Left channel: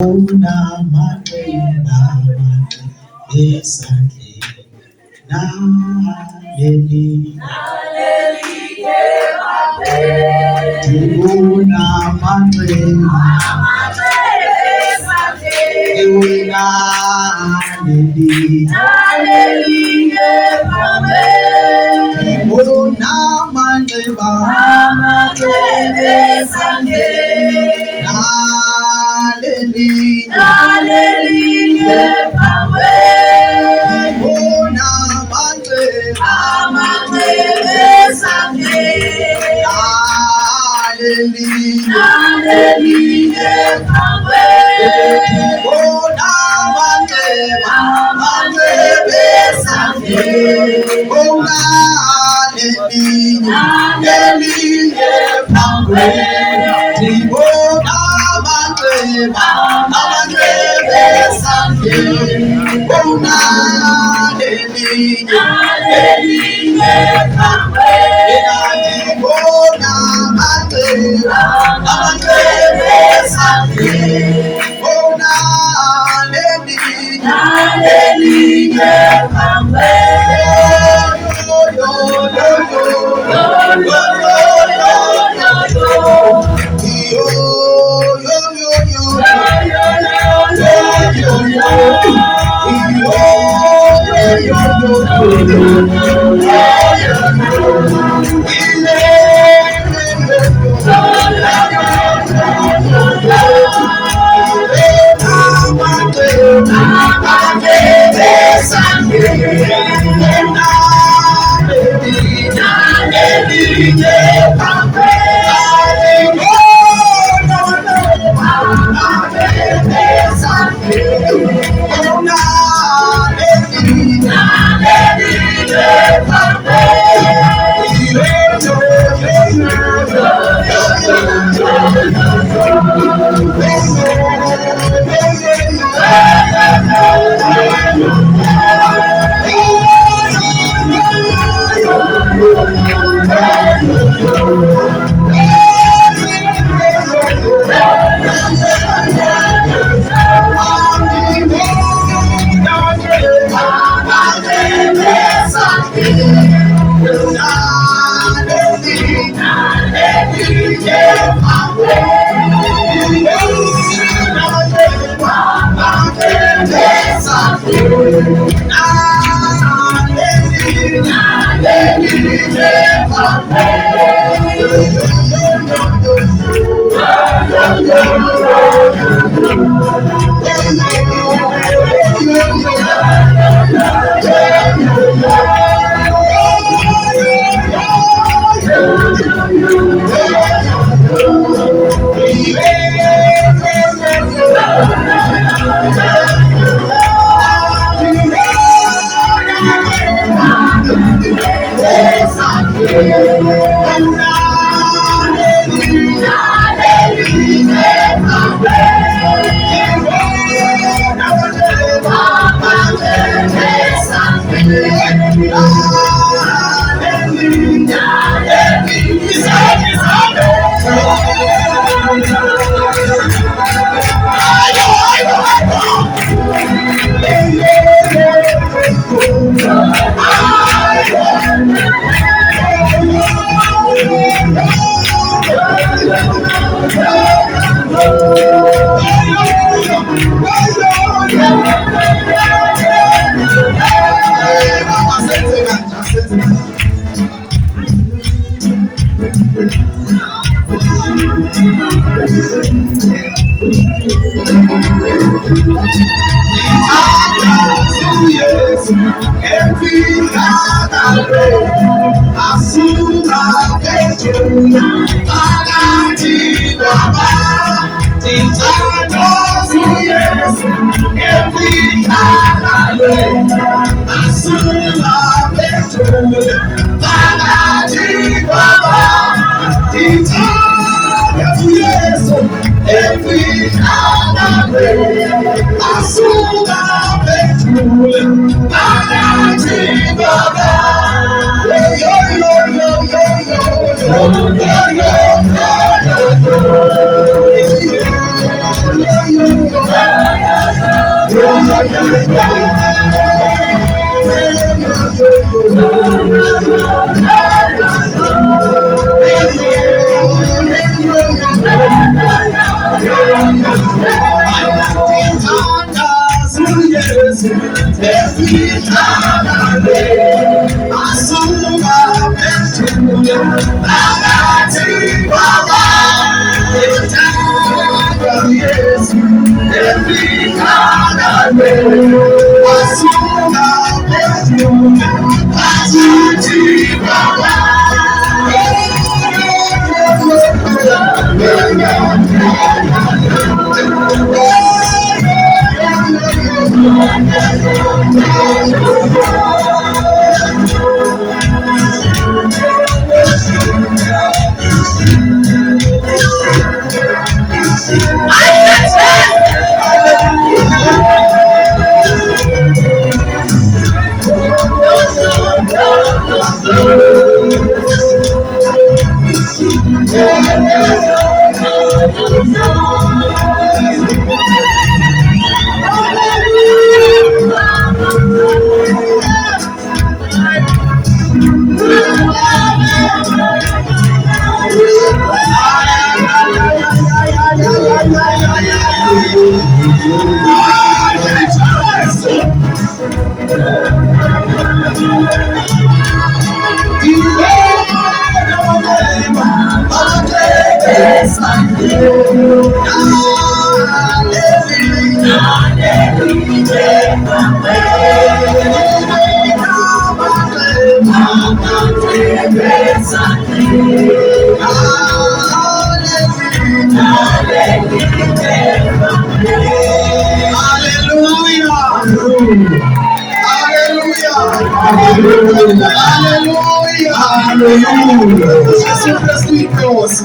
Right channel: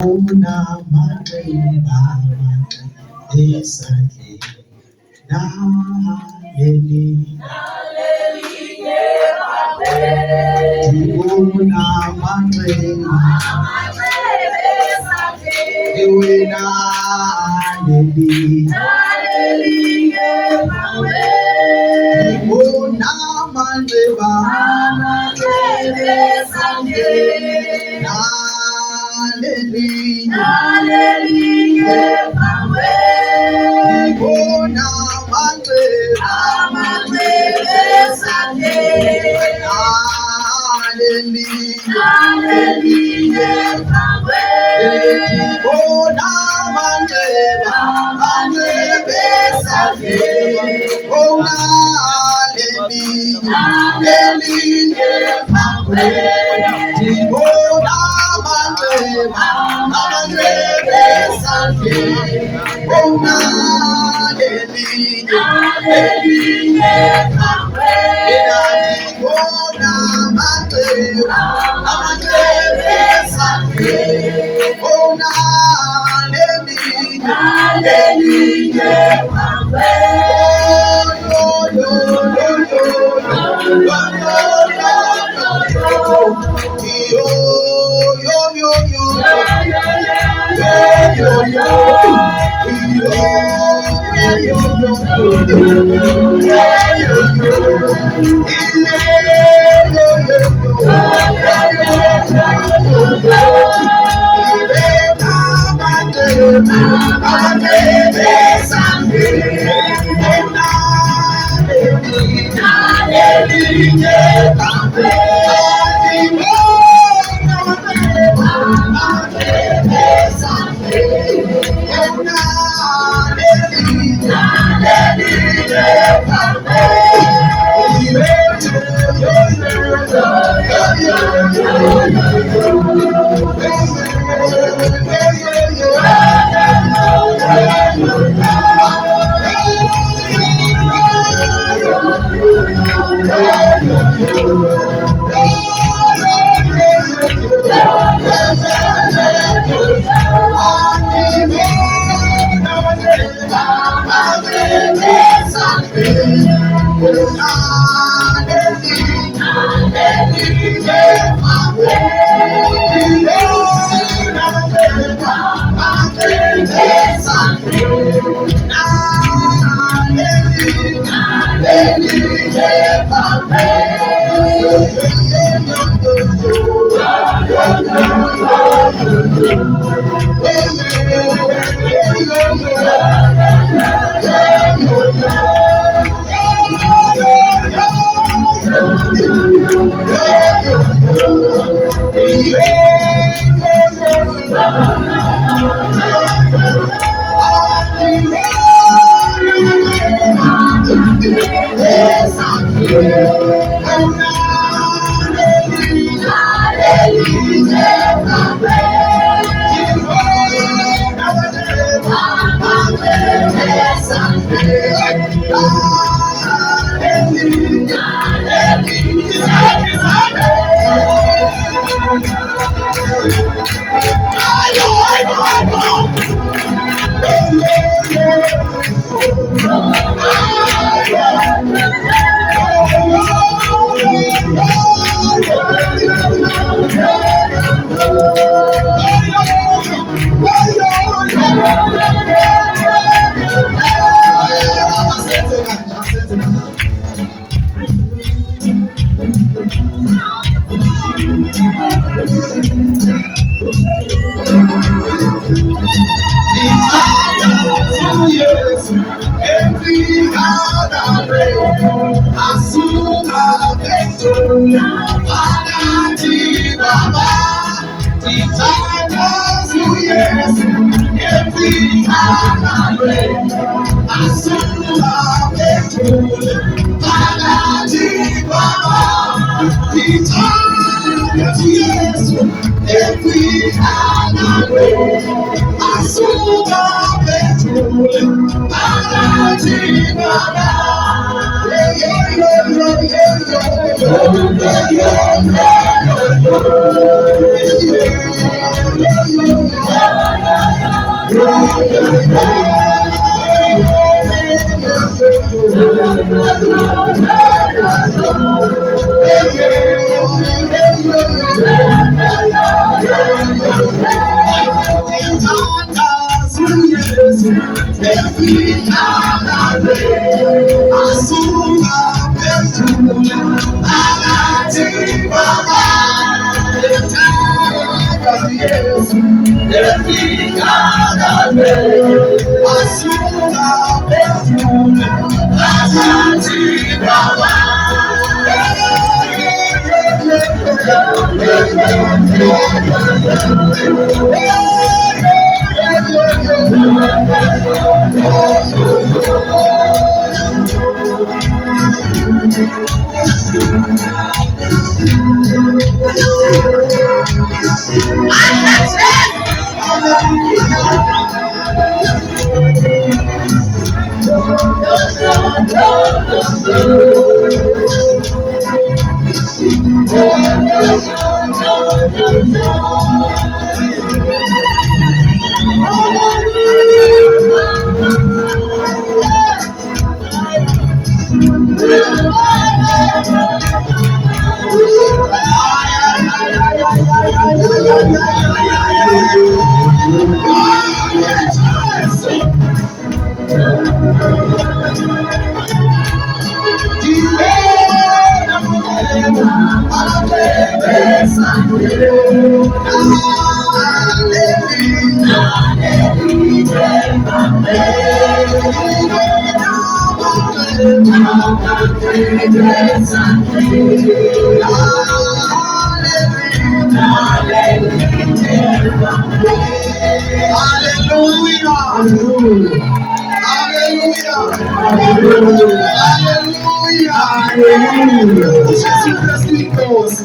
Una matenda esake naleli una matenda ewe naleli una matenda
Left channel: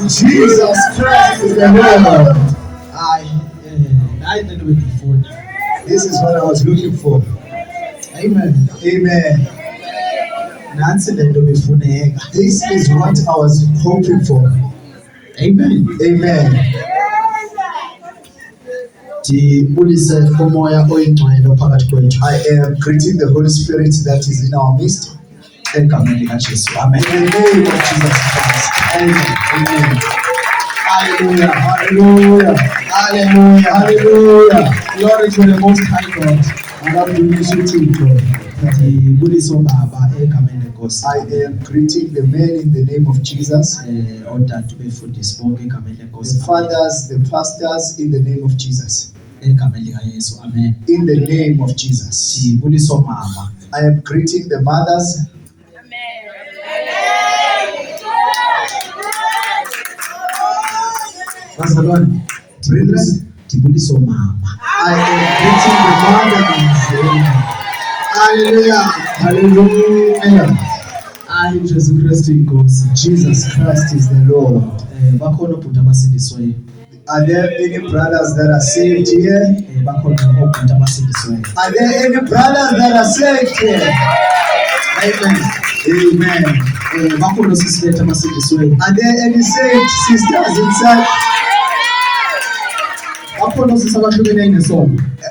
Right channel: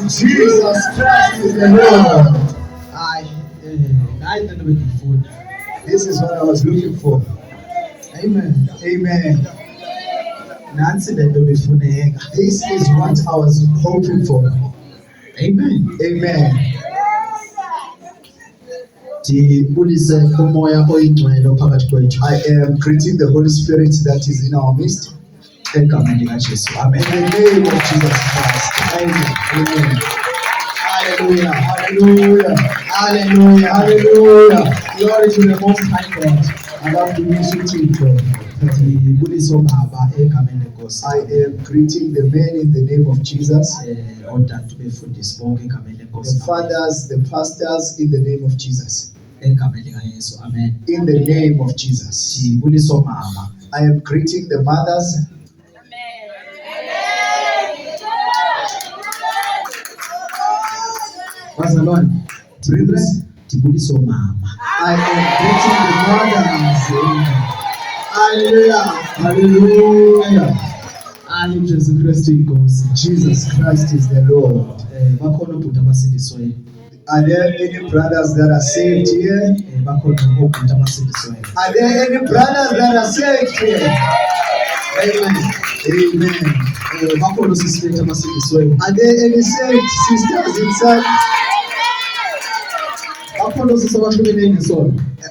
Jesus Christ is the Lord. This is what I was looking for. Amen. Amen. This is what I was hoping for. Amen. Amen. I am greeting the Holy Spirit that is in our midst. In the name of Jesus Christ. Amen. Amen. Hallelujah. Hallelujah. Hallelujah. Hallelujah. Glory to the Most High God. I am greeting the men in the name of Jesus. The fathers, the pastors in the name of Jesus. In the name of Jesus. I am greeting the mothers. What's the one? I am greeting the mothers. Hallelujah. Hallelujah. Jesus Christ is the Lord. Are there any brothers that are saved here? Are there any brothers that are saved here? Amen. Amen. Are there any saved sisters inside?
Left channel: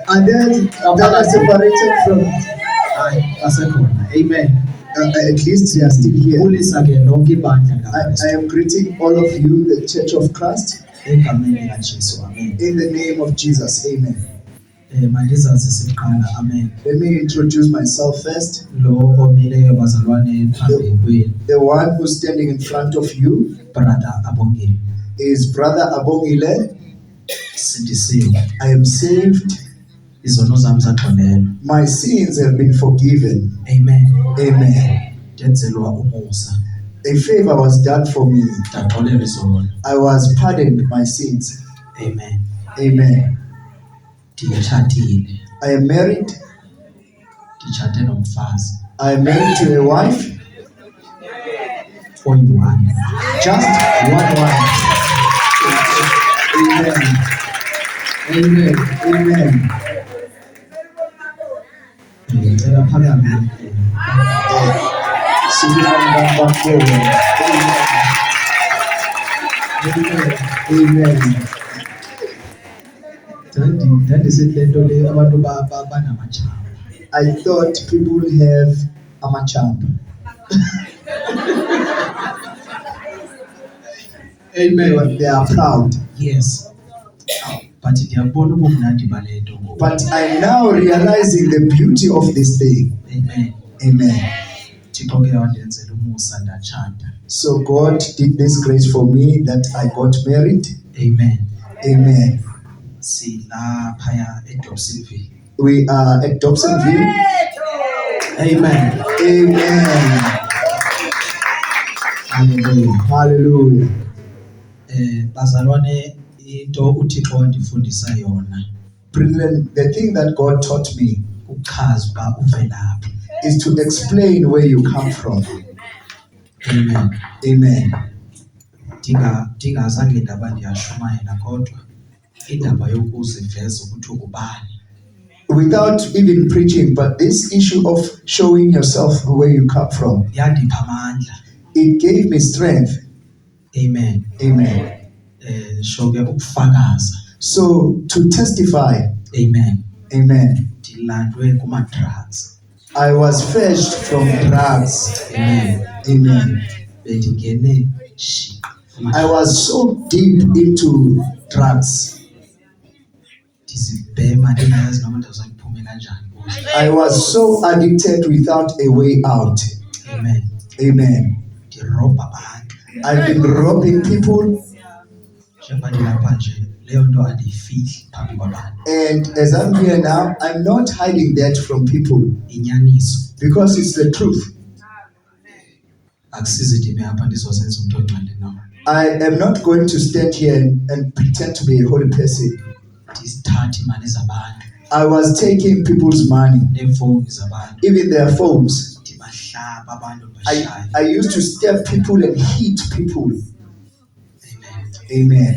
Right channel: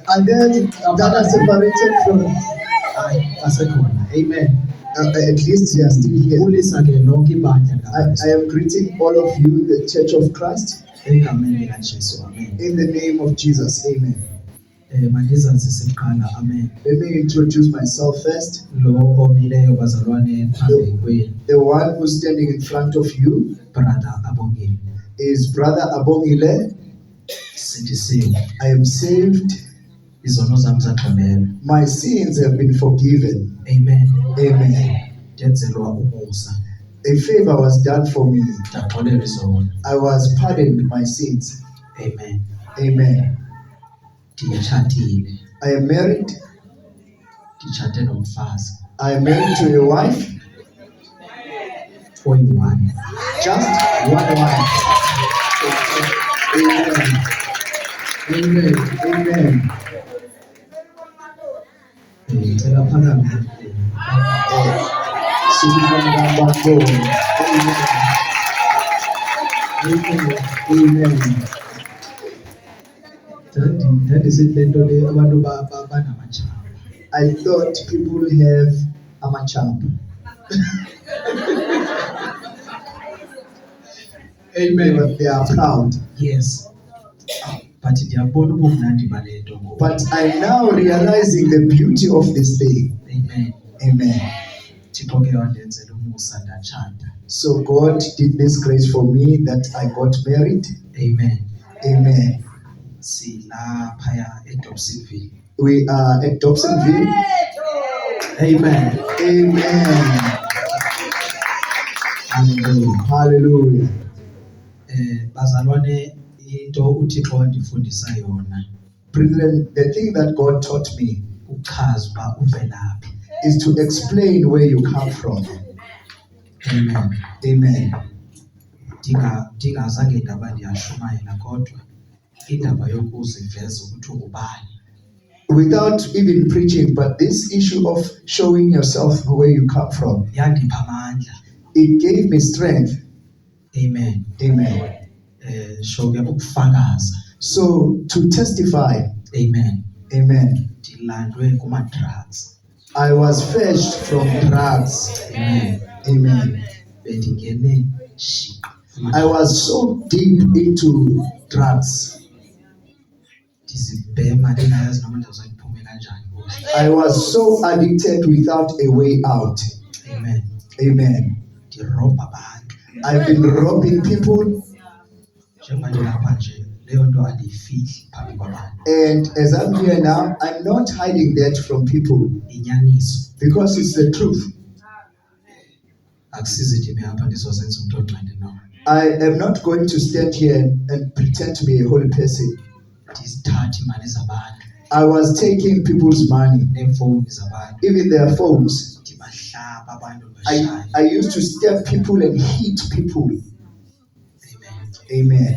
Are there that are separated from? Amen. At least they are still here. I am greeting all of you, the Church of Christ. In the name of Jesus. Amen. Let me introduce myself first. The one who's standing in front of you is Brother Abongile. I am saved. My sins have been forgiven. Amen. Amen. A favor was done for me. I was pardoned my sins. Amen. Amen. I am married. I am married to a wife. Just one wife. Amen. Amen. Amen. Amen. I thought people have a machap. Amen. They are proud. Yes. But I'm now realizing the beauty of this thing. Amen. Amen. So God did this grace for me that I got married. Amen. Amen. silaphaya eDobsonville. We are at Dobsonville. Amen. Amen. Hallelujah. Hallelujah. Bazalwane into uThixo wandifundisa yona Brethren, the thing that God taught me ukuchaza uba uvelaphi. is to explain where you come from. Amen. Amen. Ndingazange ndaba ndiyashumayela kodwa indaba yokuziveza ukuthi ungubani. Without even preaching, but this issue of showing yourself where you come from, Yandipha amandla. it gave me strength. Amen. Amen. Shoke ukufakaza. So to testify, Amen. amen. Ndilandwe kuma-drugs. I was fetched from drugs. Amen. Amen. Bendingene shiqa. I was so deep into drugs. Ndizibhema ndingayazi noma ndizayiphume kanjani kuzo. I was so addicted without a way out. Amen. Amen. Ndirobha abantu. I've been robbing people, Njengoba ndilapha nje leyo nto andiyifihli phambi kwabantu. and as I'm here now, I'm not hiding that from people Inyaniso. because it's the truth. Akusizi ndime apha ndizozenza umntu ongcwele no. I am not going to stand here and pretend to be a holy person. Ndizithatha imali zabantu, I was taking people's money, neefowuni zabantu, even their phones. ndibahlaba abantu ndibashaye. I used to step people and hit people. Amen. Amen.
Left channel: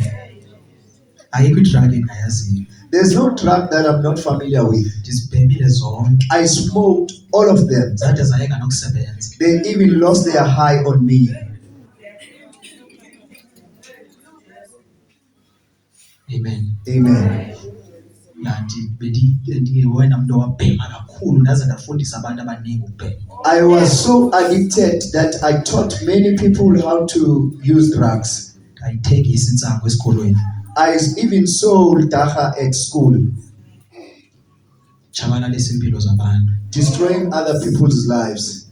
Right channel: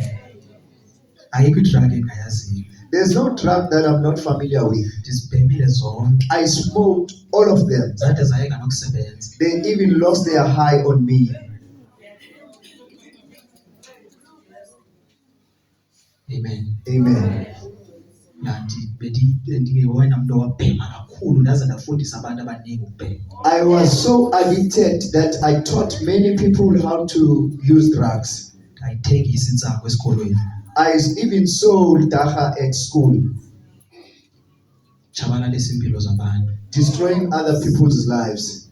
Ayikho idrag engayaziyo. There's no drug that I'm not familiar with. Ndizibhemile zonke. I smoked all of them. Zade zayeka nokusebenza. They even lost their high on me. Amen. Amen. Kanti bendingewona muntu owabhema kakhulu ndaze ndafundisa abantu abaningi ukubhema. I was so addicted that I taught many people how to use drugs. Ndayithengisa intsangu esikolweni. I even sold dacha at school, Tshabalalisa impilo zabantu. destroying other people's lives.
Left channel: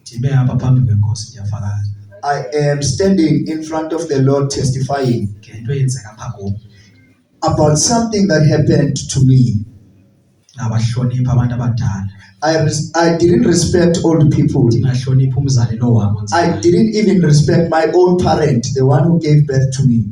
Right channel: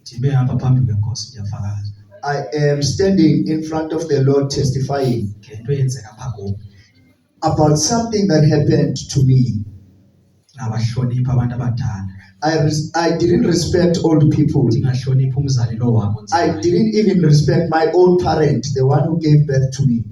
Ndibe apha phambi kwenkosi ndiyafakaza. I am standing in front of the Lord testifying Ngento eyenzeka apha kum. about something that happened to me. Ngabahlonipha abantu abadala. I didn't respect old people. Ndingahloniphi umzali lo wam I onzima. didn't even respect my own parent, the one who gave birth to me.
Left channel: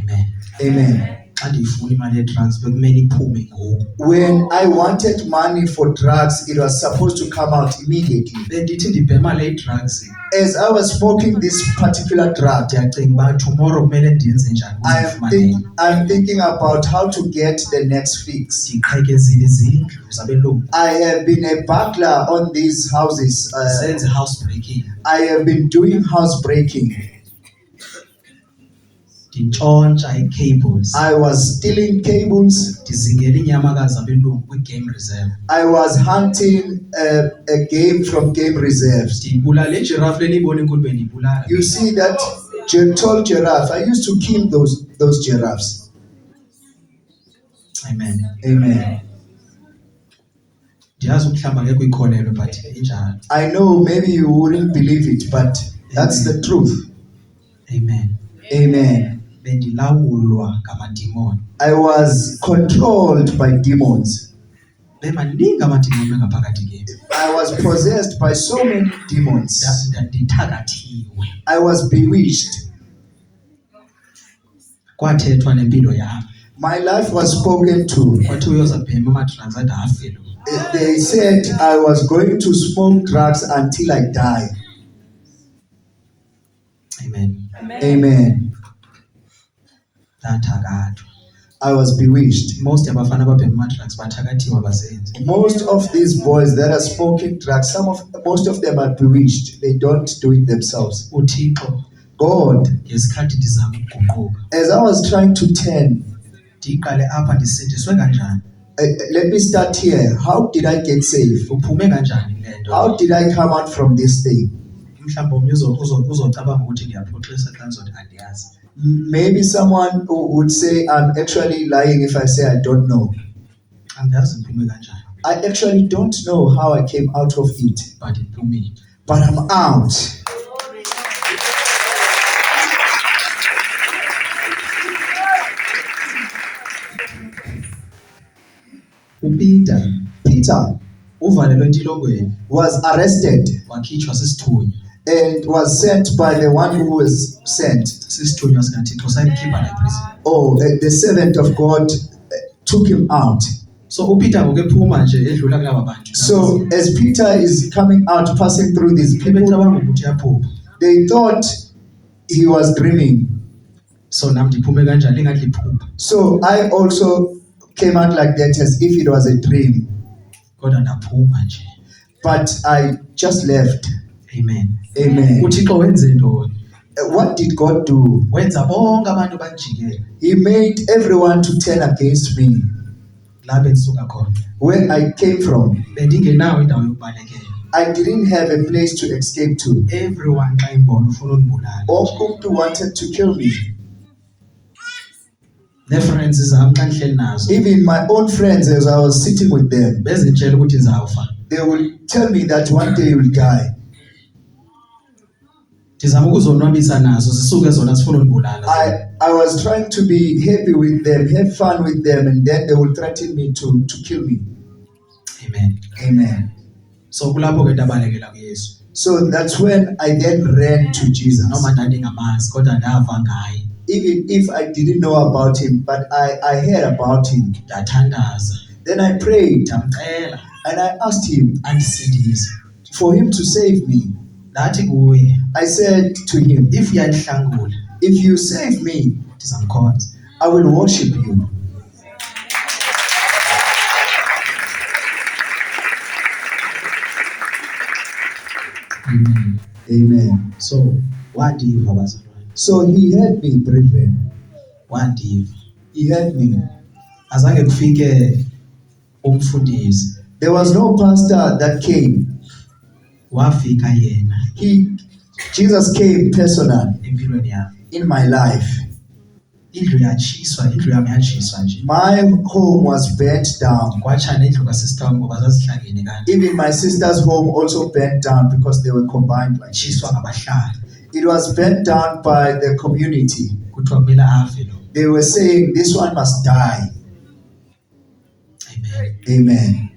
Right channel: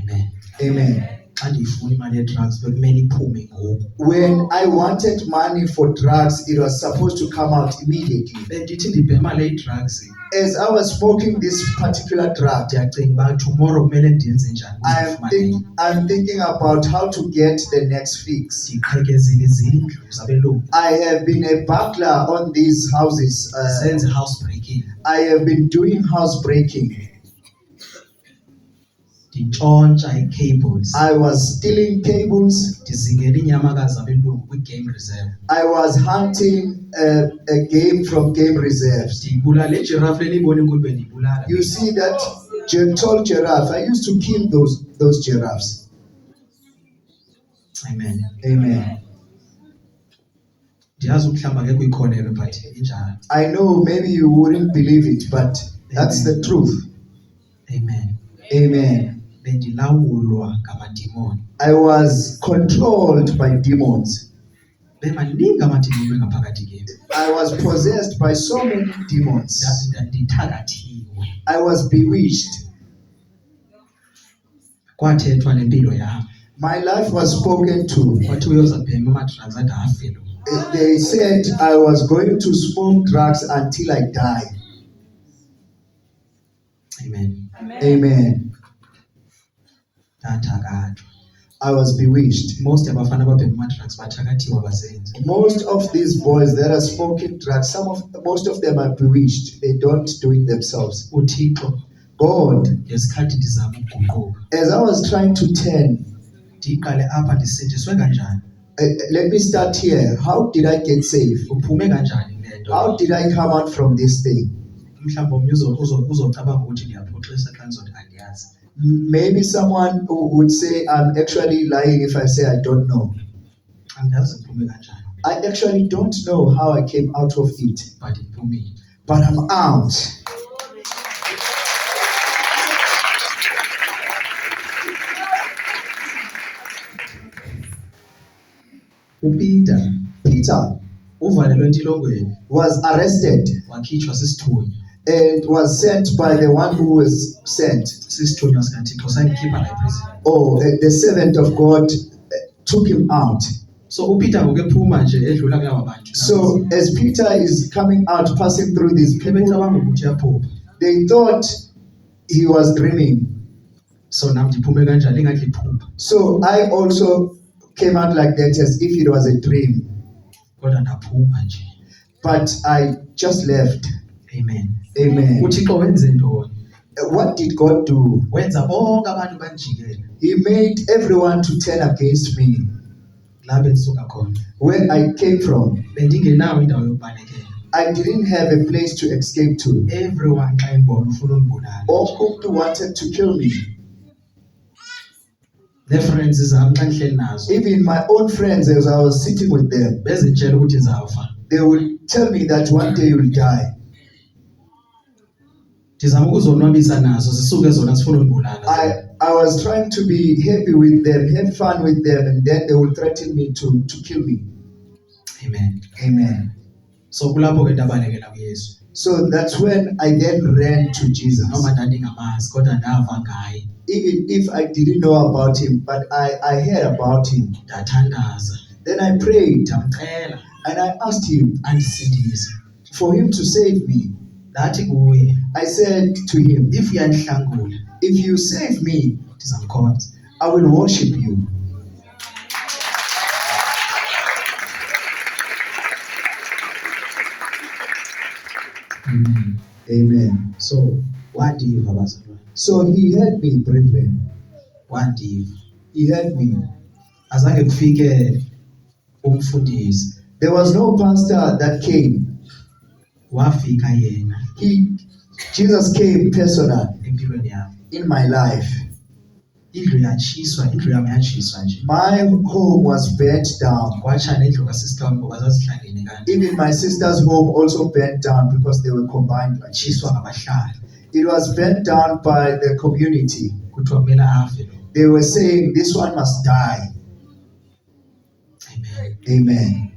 Amen. Amen. Xa ndiyifuna imali ye-drugs bekumele iphume ngoku. When I wanted money for drugs, it was supposed to come out immediately. Bendithi ndibhema le i-drugs. As I was smoking this particular drug, Ndiyacinga uba tomorrow kumele ndenze njani ukuze ndifumane. I'm thinking about how to get the next fix. Ndiqhekezile izindlu zabelungu. I have been a burglar on these houses. Senze house breaking. I have been doing house breaking. Ndintshontsha ii-cables. I was stealing cables. Ndizingela iinyamakazi zabelungu kwi-game reserve. I was hunting a game from game reserves. Ndiyibulala ijirafu leniyibona enkulu bendiyibulala. You see that tall giraffe? I used to kill those giraffes. Amen. Amen. Ndiyazi ukuhlamba ngekho ikholelo but injalo. I know maybe you wouldn't believe it, but that's the truth. Amen. Amen. Bendilawulwa ngamadimoni. I was controlled by demons. Bemaningi amadimoni engaphakathi kimi. I was possessed by so many demons. Ndithakathiwe. I was bewitched. Kwathethwa nempilo yami. My life was spoken to. Kwathi uyoza bhema ama-drugs ade afelo. They said I was going to smoke drugs until I die. Amen. Amen. Ndathakathwa. I was bewitched. Most abafana ababhema ama-drugs bathakathiwe abazenzi. Most of these boys that are smoking drugs, most of them are bewitched. They don't do it themselves. uThixo God, ngesikhathi ndizama ukuguquka. as I was trying to turn, Ndiqale apha ndisindiswe kanjani? let me start here. How did I get saved? Uphume kanjani le nto? How did I come out from this thing? Mhlawumbe omnye uzocabanga ukuthi ndiyaphoxisa xa ndizothi andiyazi. Maybe someone would say I'm actually lying if I say I don't know. Andiyazi ndiphume kanjani. I actually don't know how I came out of it, But ndiphumile. but I'm out. uPeter Peter uvalelwe entilongweni was arrested wakhitshwa sisithunywa. and was sent by the one who was sent. Sisithunywa sikaThixo sayikhipha la eprison. Oh, the servant of God took him out. So uPeter ngokuphuma nje edlula kulaba bantu. So as Peter is coming out, passing through these people, Bebecabanga ukuthi uyaphupha. they thought he was dreaming. So nami ndiphume kanjalo engathi liphupha. So I also came out like that as if it was a dream. Kodwa ndaphuma nje. But I just left. Amen. Amen. uThixo wenze ntoni? What did God do? Wenza bonke abantu banjikela He made everyone to turn against me. la bendisuka khona. Where I came from, Bendingenawo indawo yokubalekela. I didn't have a place to escape to. Everyone xa imbona ufuna undibulala. All wanted to kill me. Ne-friends zami xa ndihleli nazo Even my own friends, as I was sitting with them, bezitshela ukuthi ndizawufa. they would tell me that one day you will die. Ndizama ukuzonwabisa nazo zisuke zona zifuna undibulala. I was trying to be happy with them, have fun with them, and then they would threaten me to kill me. Amen. Amen. So kulapho ke ndabalekela kuYesu. So that's when I then ran to Jesus. Noma ndandingamazi kodwa ndava ngaye. Even if I didn't know about him, but I heard about him. Ndathandaza. Then I prayed Ndamcela and I asked him andisindise. for him to save me. Ndathi kuye, I said to him, if uyandihlangula if you save me, ndizamkhonza. I will worship you. Amen. So wandiva bazalwane. So he heard me, brethren. Wandiva. He heard me. Azange kufike umfundisi. There was no pastor that came. Wafika yena Jesus came personal empilweni yami. in my life. Indlu yami yatshiswa nje. My home was burnt down. Kwatsha nendlu kasista wami ngoba zazihlangene kanti. Even my sister's home also burnt down because they were combined like this. Tshiswa ngabahlali. It was burnt down by the community. Kuthiwa kumele afe lo. They were saying this one must die. Amen. Amen.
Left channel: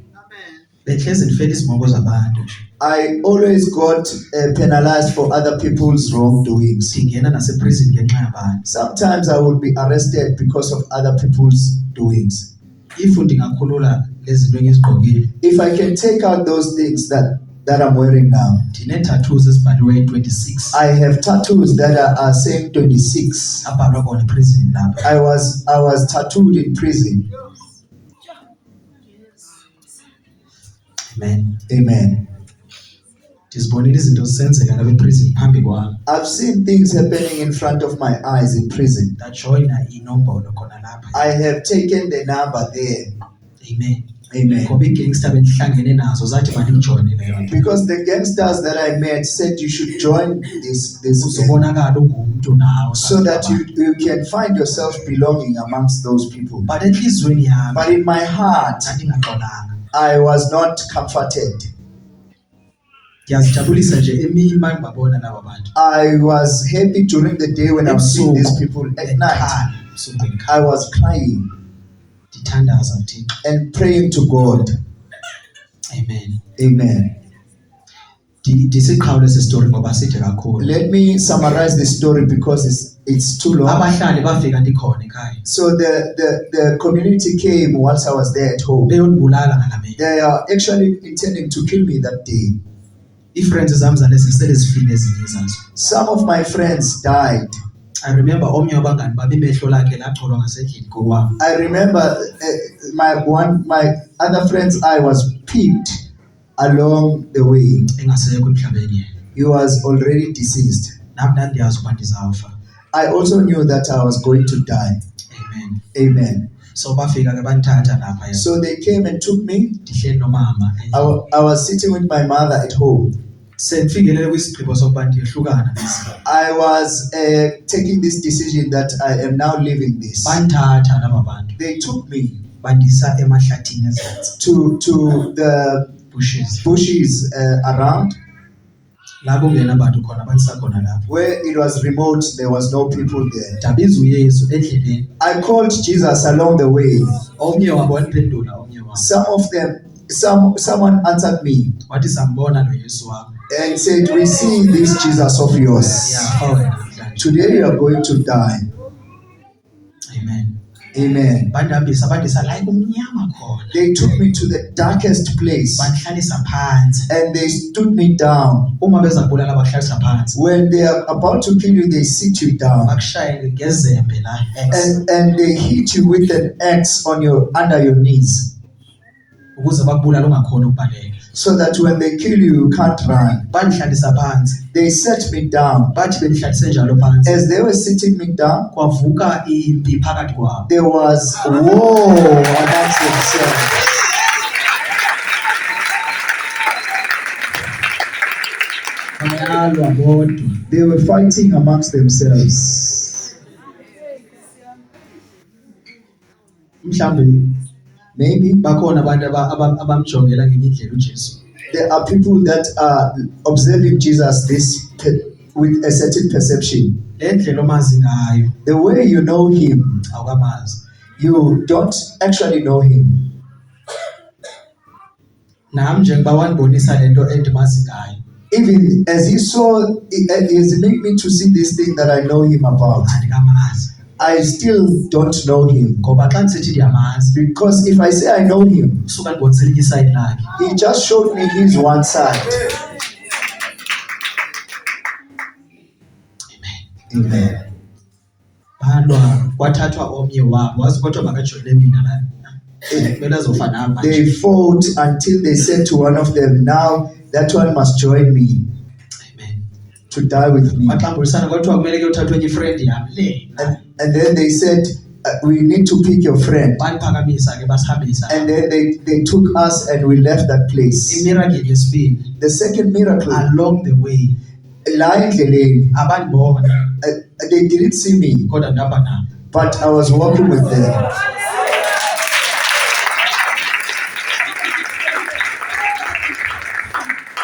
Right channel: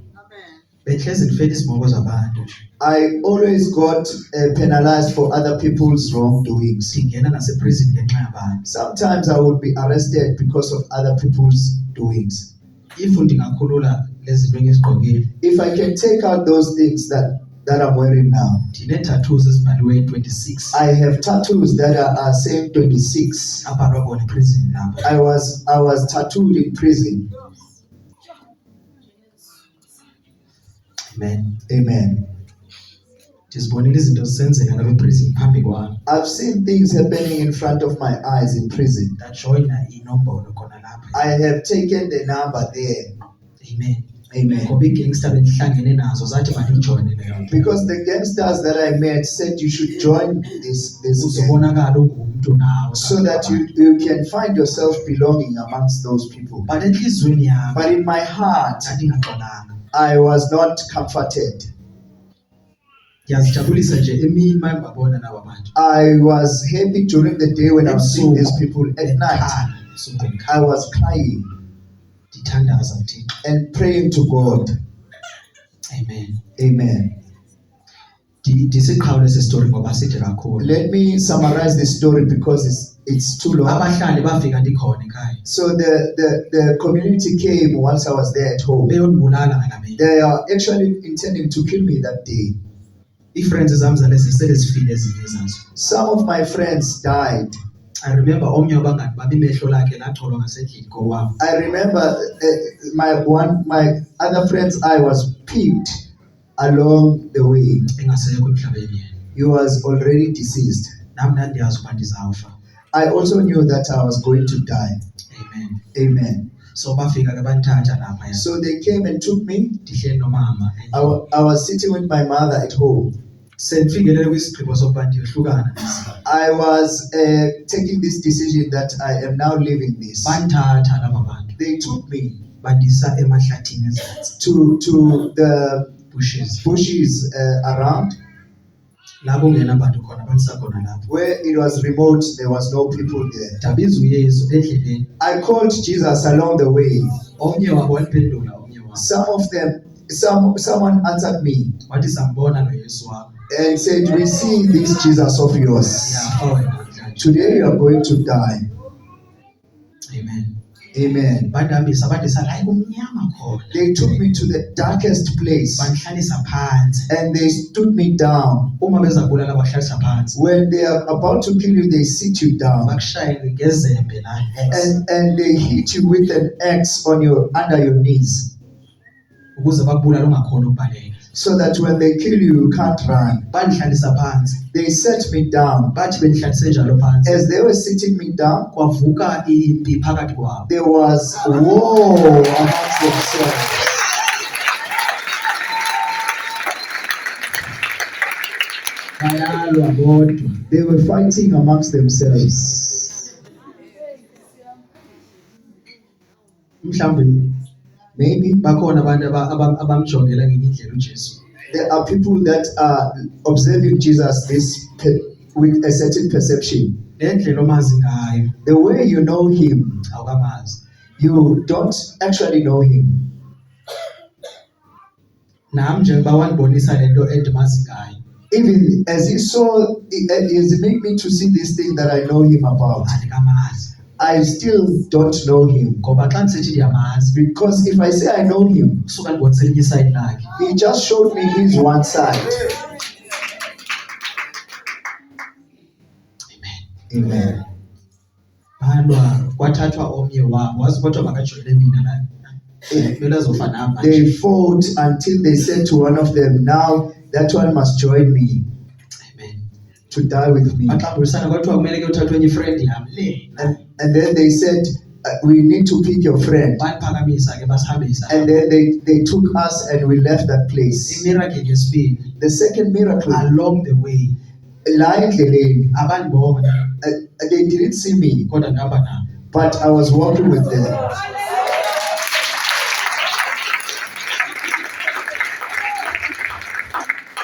Behlezi ndifela izimoko zabantu. I always got penalized for other people's wrongdoings. Ndingena naseprison ngenxa yabantu. Sometimes I would be arrested because of other people's doings. If ndingakhulula lezi zinto engizigqokile. If I can take out those things that I'm wearing now. Ndine-tattoos ezibhaliwe 26. I have tattoos that are saying 26. Abhalwa khona eprison lapha. I was tattooed in prison. Amen. Amen. Ndizibonile izinto zisenzeka lapha eprison phambi kwami. I've seen things happening in front of my eyes in prison. Ndajoyina inombolo khona lapha. I have taken the number there. Amen. Amen. Ngoba i-gangster bendihlangene nazo zathi mandijoyine leyo nto. Because the gangsters that I met said you should join this Uzobonakala ungumntu nawe. so that you can find yourself belonging amongst those people. But enhlizweni yami But in my heart, ndandingaxolanga. I was not comforted. Ndiyazijabulisa nje emini uma ngibabona laba bantu. I was happy during the day when I was seeing these people. At night, I was crying ndithandaza Thixo. and praying to God. Amen. Amen. Ndisiqhawule esi story ngoba side kakhulu. Let me summarize the story because it's too long. Abahlali bafika ndikhona ekhaya. So the community came once I was there at home. Beyondibulala ngalamini. They are actually intending to kill me that day. Ii-friends zami zalezi sele zifile ezinye zazo. Some of my friends died. I remember omnye wabangani bami imehlo lakhe lacholwa ngasendlini kowami. I remember my other friend's eye was peaked along the way. Engasekho emhlabeni yena. He was already deceased. Nami ndandiyazi ukuba ndizawufa. I also knew that I was going to die. Amen. Amen. So bafika ke bandithatha lapha. So they came and took me. Ndihleli nomama. I was sitting with my mother at home. Sendifikelele kwisigqibo sokuba ndiyohlukana nesi. I was taking this decision that I am now leaving this. Bandithatha laba bantu. They took me Bandisa emahlathini ezantsi. to the Bushes. bushes around. La kungena abantu khona banisakhona lapho. Where it was remote, there was no people there. Dabiza uYesu endleleni. I called Jesus along the way. Omnye wabo waniphendula omnye wabo. Some of them, someone answered me Wathi sambona lo Yesu wakho. and said, "We see this Jesus of yours. Yafa wena namhlanje. Today you are going to die." Amen. Amen. Bandihambisa bandisa la kumnyama khona. They took me to the darkest place Bandihlalisa phansi. and they stood me down. Uma beza kubulala bakuhlalisa phansi. When they are about to kill you, they sit you down. Bakushayele ngezembe la X. And they hit you with an axe on under your knees, Ukuze bakubulala ungakhona ukubaleka. so that when they kill you, you can't run. Bandihlalisa phansi. They set me down. Bathi bendihlalise njalo phansi. As they were sitting me down, Kwavuka impi phakathi kwabo. there was war amongst themselves. Bayalwa bodwa. They were fighting amongst themselves. Mhlambe Maybe bakhona abantu abamjongela ngenye indlela uJesu. there are people that are observing Jesus with a certain perception. Le ndlela omazi ngayo The way you know him, awukamazi. you don't actually know him. Nami njengoba wanibonisa lento endimazi ngayo. Even as he made me to see this thing that I know him about, Andikamazi. I still don't know him. Ngoba xa ndisithi ndiyamazi, Because if I say I know him, usuka ndibonisela inye isayidi lakhe. he just showed me his one side. Amen. Balwa kwathathwa omnye wabo wazi kodwa makajoyine mina la. Kumele azofa nami manje. They fought until they said to one of them, "Now that one must join me Amen. to die with me." Baxambulisana kwathiwa kumele kuyothathwa enye ifriend yami le. And then they said, "We need to pick your friend." Bandiphakamisa ke basihambisa. And then they took us and we left that place. Imiracle yesibili, The second miracle, along the way la endleleni, abandibona they didn't see me, kodwa ndihamba nabo. but I was walking with them.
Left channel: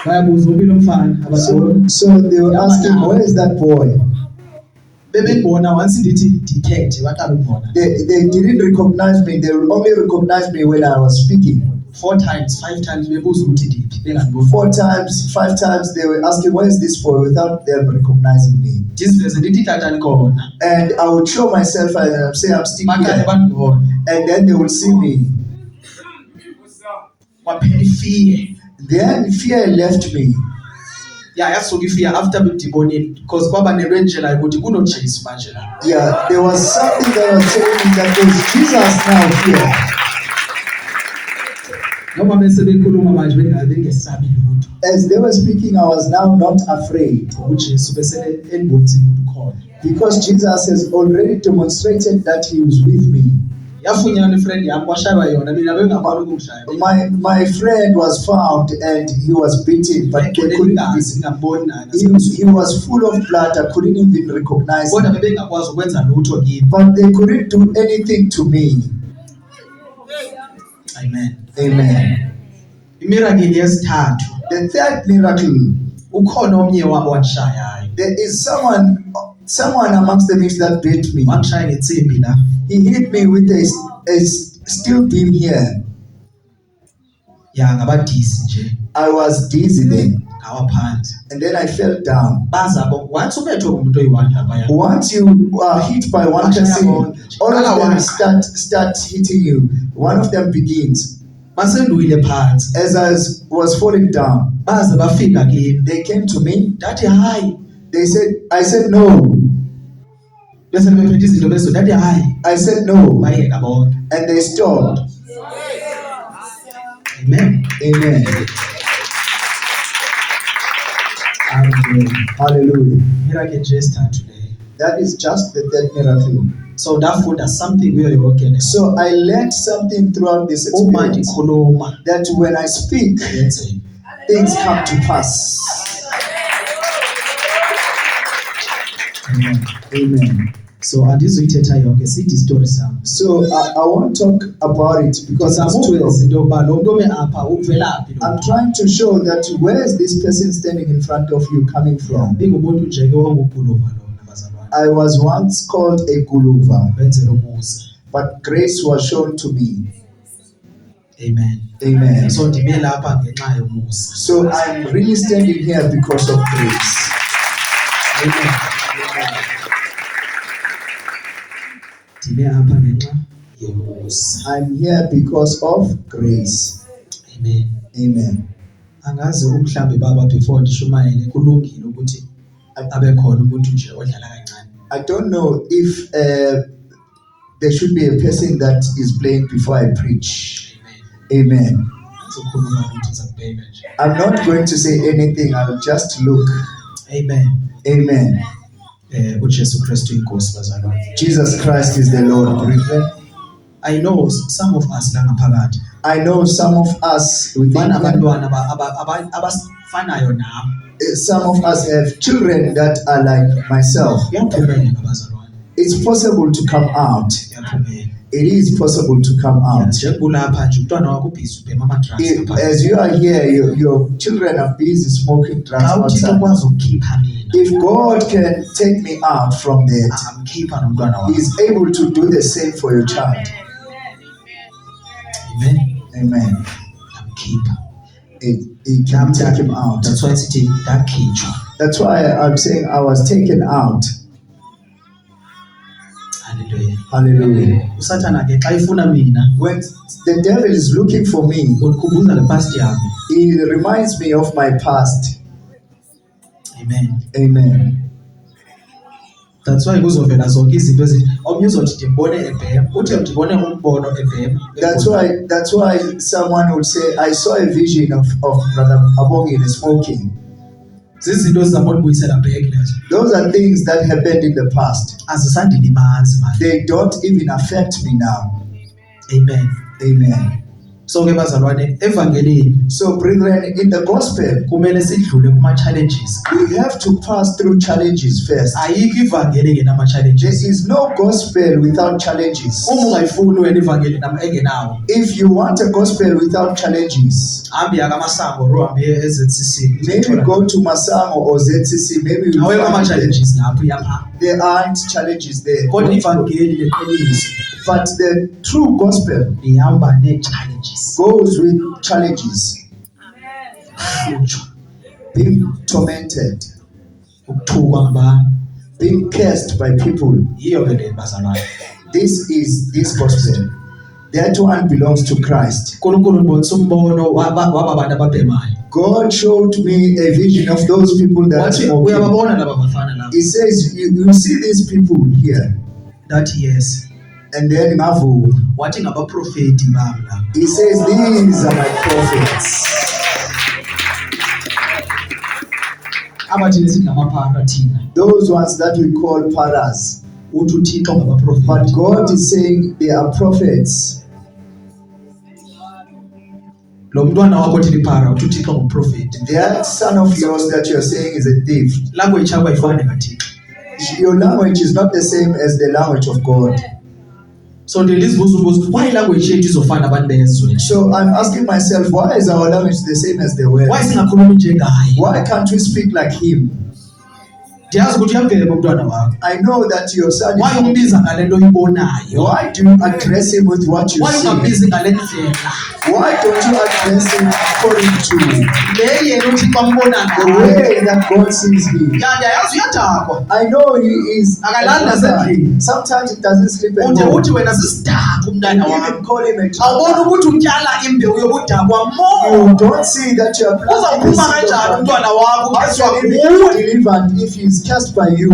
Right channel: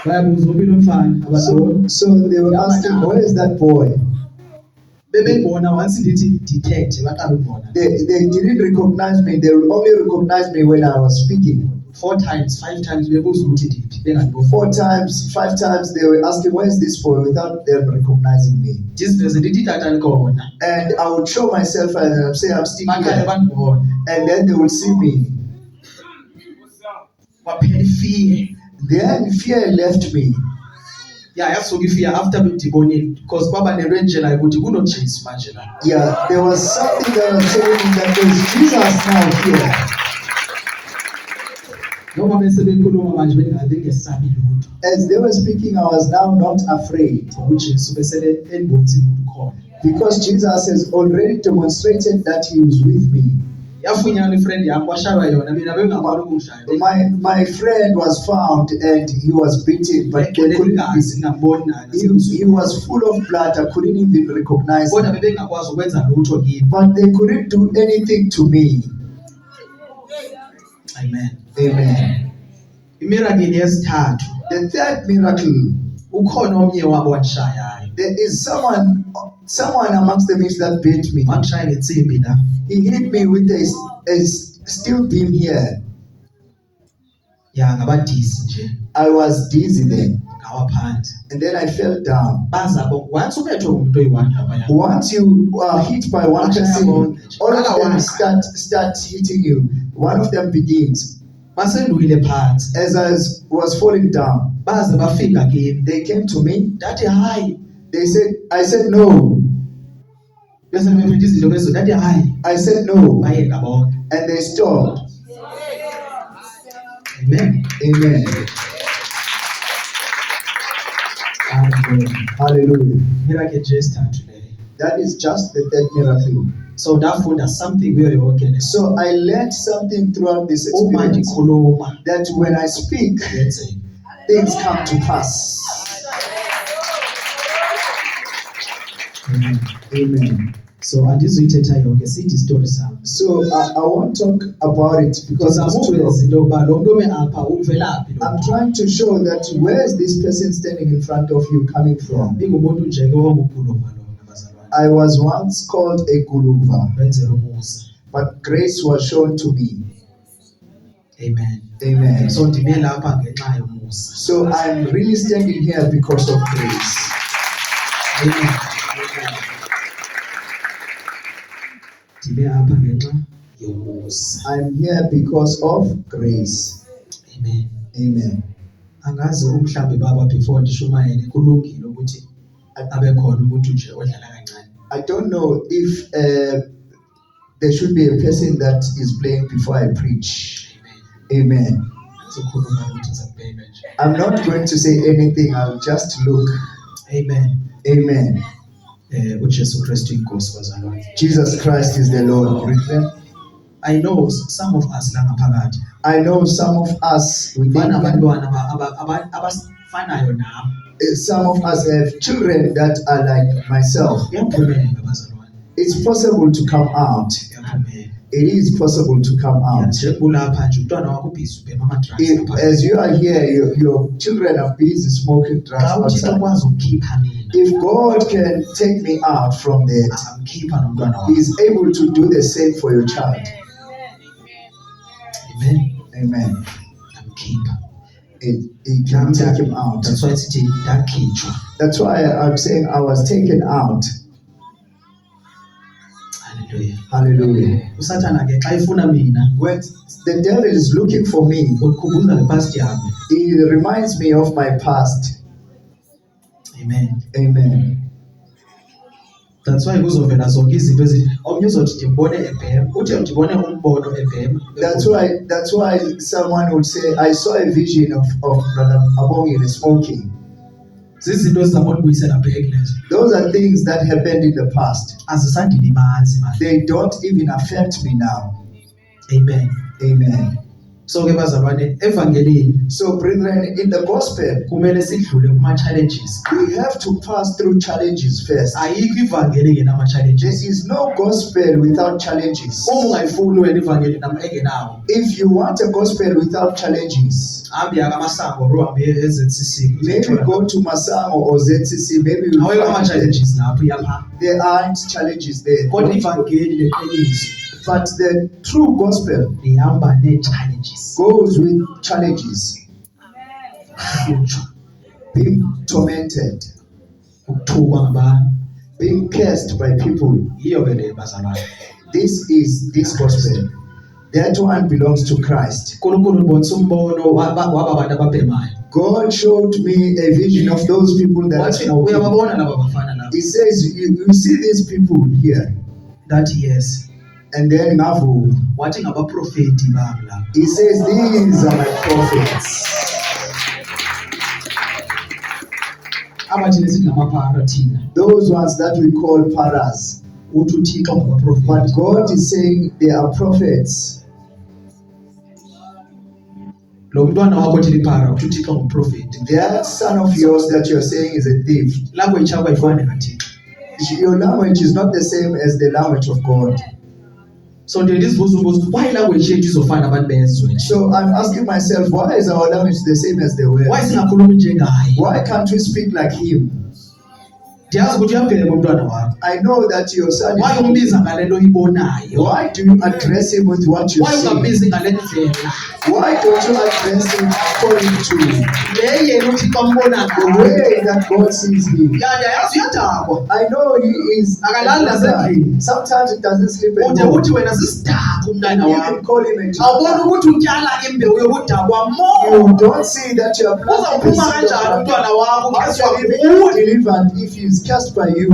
Bayabuza uphi lo mfana abasibona. So they were asking, "Where is that boy?" Bebebona once ndithi detect baqala ukubona. They didn't recognize me. They only recognized me when I was speaking. 4 times 5 times bebuza ukuthi ndiphi bengandiboni. 4 times, 5 times, they were asking, "Where is this boy?" without them recognizing me. Ndiziveze ndithi tata nikona. And I would show myself and I'd say, "I'm still Baqale here." bandibona. And then they would see me. Kwaphela ifear. Then fear left me. Yeah, yasuka ifear after bendibonile because kwaba nento enjela ukuthi kunoJesu manje la. Yeah, there was something that was telling me that there's Jesus now here. Noma bese bekhuluma manje bengesabi lutho. As they were speaking, I was now not afraid. UJesu besele endibonisile ukuthi ukhona. Because Jesus has already demonstrated that he was with me. Yafunyanwa ifriend yami kwashaywa yona mina bengakwazi ukumshaya. My friend was found and he was beaten, but they couldn't Igazi ngamboni nani. he was full of blood. I couldn't even recognize Kodwa him. bebengakwazi ukwenza lutho kimi. But they couldn't do anything to me. Amen. Amen. Imiracle yesithathu, The third miracle, ukhona omnye wabo wanishayayo. there is someone amongst the mix that beat me. Wangishaya ngetsimbi la. He hit me with a steel beam here. Ya ngabadisi nje. I was dizzy then, Ngawa phansi. and then I fell down. Bazabo once ubethwe ngumuntu oyi-1 lapha ya. Once you are hit by one person, all of them start hitting you. One of them begins. Basenduile phansi. As I was falling down, Baze bafika kimi. they came to me. Ndathi hayi. I said no. Bese bephethe izinto bezo ndathi hayi. I said no, Bayeka bonke. and they stopped. Amen. Amen. Amen. Hallelujah. Miracle nje esithathu le. That is just the third miracle. So ndafunda something kuyo yonke le. So I learned something throughout this Uma experience, ndikhuluma that when I speak, yenzeka. things come to pass. Amen. Amen. So andizuyithetha yonke sithi istory sam. So I won't talk about it because it's too long. Ndizamuveza into yokuba lo mntu ome apha uvela phi lo I'm mntu. trying to show that where is this person standing in front of you coming from? Ndingumuntu nje ke wanguguluva lona bazalwane. I was once called a guluva, Wenzela umusa. but grace was shown to me. Amen. Amen. So ndime lapha ngenxa yomusa. So I'm really standing here because of grace. Amen. Ndime apha ngenxa yomusa. I'm here because of grace. Amen. Amen. Angazi mhlambi baba before ndishumayele kulungile ukuthi abe khona umuntu nje odlala kancane. I don't know if there should be a person that is playing before I preach. Amen. Sizokhuluma ukuthi ngizakubheka nje. I'm not going to say anything. I'll just look. Amen. Amen. uJesu Kristu inkosi bazalwane. Jesus Christ is the Lord, brethren. I know some of us la ngaphakathi. I know some of us within Banabantwana abafanayo nami. some of us have children that are like myself. Kuyaphumela bazalwane. It's possible to come out. Kuyaphumela. It is possible to come out. Njengulapha nje umntwana wakho busy ubhema ama drugs. As you are here, your children are busy smoking drugs Xa uThixo outside. ukwazi ukukhipha mina. If God can take me out from that, Angamkhipha nomntwana wakho. He is able to do the same for your child. Amen. Amen. Angamkhipha. He can take him out. That's why sithi ndakhitshwa. That's why I'm saying I was taken out. Hallelujah. Hallelujah. uSathana ke xa ifuna mina When the devil is looking for me, undikhumbuza ngepast yami. he reminds me of my past. Amen. Amen. That's why kuzovela zonke izinto omnye uzothi ndimbone ebhema uthi ndibone umbono ebhema. That's why someone would say, I saw a vision of Brother Abongile smoking. Zizinto ezizamondibuyisela back lezo. Those are things that happened in the past. Azisandilimazi manje. They don't even affect me now. Amen. Amen. So ke bazalwane evangelini So brethren, in the gospel, kumele sidlule kuma challenges. we have to pass through challenges first. Ayikho ivangeli engenama challenges. There is no gospel without challenges. Uma ungayifuni wena ivangeli engenawo. If you want a gospel without challenges, Hambi akamasango ro hambi eZCC. maybe go to Masango or ZCC. Maybe you Awekho ama find that challenges lapho yapha. there aren't challenges there. Kodwa ivangeli leqiniso But the true gospel lihamba ne challenges. goes with challenges. Being tormented, Ukuthukwa ngabantu. being cursed by people. Yiyo ke le bazalwane. This is this gospel. That one belongs to Christ. uNkulunkulu ubonisa umbono wababantu ababhemayo. God showed me a vision of those people that are Wathi smoking. uyababona laba bafana laba. He says, you see these people here. That yes. And then Navu, Wathi ngabaprofeti bami laba. he says, these are my prophets. Abathi lesithi ngamaphara thina. Those ones that we call paras. Uthi uThixo ngabaprofeti. But God is saying they are prophets. Lo mntwana wakho othi liphara uthi uThixo ngumprofeti. That son of yours that you're saying is a thief. Language yakho ayifani kaThixo. Your language is not the same as the language of God. So ndilizibuza ukuthi why language yethu izofana abantu bezwe? So I'm asking myself, why is our language the same as the world? Why singakhulumi njengaye? Why can't we speak like him? Ndiyazi ukuthi uyamvela umntwana wakho. I know that your son Why is... umbiza ngale nto uyibonayo? Why do you address him with what you Why see? ungambizi ngale ndlela? Why don't you address him according to Le yena uThixo ambona the ngayo. way that God sees him? Yazi uyadakwa. I know he is... Akalali nasendlini. Sometimes he doesn't sleep at Ude home. uthi wena sisidakwa umntana You wakho. can call him a Awubona drunkard. ukuthi utyala imbewu yokudakwa mo. You don't see that you are planting the Uzawuphuma seed of kanjani umntwana wakho How ukhetshwa shall he be nguwe? delivered if he is cast by you?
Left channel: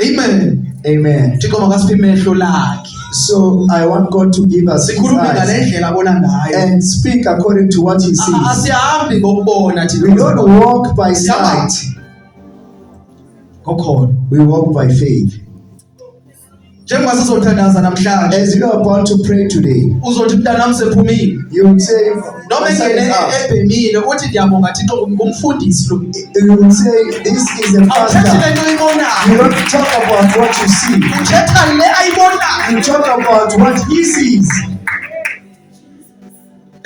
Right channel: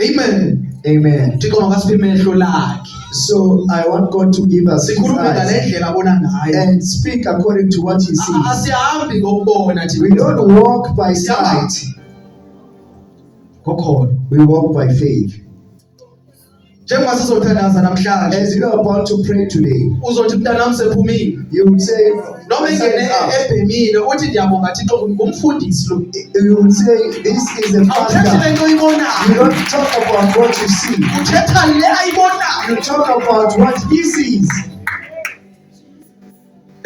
Amen. Amen. Thixo makasiphe imehlo lakhe. So I want God to give us his Sikhulume ngale eyes ndlela abona ngayo. and speak according to what he sees. Asihambi ngokubona We don't walk by sight, ngokholo. we walk by faith. njengoba sizothandaza namhlanje As you are about to pray today, uzothi mntanami sephumile you will say, noma "My son engene is out." ebhemile uthi ndiyabonga Thixo ngumfundisi lo You will say, this is a awuthethi pastor. lento You oyibonayo don't talk about what you see. uthetha le ayibonayo. You talk about what he sees.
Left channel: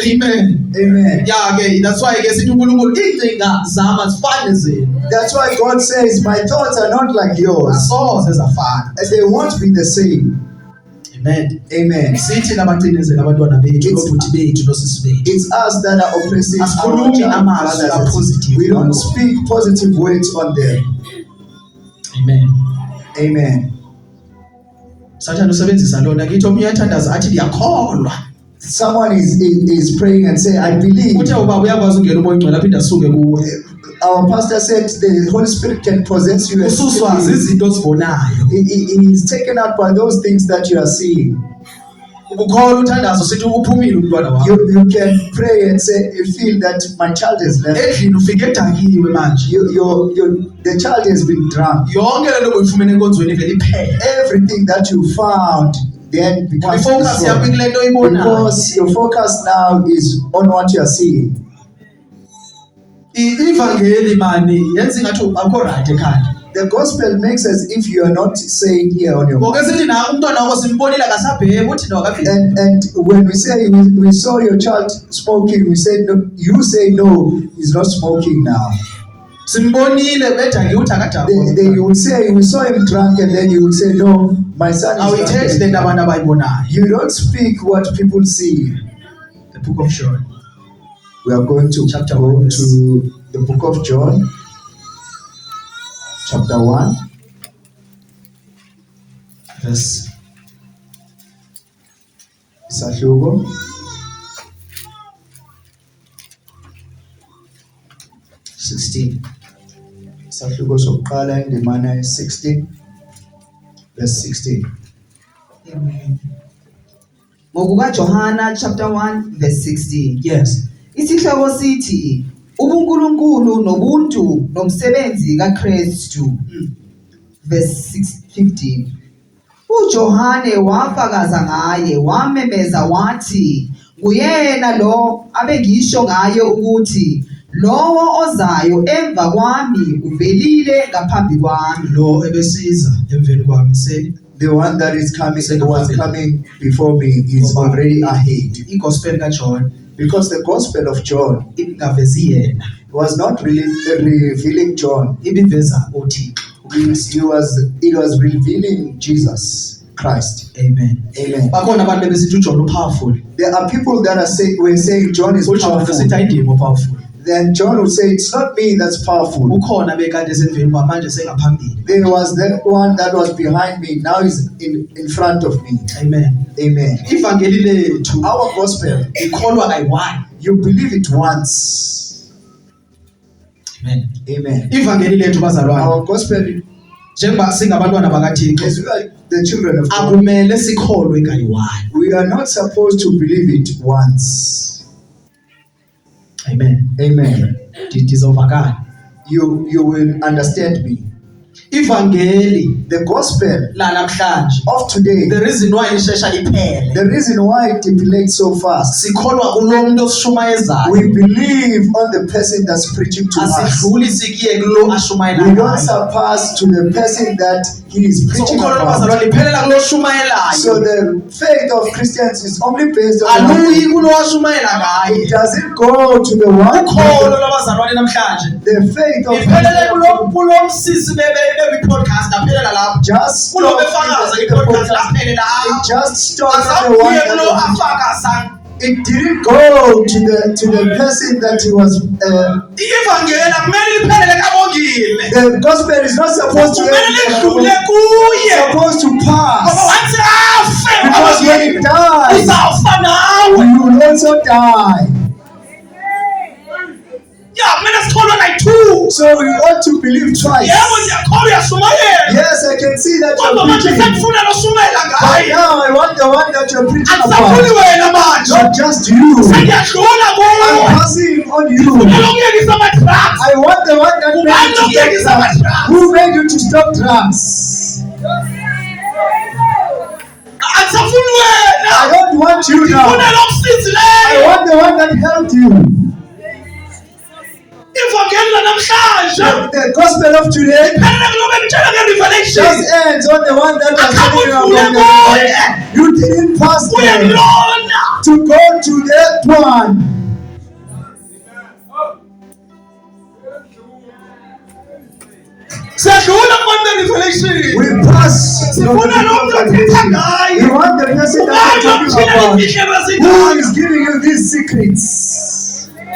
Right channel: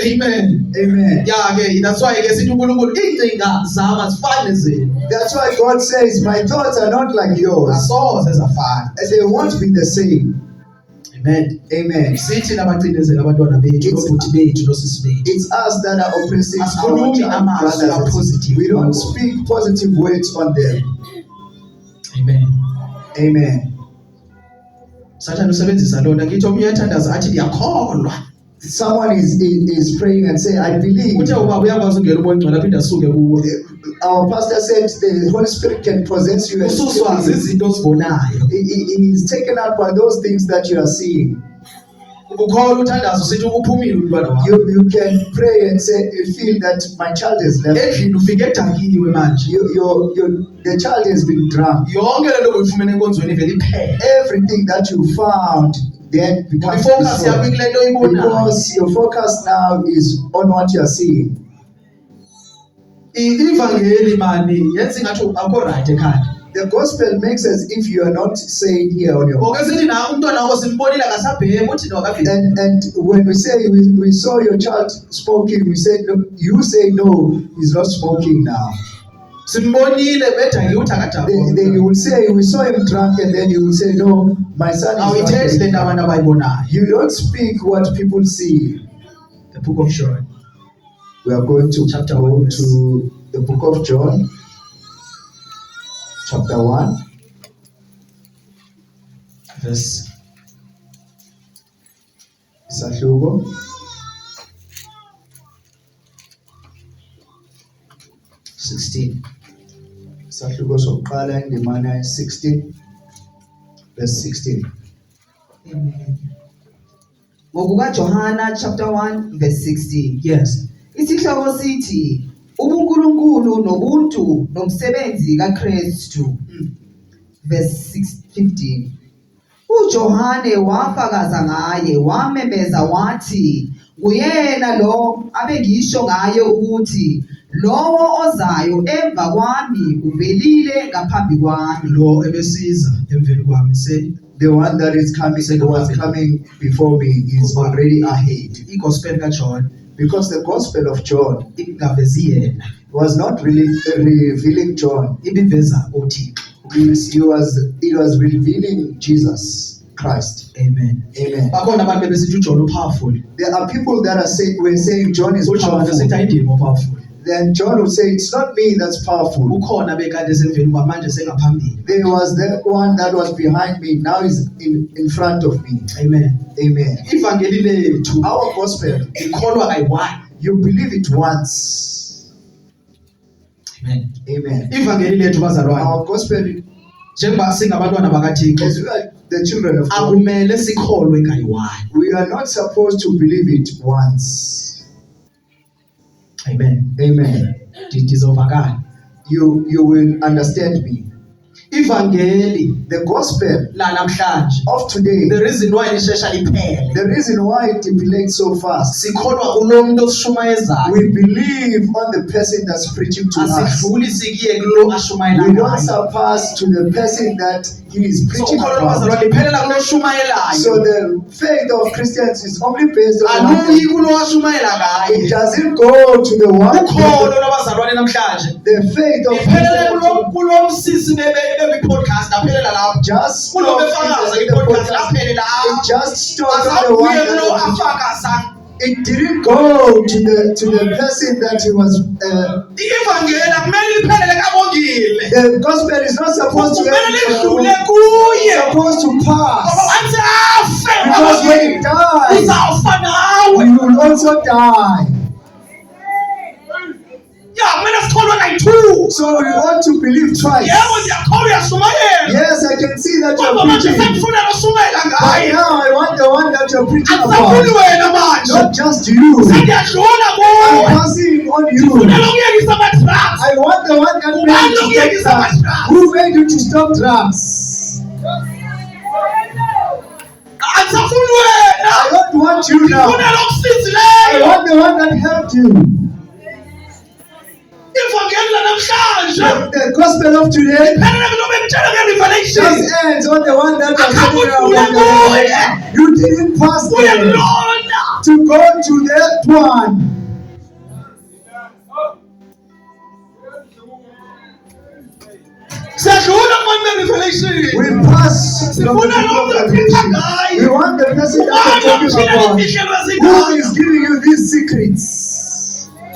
Amen. Amen. Ya ke that's why ke sithi uNkulunkulu ingcinga zami azifani zenu That's why God says, my thoughts are not like yours. asoze zafana. And they won't be the same. Amen. Amen. Sithi nabacinezela abantwana bethu It's- nobhuti bethu nosisi bethu It's us that are oppressing our Asikhulumi child amazwi brothers. apositive. We don't speak positive words on them. Amen. Amen. Sathana usebenzisa lona ngithi omunye uyathandaza athi ndiyakholwa Someone is praying and say, I believe. uthe ubaba uyakwazi ungena umoya ongcwele aphinde asuke kuwe Our pastor said the Holy Spirit can possess you. And ususwa zizinto ozibonayo he is taken out by those things that you are seeing. ukukholwa uthandazo sithi uphumile umntwana wakho You can pray and say, you feel that my child has left. endlini ufike edakiwe manje The child has been drunk. yonke le nto uyifumene enkonzweni ivele iphele Everything that you found then becomes ifocus yakho destroyed. kule nto oyibonayo. Because your focus now is on what you are seeing. Ivangeli mani yenza ingathi akho right ekhaya The gospel makes as if you are not saying here on your own. ngoke sithi na umntwana wakho simbonile akasabhemi uthi nokafika And when we say we saw your child smoking, we said no, you say no, he's not smoking now. simbonile bedakiwe uthi akadakiwe Then you will say we saw him drunk, and then you will say no, my son is awuyithethi le not. nto abantu abayibonayo. You don't speak what people see. The book of John We are going to Chapter go 1, to the book of John, chapter 1. verse Isahluko 16. isahluko sokuqala indimana 16 verse 16. ngokukaJohana chapter 1 verse 16. Yes. Isihloko sithi ubuNkulunkulu nobuntu nomsebenzi kaKristu. Verse 15. uJohane wafakaza ngaye wamemeza wathi nguyena lo abengisho ngaye ukuthi lowo ozayo emva kwami uvelile ngaphambi kwami. Lo ebesiza emveni kwami se The one that is coming, the one coming before me is already ahead. igospel kaJohn Because the gospel of John ingavezi yena was not really revealing John. ibiveza uThixo. It was revealing Jesus Christ. Amen. Amen. Bakhona abantu besithi uJohn upowerful. There are people that were saying John is uJohn powerful. sithi ayindimo powerful. Then John would say, it's not me that's powerful. Ukhona bekade semveni kwamanje sengaphambili. There was that one that was behind me. Now he's in front of me. Amen. Amen. Ivangeli lethu Our gospel, ikholwa kayi-1. you believe it once. Amen. Amen. Ivangeli lethu bazalwane Our gospel, njengoba singabantwana bakaThixo as we are the children of God, akumele sikholwe kayi-1. we are not supposed to believe it once. Amen. Amen. Ndizovakala. You will understand me. Ivangeli The gospel lanamhlanje of today, the reason why ishesha liphele the reason why it depilates so fast, sikholwa kulo muntu osishumayezayo we believe on the person that's preaching to us. asidluli sikiye kulo We ashumayelayo. don't surpass to the person that he is So preaching ukholo about. lwabazalwane liphelela kulo So oshumayelayo the faith of Christians is only based on aluyi kulo washumayela it ngaye. doesn't go to the one. Ukholo lwabazalwane namhlanje The faith of liphelele Christians kulo msisi bebe-podcast aphelela lapho just kulo stop befakaza in the i-podcast podcast. aphelele It apho just stopped at the one asabuye kulo that was, afakaza. it didn't go to the person that he was. I-ivangeli akumele liphelele kabongile The gospel is not supposed to kumele lidlule end. kuye It's supposed to ngoba pass. wansi afe Because when he dies, uzawufa nawe. you will also die. Ya kumele sikholwe kayi-2. So we ought to believe twice. Yebo ndiyakholwa uyashumayela Yes, I can see that kodwa you're manje preaching. sekufunela oshumayela But ngaye. now I want the one that you're preaching Akusafuni about. wena manje Not just you. sengiyadlula I'm kuwe. passing on you. Funela ukuyekisa ama-drugs. I want the one that made you to stop drugs. Who made you to stop drugs? Akusafuni wena. I don't want you now. Ngifuna lo msizi I leyo. want the one that helped you. Ivangeli lanamhlanje. The gospel of today Phela ngilobe ngitshela nge-revelation. just ends on the one that was Akhambe telling you udlule about kuye. the You didn't pass there Uyakulona. to go to that one. Siyadlula kubantu be-revelation. We pass from the Sifuna lo muntu othetha revelation. ngaye. You want the person that Ubani you're talking omtshela about. imfihlelo Who ezindala. is giving you these secrets?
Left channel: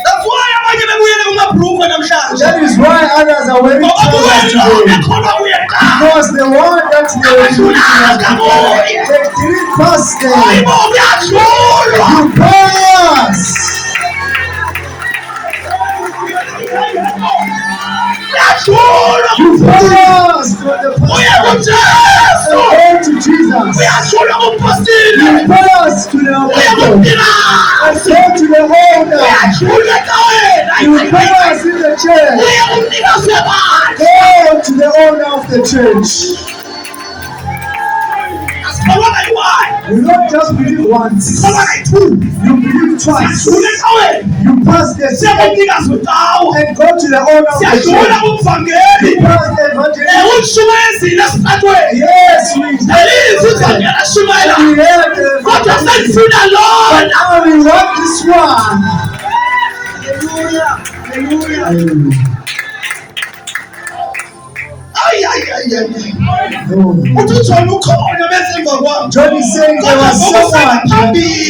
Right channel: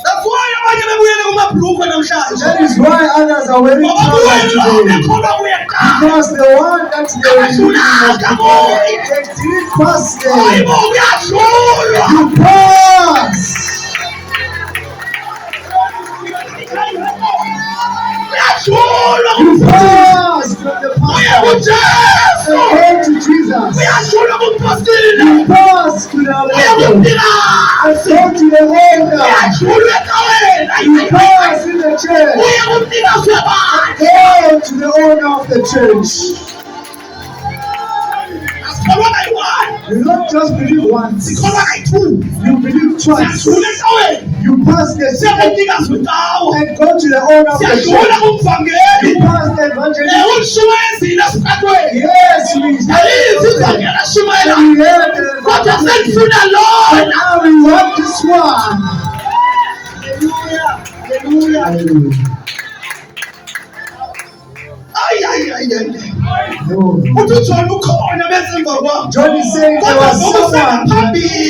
That's why abanye bebuyele kumabhrukwe namhlanje. That is why others are wearing Ngoba trousers wena today. bekholwa kuye kuqala. Because the one that they were using was before. They didn't pass there. Hayibo kuyadlulwa. You pass. Kuyadlulwa. You pass from the Uya pastor. kuJesu. Go to Jesus. Kuyadlulwa kumpostile. You pass to the Uya apostle. kumnikazi. And go to the owner. Kuyadlulwa ecaweni. You pass in the church. Uya kumnikazi webandla. Go to the owner of the church. Asikholwa kayi-one. You don't just believe once. Sikholwa kayi-two. You believe twice. Siyadlula ecaweni. You pass the Siya second kumnikazi wendawo. and go to the owner of the Siyadlula church. kumvangeli. You pass the evangelist. Ukushumayezile esitratweni. Yes, we Alizi ivangeli ashumayela. we heard the Kodwa evangelist. sengifuna But lona. now we want this one. Hallelujah. Hallelujah. Ay, ay, ay, ay. No, no. Uthi uJohn ukhona bese emva kwami. John is saying there was someone,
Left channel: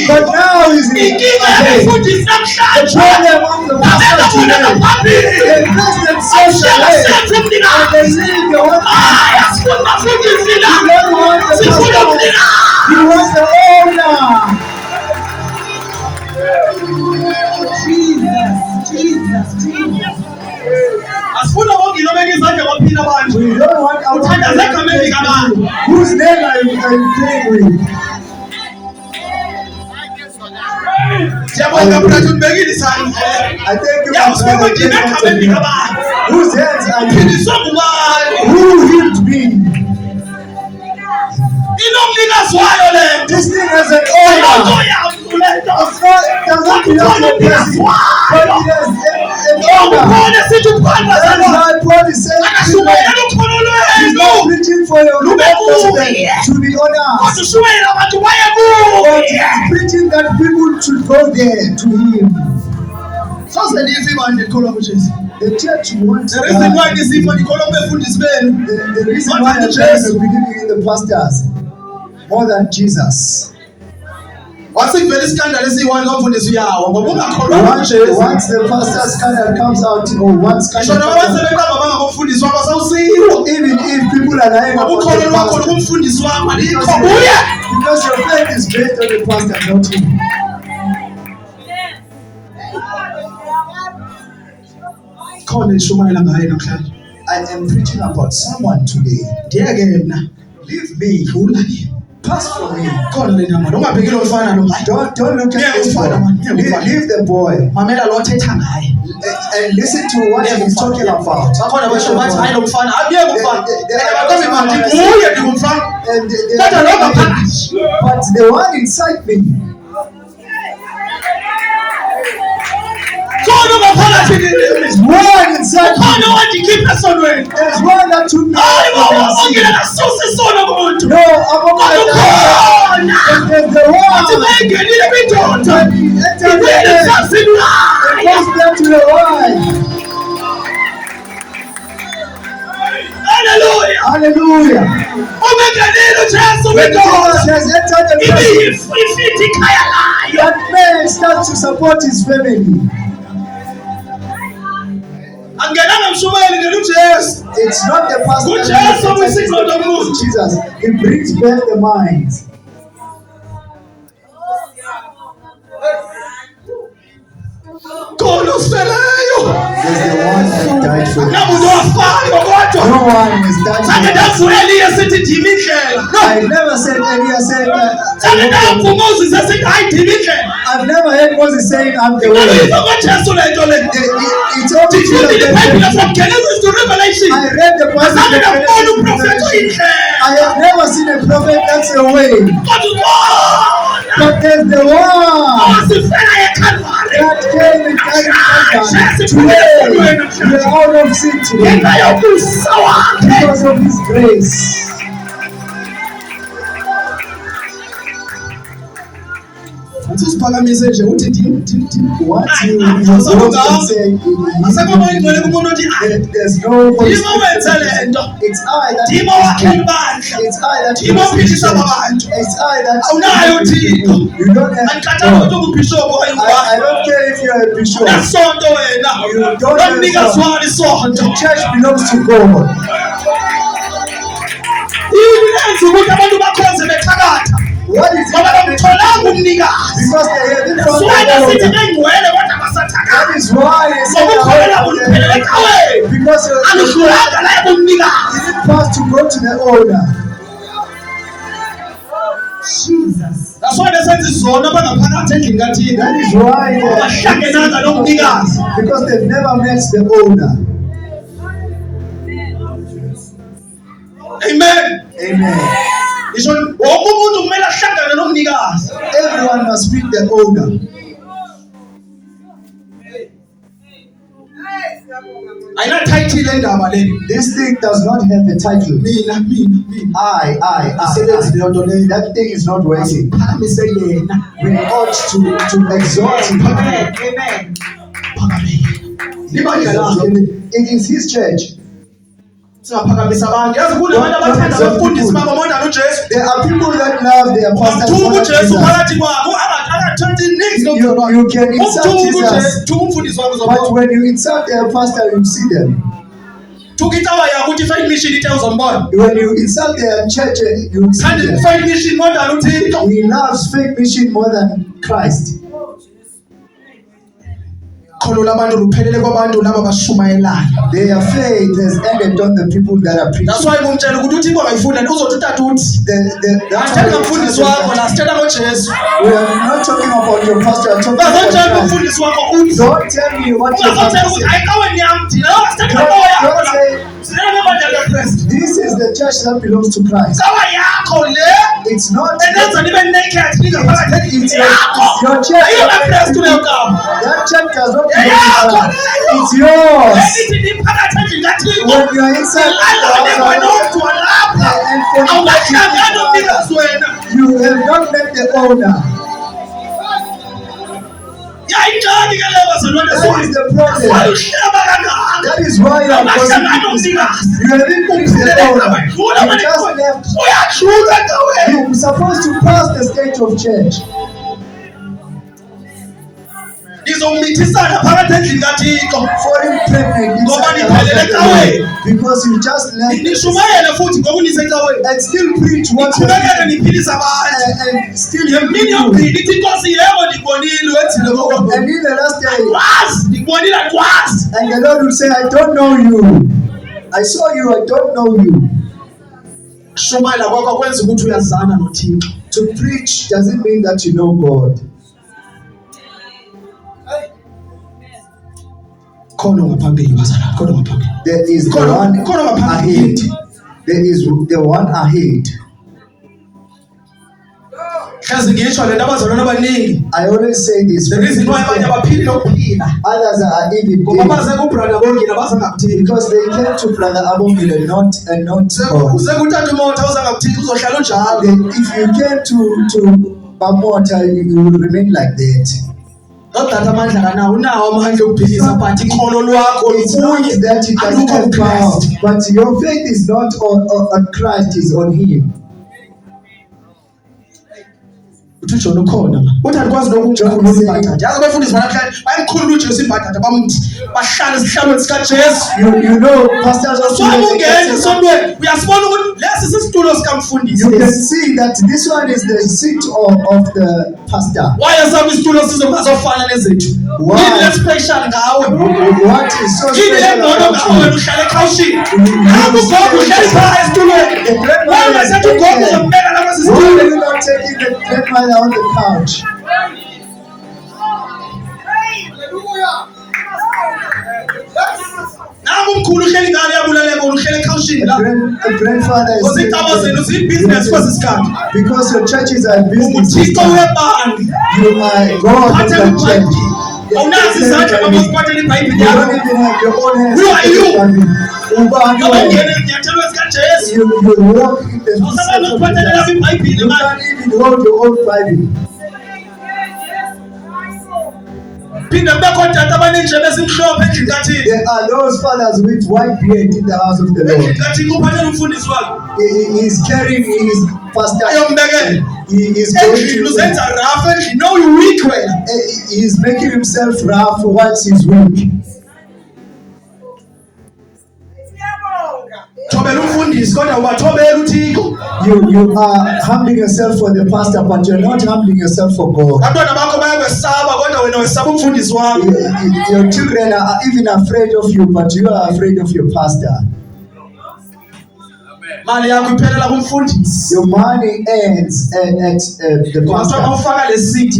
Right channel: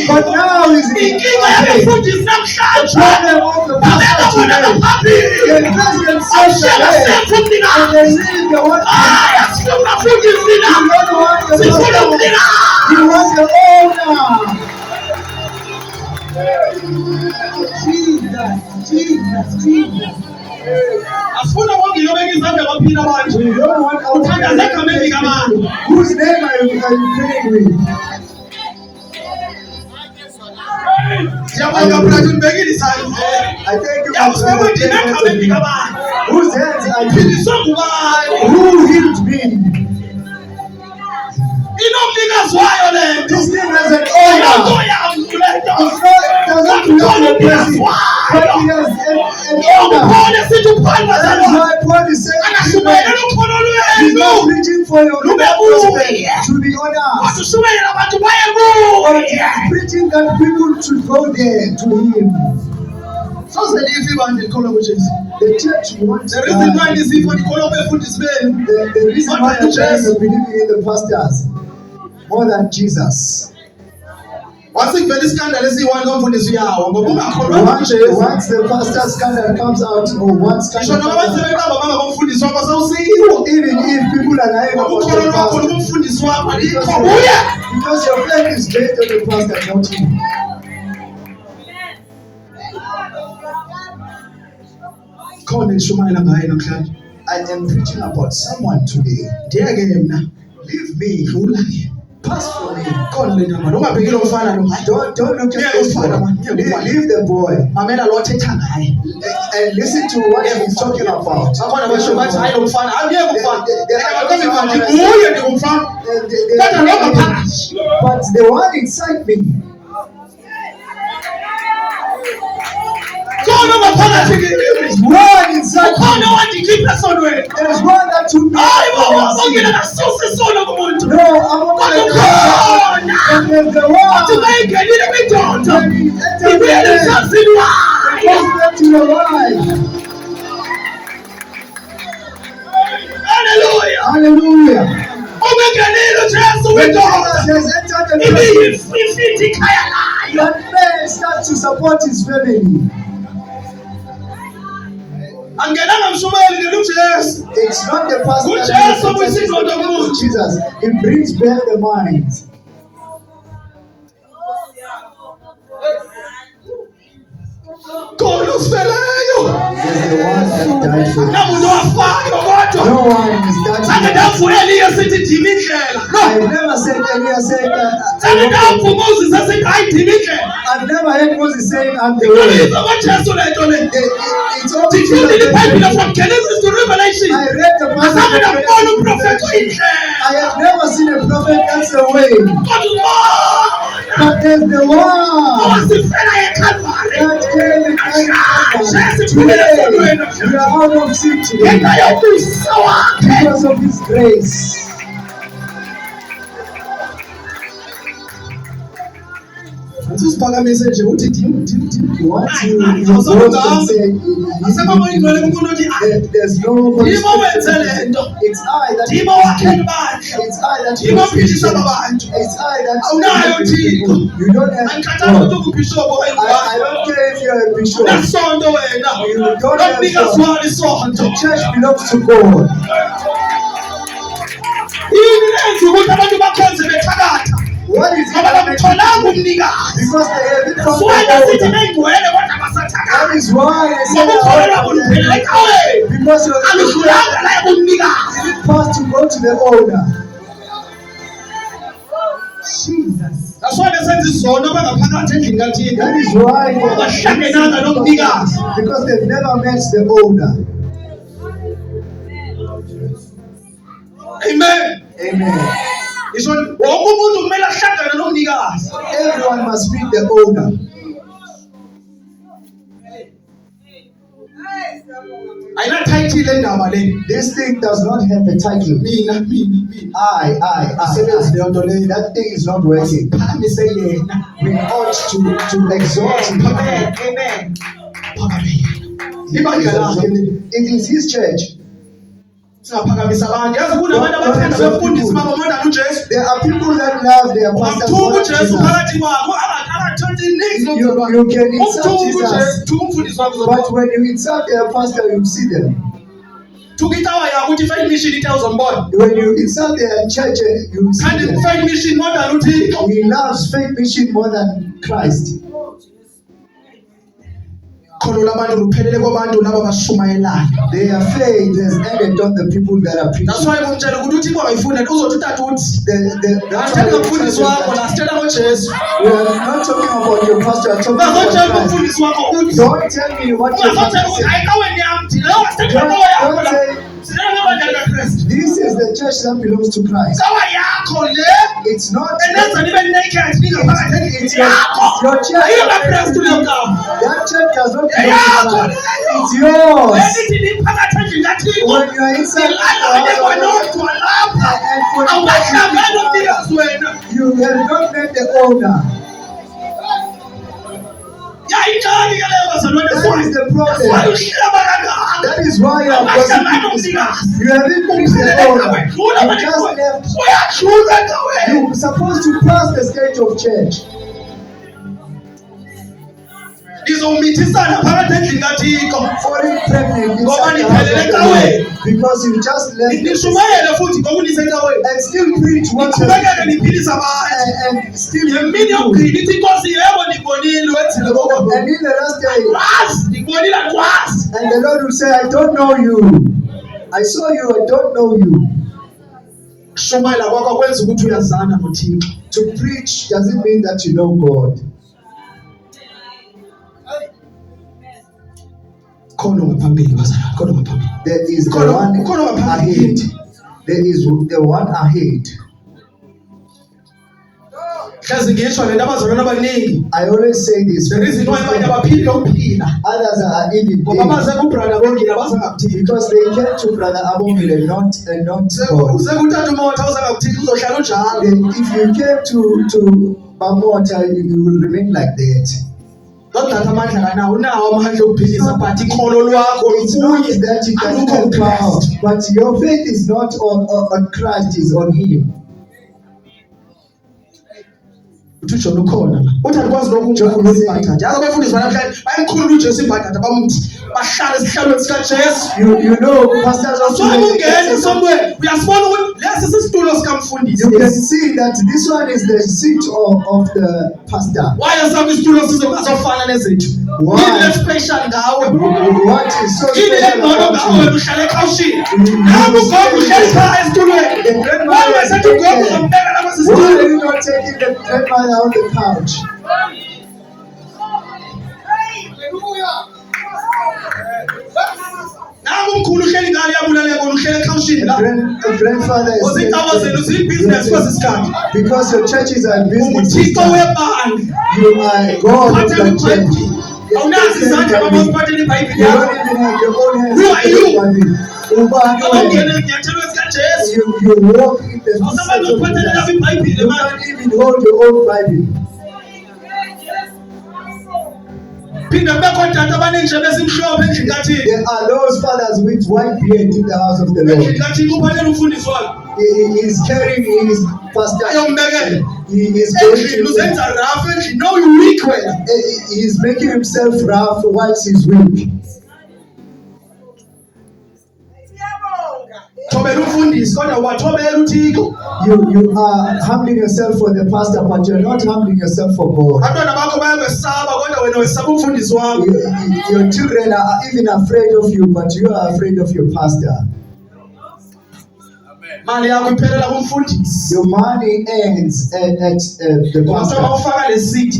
but now he's in Inkinga the yabefundisi namhlanje. problem of the Abena pastor bona today. ngaphambili. The president says Awushela that sethu and umnikazi. they leave the one. Hayi, asifuni bafundisi la. You don't want the Sifuna pastor. umnikazi. You want the owner. Asifuna bonke lobeka izandla baphila manje. You don't want our Uthandaze egameni kabani. whose name are you praying with? Siyabonga mfowethu unibekile isandla. I thank you Yazi for ukuthi praying egameni for me. kabani. Whose hands are you? Phindiswa ngubani? Who healed me? Inomnikazi wayo le nto. This thing has an Into owner. yami le nto. It's not, it doesn't belong to a person, but it has an owner. Ngiyakubona sithi uphanda That's zalona. why Paul is saying, Akashumayela ukholo he's not lwenu. preaching for your Lube gospel kuye. to be on Kodwa us, ushumayela abantu baye but kuye. he's preaching that people should go there to him. Soze life ibandla likholwa kuJesu. The church wants The reason why God. lisifo likholwa kubefundisi benu. The reason why the church is believing in the pastors more than Jesus. Wathi kuvela iskandalo esiyi-1 komfundisi uyawa ngoba ungakholwa Once kuJesu. the pastor scandal comes out, or one Ngisho scandal noma comes out, sebeqamba bangabomfundisi wakho sawusiwo. even if people are lying about Ukholo the lwakho pastor, lukumfundisi wakho alikho because kuye. because your faith is based on the pastor, not him. Khona nishumayela ngaye namhlanje. I am preaching about someone today. Ndiyeke mina. Leave me, Dlula ke. pass from me. Khona le ndaba. Ungabheki lo mfana lo. Don't look Yeah, at this boy. mfana, man. Yeah, mfana. Leave the boy Mamela lo othetha ngaye. and listen to what he's talking about. Bakhona basho bathi hayi lo mfana. Angiyeke umfana. Akathi manje kuye ndingumfana. And Kodwa lo ngaphakathi. but the one inside me, Khona ngaphakathi kini. there's one inside me. Khona owandikhipha esonweni. There's one that took me Hayi out baba from the bongela sea. nasusa isono kumuntu. No, I'm not Kodwa khona. and there's the Athi one mayingenile kwindoda. when he entered the Ivele place, emhlazini wayo. goes back to the wife. Hallelujah. Hallelujah. Umengenile uJesu When kwindoda. Jesus has entered the Ibe place, ifithi ikhaya layo. that man starts to support his family. Angenanga mshumayeli ngena uJesu. It's not the pastor. Good that Jesus, enters we the sing on the place, moon. it's Jesus. It brings back the mind. Khona osifeleyo. There's the one that died for you. akunamuntu wafayo kodwa No one is that. sange ndavula Eliya sithi ndimi indlela. I never said Eliya said Sange ndavula Moses esithi hayi ndimi indlela. I've never heard Moses saying I'm the way. Ngizwa kwaJesu lento le. It's all Ndifundile iBhayibhile from Genesis to Revelation. I read the Bible. Azange ndabona uprofethi oyindlela. I have never seen a prophet that's a way. Kodwa But there's the one wasifela eCalvary. that came and carried today. We are out of sin today Ngenxa yobuso wakhe. because of His grace. Usiphakamise nje uthi Once Aye, you aye, go awusakho and say, asekho ingcwele kumuntu othi there's no Ndimo wenze le nto. It's I that Ndimo is wakhe good. ibandla. It's I that Ndimo ophilisa abantu. It's I that Awunayo Thixo. You don't have Andikhathanga God. ukuthi ungubhishophu okanye I ungubani. don't care if you're a bishop. Unasonto wena. You don't have Nomnikazi God. walo isonto. The church belongs to God. Yini lenza ukuthi abantu bakhonze bethakatha? What is Ngoba it? bamtholanga umnikazi. Because they haven't found Siwena sithi the God. bengcwele kodwa basathakatha. That is why they say Ngokukholelwa kulupheleleka wena. because you Aludlulanga la kumnikazi. didn't pass to go to the owner. Jesus. Nasona senze izono abangaphakathi endlini kaThixo. That is why Abahlangenanga nomnikazi. because they've never met the owner. Amen. Amen. Ngisho wonke umuntu kumele ahlangane nomnikazi. Everyone must meet the owner. Ayina title endaba le. This thing does not have a title. Mina. I. Isebenzi leyo nto leyo. That thing is not working. Phakamise yena. We ought to exhort him. Amen. Phakamile. Ibandla lakhe le. It is his church. Singaphakamisa abantu. Yazi kunabantu abathanda abafundisi babo more than uJesu. There are people that love their pastors. Umthuka more than uJesu Jesus. phakathi kwabo angathathi niks You can insult umthuka Jesus, uJesu, thuka umfundisi wakho but uzobona. when you insult their pastor, you see them. Thuka itawa yakho uthi Faith Mission ithe uzombona. When you insult their church, you see Kanti them. Faith Mission more than uThixo. He loves faith mission more than Christ. Khona labantu luphelele kwabantu laba bashumayelayo. Their faith has ended on the people that are preaching. That's why ngumtshela ukuthi uThixo akayifunda uzothi utata uthi. That's Athanda why umfundisi wakho na sithetha ngoJesu. we are not talking about your pastor, I'm talking Ungazotshela about Christ. umfundisi wakho uthi. Don't tell me what your Ungazotshela pastor ukuthi said. ayikawe nyam thina. Sithetha ngawo yakho la. Sithetha ngebandla likaKristu. This is the church that belongs to Christ. Kawa yakho le. It's not Enenza nibe naked ingaphakathi endlini it's yakho. your church. AyikaKristu leyo kawa. That church does not belong Yeah, to Christ. yeah. It's yours. Elithi niphakathi endlini kaThixo. When you are inside Ilanga the kwena house, odwa lapha. and for Awukahlangani the nomnikazi wena. you have not met the owner. Yayincane ke leyo bazalwane That is the problem. Why uhleba kangaka? That is why you are gossiping. You haven't met the owner. You just left. Uyadlula ke wena. You're supposed to pass the stage of church. Nizomithisa phakathi endlini kaThixo. Falling pregnant inside the house of the Lord because you just left Nishumayele futhi ngoba unisecaweni. and still preach what you Niqhubekele niphilisa abantu. and still Ngemini you. yokugcina ithi Nkosi yebo ndikubonile wethile kokho. And in the last day, Kwazi ndikubonile kwazi. and the Lord will say, I don't know you. I saw you, I don't know you. Shumayela kwakho kwenza ukuthi uyazana noThixo. To preach doesn't mean that you know God. Khona ngaphambili bazalwane, khona ngaphambili. There is the Khona- one khona ngaphambili. ahead. There is the one ahead. Hlezi ngisho lento abazalwane abaningi. I always say this. The reason why abanye abaphili nokuphila. Others are even Ngoba dead baze kubrother Bongile basangakuthixo. because they came to Brother Abongile and not God. Uze kuthatha umoto awuzangakuthixo uzohlala unjalo. Then if you came to Bamota, you will remain like that. Nodata amandla kanawo unawo amandla okuphilisa but ikhono lwakho It's not lukunye that you can alukho have power, kuKristu. but your faith is not on Christ, is on Him. Uthi uJohn ukhona ma. Uthi andikwazi nokumkhulula imbadada. Yazi abafundisi banamhlanje bayamkhulula uJesu imbadada bamthi bahlale esihlalweni sikaJesu. You know, pastors also. Sobe ungena esondweni uyasibona ukuthi lesi sisitulo sikamfundisi. You can see that this one is the seat of the pastor. Why asaba isitulo sizofana nezethu? Why? special ngawe? What is so Yini special engcono ngawe about wena you? uhlala ekhawushini? Nawe ugogo uhleli phaya esitulweni. The grandmother Nawe is sethi ugogo taken. uzombeka lapha Why are sisitulweni. you not taking the grandmother on the couch? Nawe umkhulu uhleli ngale yabulaleka wena uhleli ekhawushini la. A grandfather is Because icaba zenu ziyi-business kwesi sikhathi. because your churches are business. UThixo uyebandla. You are God of Phathela the church. iBhayibhili. Awunazi izandla mama uziphathela You iBhayibhili don't yakho. even have your own hands. Who are you? Ubani Ngoba wena? ungene ezinyathelweni zikaJesu. You walk in the Awusakwazi footsteps of ukuphathelela Jesus. iBhayibhili You manje. can't even hold your own Bible. Phinde kube khona tata abaninje besimhlophe endlini kaThixo. There are those fathers with white beard in the house of the Lord. Endlini kaThixo uphathela umfundisi wakhe. He is carrying his pastor. Ayombekela. He is going Endlini to. uzenza rafu endlini. No, you weak wena. He is making himself rough whilst he's weak. Thobela umfundisi kodwa ubathobela uThixo. You are humbling yourself for the pastor, but you're not humbling yourself for God. Abantwana bakho bayakwesaba kodwa wena wesaba umfundisi wakho. Your children are even afraid of you, but you are afraid of your pastor. Mali yakho iphelela kumfundisi. Your money ends at the Ngoba pastor. mawufaka le seed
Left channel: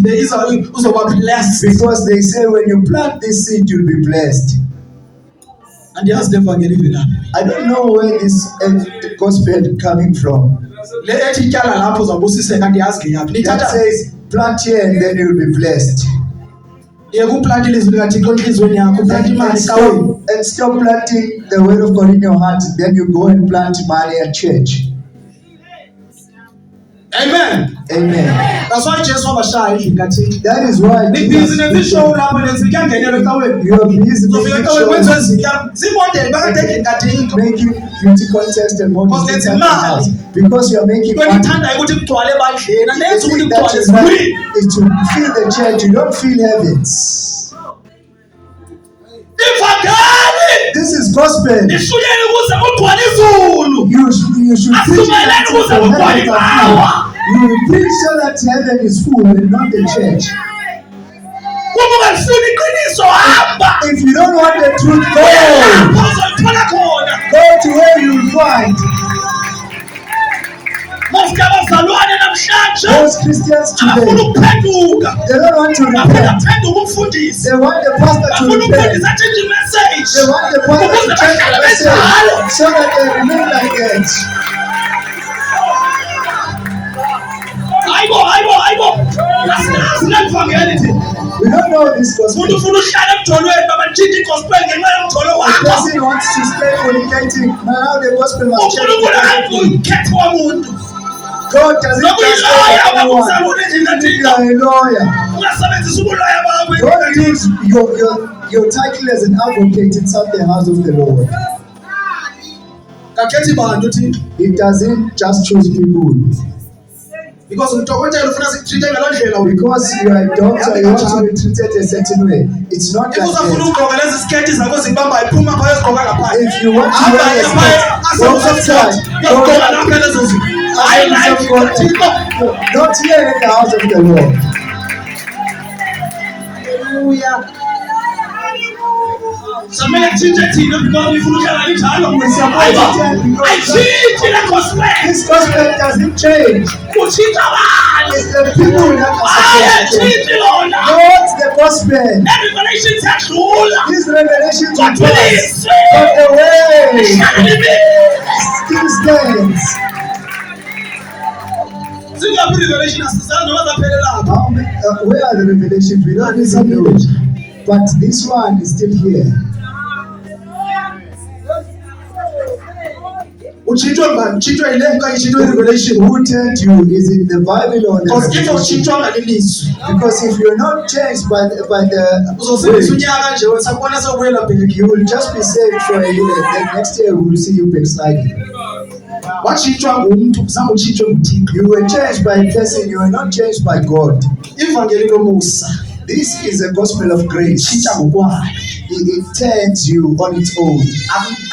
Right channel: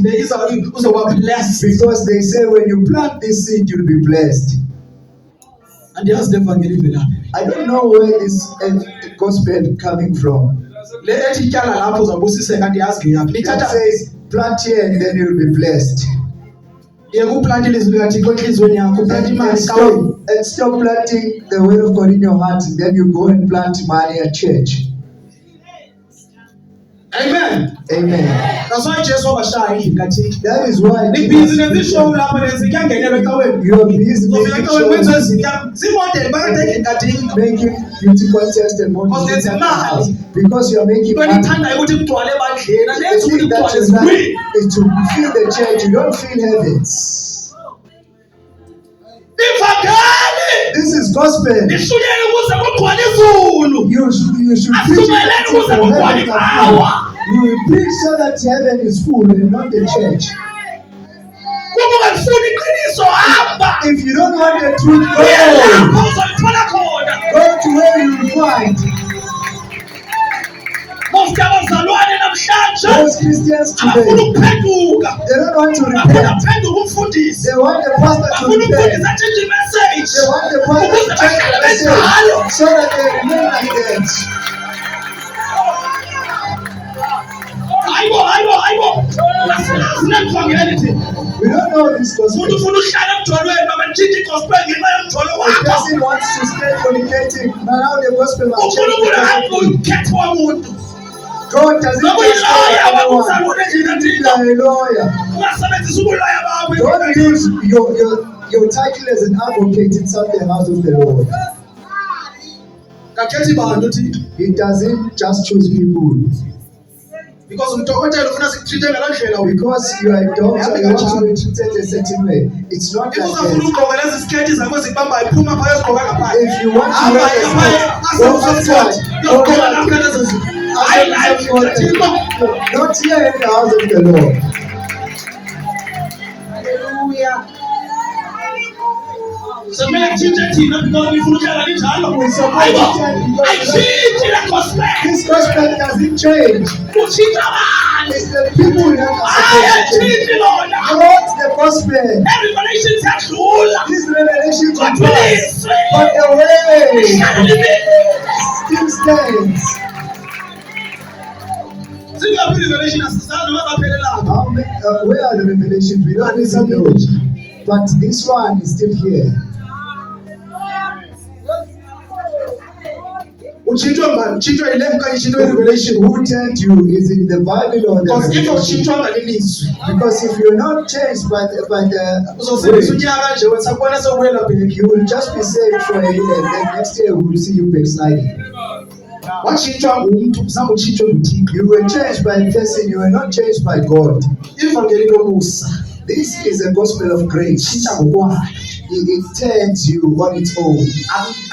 uzoba blessed. Because they say when you plant this seed, you'll be blessed. Andiyazi le vangeli ivela. I don't know where this gospel coming from. Le ethi ityala lapho uzawubusiseka andiyazi ngeyaphi. That Lithatha says plant here and then you'll be blessed. yeke uplante ilizwi likaThixo enhliziyweni yakho uplante imali esikawini. And stop planting the word of God in your heart, and then you go and plant money at church. Amen. Amen. That's why Jesu wabashaya endlini kaThixo. That is why Nibhizinesi ishow lapho lenze kuyangenelwa ecaweni. you are busy Uzofika making ecaweni shows, kwenziwe izinto. Ziimodeli phakathi endlini kaThixo. making beauty contest and models Because inside the there's house. money. Because you are making Into money. enithandayo ukuthi kugcwale ebandleni. The Anenzi ukuthi thing that kugcwale you like ezulwini. is to feel the church. You don't feel heavens. Ivangeli This is gospel. ishuyele ukuze kugcwale izulu. You should preach it Asumayeleni until ukuze the kugcwale heavens are ibawa. full. You preach so that heaven is full and not the church. Uma ungalifuni iqiniso hamba. If you don't want the truth, go. Lapho uzolithola khona. Go to where you will find. Mufti abazalwane namhlanje Those Christians abafuna today, ukuphenduka. they don't want to Bafuna repent. ukuphenduka umfundisi. They want the pastor to Bafuna repent. umfundisi atshintshe imessage. They want the pastor to Ukuze change the bahlale message benjalo. so that they remain like that. Hayibo. Asinazi lelivangeli thina. We don't know this gospel. Umuntu ufuna uhlala emjolweni babathinta igospel ngenxa yomjolo The wakho. person wants to stay fornicating. Now the gospel must change. uNkulunkulu akho ukhetho womuntu. God doesn't Noma just uyiloya say anyone. bakuzalwane endlini If you kaThixo. are a lawyer, Ungasebenzisa ubuloya bakho endlini don't kaThixo. use your title as an advocate inside the house of the Lord. Kakhethi bantu Thixo. It doesn't just choose people. Because umdokotela ufuna sikutreat ngaloo ndlela wena. Because you are a doctor, you want to be treated a certain way. It's not like Uzafuna that. ukugqoka lezi sketi zakho zikubambayo iphuma phaya uzigqoka ngaphandle. If you want to Hamba wear a ephaya skirt, go asewusomthatha. outside. Uyogqoka lapha lezo zinto. Hayi la endlini kaThixo. Not here in the house of the Lord. Hallelujah. Somele kutshintshe thina because ngifuna uhlala njalo. We support it because Ayitshintshi le gospel. this gospel doesn't change. Utshintsha abantu. It's the people that are Hayi supposed to change. ayitshintshi lona. Not the gospel. Revelations yadlula. These revelations will Kodwa pass, ilizwi but the way lihlala limile. still stands. Zingaphi revelation asizange noma zaphelelapha. Where are the revelations? We don't even know. But this one is still here. Utshintshwe ngubani? Utshintshwe yile okanye utshintshwe i-revelation? Who told you? Is it the Bible or the Because if revelation? utshintshwanga lilizwi Because if you're not changed by the uzosebenzisa word, unyaka nje wesakubona sekubuyela bheki. you will just be saved for a year, and then next year we will see you backsliding. Watshintshwa ngumntu zange utshintshwe nguThixo. You were changed by a person, you were not changed by God. Ivangeli lomusa This is a gospel of grace. tshintsha ngokwayo. It turns you on its own.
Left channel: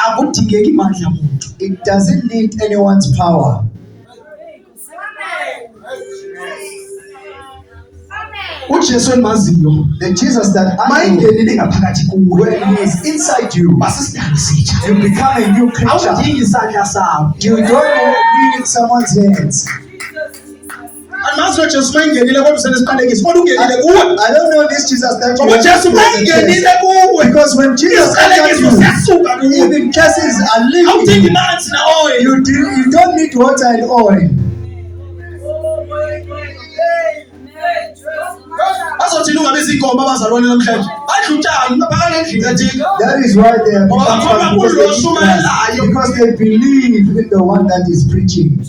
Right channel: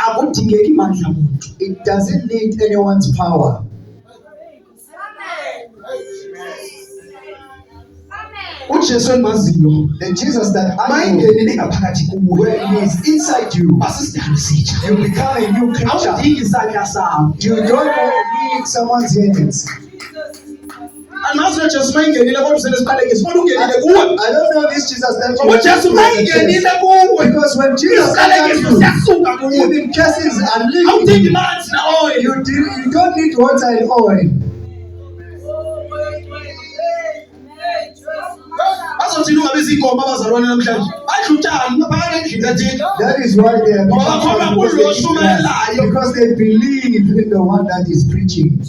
Akudingeki mandla muntu. It doesn't need anyone's power. uJesu endimaziyo The Jesus that I know, mayingenile ngaphakathi kuwe when he is inside you, basisidala sitsha you become a new creature. awudingi isandla sakho You don't need someone's hands. andimazi lo Jesu mayingenile kodwa usenesiqalekiso kodwa ungenile kuwe I don't know this Jesus that you ngoba have uJesu to the mayingenile church. kuwe Because when Jesus enters isiqalekiso you, siyasuka kuwe even curses are awudingi leaving. manzi na oil You don't need water and oil. bazothina ungabe zigomba abazalwane namhlanje badla utshani naphakade endlini kathina That is why they have Ngoba become bakholwa kulo Muslims, oshumayelayo. because they believe in the one that is preaching.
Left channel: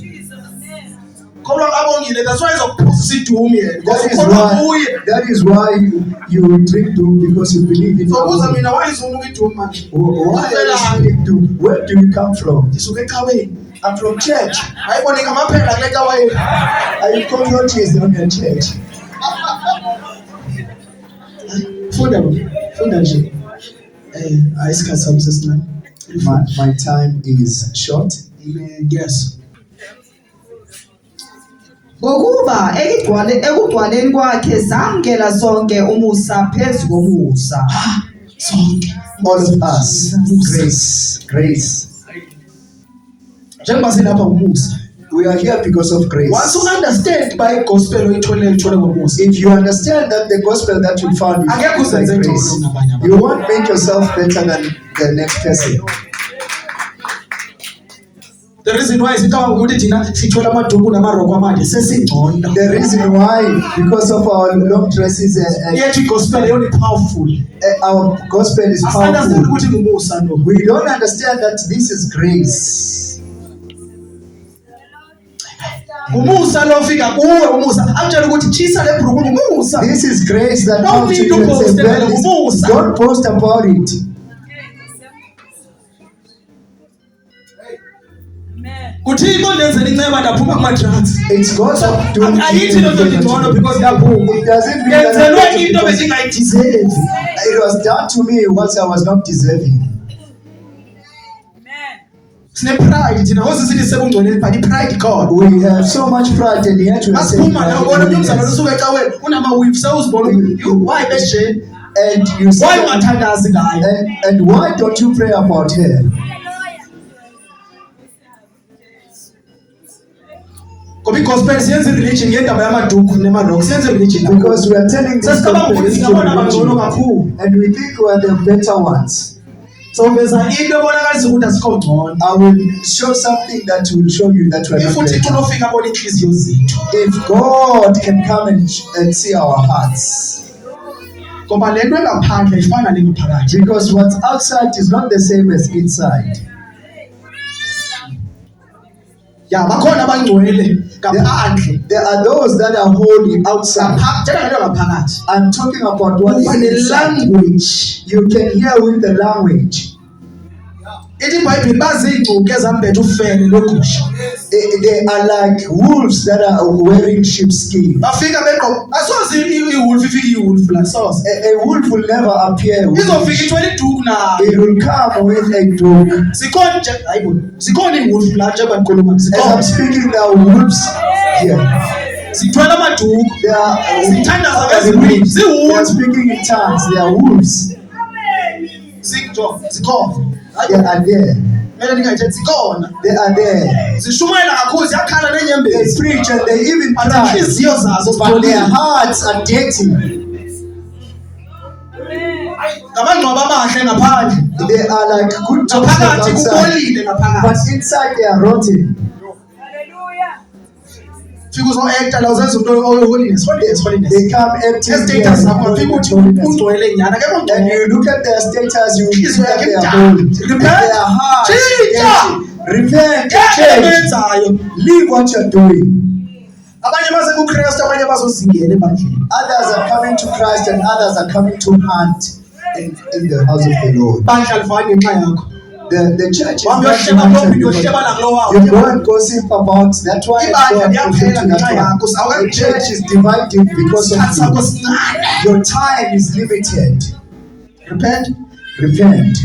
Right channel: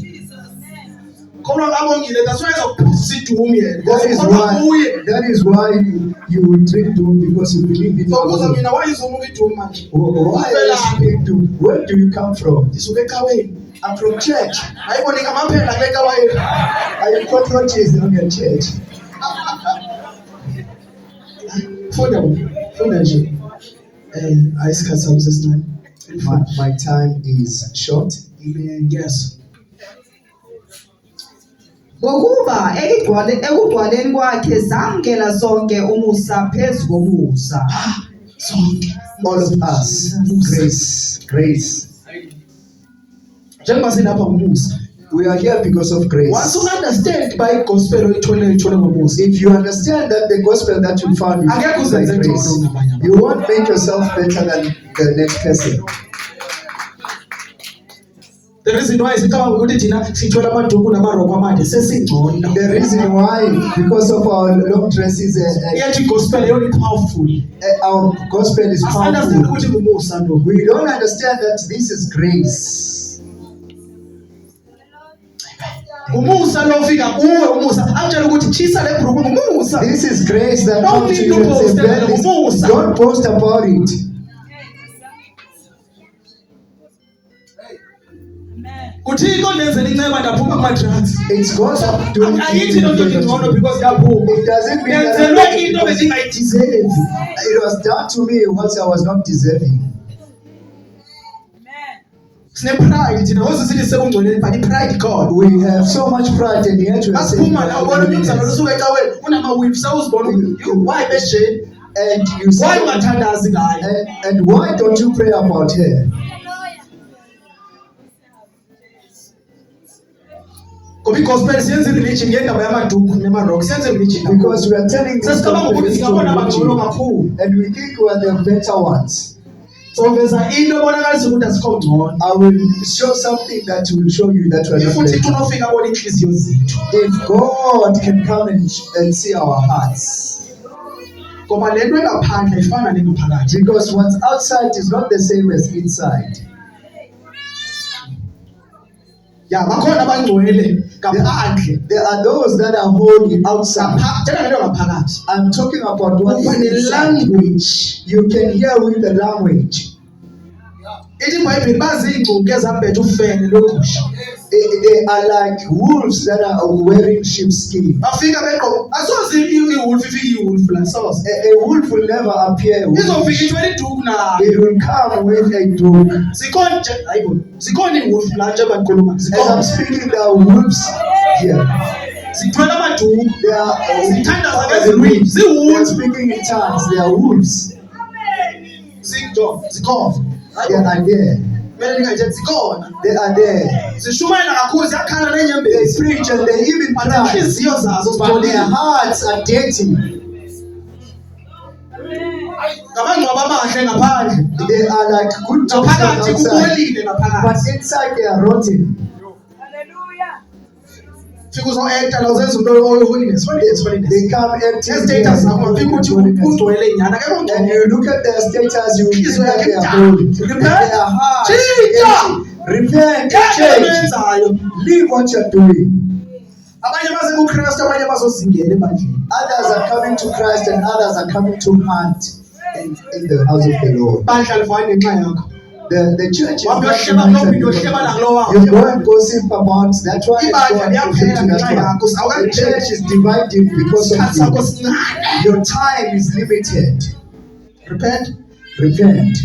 kholwa kabongile that's why izokuphuza idumu yena That is why you drink doom, because you believe in sokuza Allah. mina wayizumuka idumu manje Why are you speaking doom? Where do you come from? ndisuke ecaweni I'm from church. ayiboneka amaphela kule caweni I cockroaches on your church. funda nje ayisikhathi sami sesincane My time is short. amen yes ngokuba ekugcwaleni kwakhe zamkela sonke umusa phezu komusa sonke All of us. Grace. njengoba silapha umusa We are here because of once grace. you understand by gospel oyithole ngomusa If you understand that the gospel that you found is Angeke by uzenze grace, ngcono kunabanye abantu. you won't make yourself better than the next person. the reason why sicabanga ukuthi thina sithola amaduku namaroko amanje sesingcono The reason why, because of our long dresses and yethu igospel yona powerful our gospel is asandazi powerful, ukuthi ngumusa lo we don't understand that this is grace. umusa lo ufika kuwe umusa akutshela ukuthi chisa le bhuruku ngumusa This is grace that No comes to need you to and post says, them, "Well, this- Musa." don't post about it. kuthixo ndenzela inceba ndaphuma kuma-drugs It's God's doing ayithi loo nto ndingcono because kaphuma It doesn't mean that yenzelwe I'm into because bengingayidizevi it was done to me what I was not deserving. sine-pride thina ngoze sithi sebungcweleni but i-pride god We have so much pride and yet we are saying asiphuma nawubona umntu umzalwane usuke ecaweni unama-wif sewuzibona why besijeni and you say, why ungathandazi ngayo and why don't you pray about her? ngoba igospel siyenza ireligion ngendaba yamaduku nemarok siyenza ireligion Because we are telling this sesicabanga ukuthi singabona bangcono religion, kakhulu and we think we are the better ones. soveza into ebonakalisa ukuthi asikho ngcono I will show something that will show you that we are if not uthixo better. nofika abona iinhliziyo zethu If God can come and see our hearts, ngoba le nto engaphandle ifana nengaphakathi because what's outside is not the same as inside. ya bakhona abangcwele ngaphandle There are those that are holy outside. thetha ngento ngaphakathi I'm talking about what is uba inside. ne-language You can hear with the language. ithi ibhayibhile baziingcuku ezambethe ufele logusha They are like wolves that are wearing sheepskin. bafika begqoka asoze iwolf ifike iwolf la soze A wolf will never appear. izofika ithwele iduku nayo It will come with a dog. zikhona nje hayibo zikhona iwolf la njengoba ndikhuluma As I'm zikhona speaking, there are wolves here. zithwele amaduku They are, zithandaza they ngezilwimi are ziwolf speaking in tongues. They are wolves. zikhona They are there. kumele ndingayithethi zikhona They are there. zishumayela kakhulu ziyakhala They neenyembezi preach and they even but cry. inhliziyo zazo But their zipholile hearts are dirty. ngabangcwaba abahle ngaphandle They are like good tops ngaphakathi outside. kubolile But ngaphakathi inside they are rotten. fika uzo-acta la uzenza into holiness They come empty. ezi-status zakho ngafika uthi ungcwele nyana akekho And ngcwele you look at their status, you Inhliziyo think that yakhe they are imdaka. holy. And Repent. their hearts Tshintsha. empty. Repent, Yeke change, benzayo leave what you're doing. abanye baze kukristu abanye bazozingela ebandleni Others are coming to Christ and others are coming to hunt in the house of the Lord. bandla livani ngenxa yakho The church is Wambe not uyohleba devoted phambili, because uyohleba nakulo wawo. you go and gossip about that one and go Ibandla and gossip liyaphela to ngenxa that yakho one. The awukapheli church is divided because isikhathi sakho of sincane you. Your time is limited. repent Repent.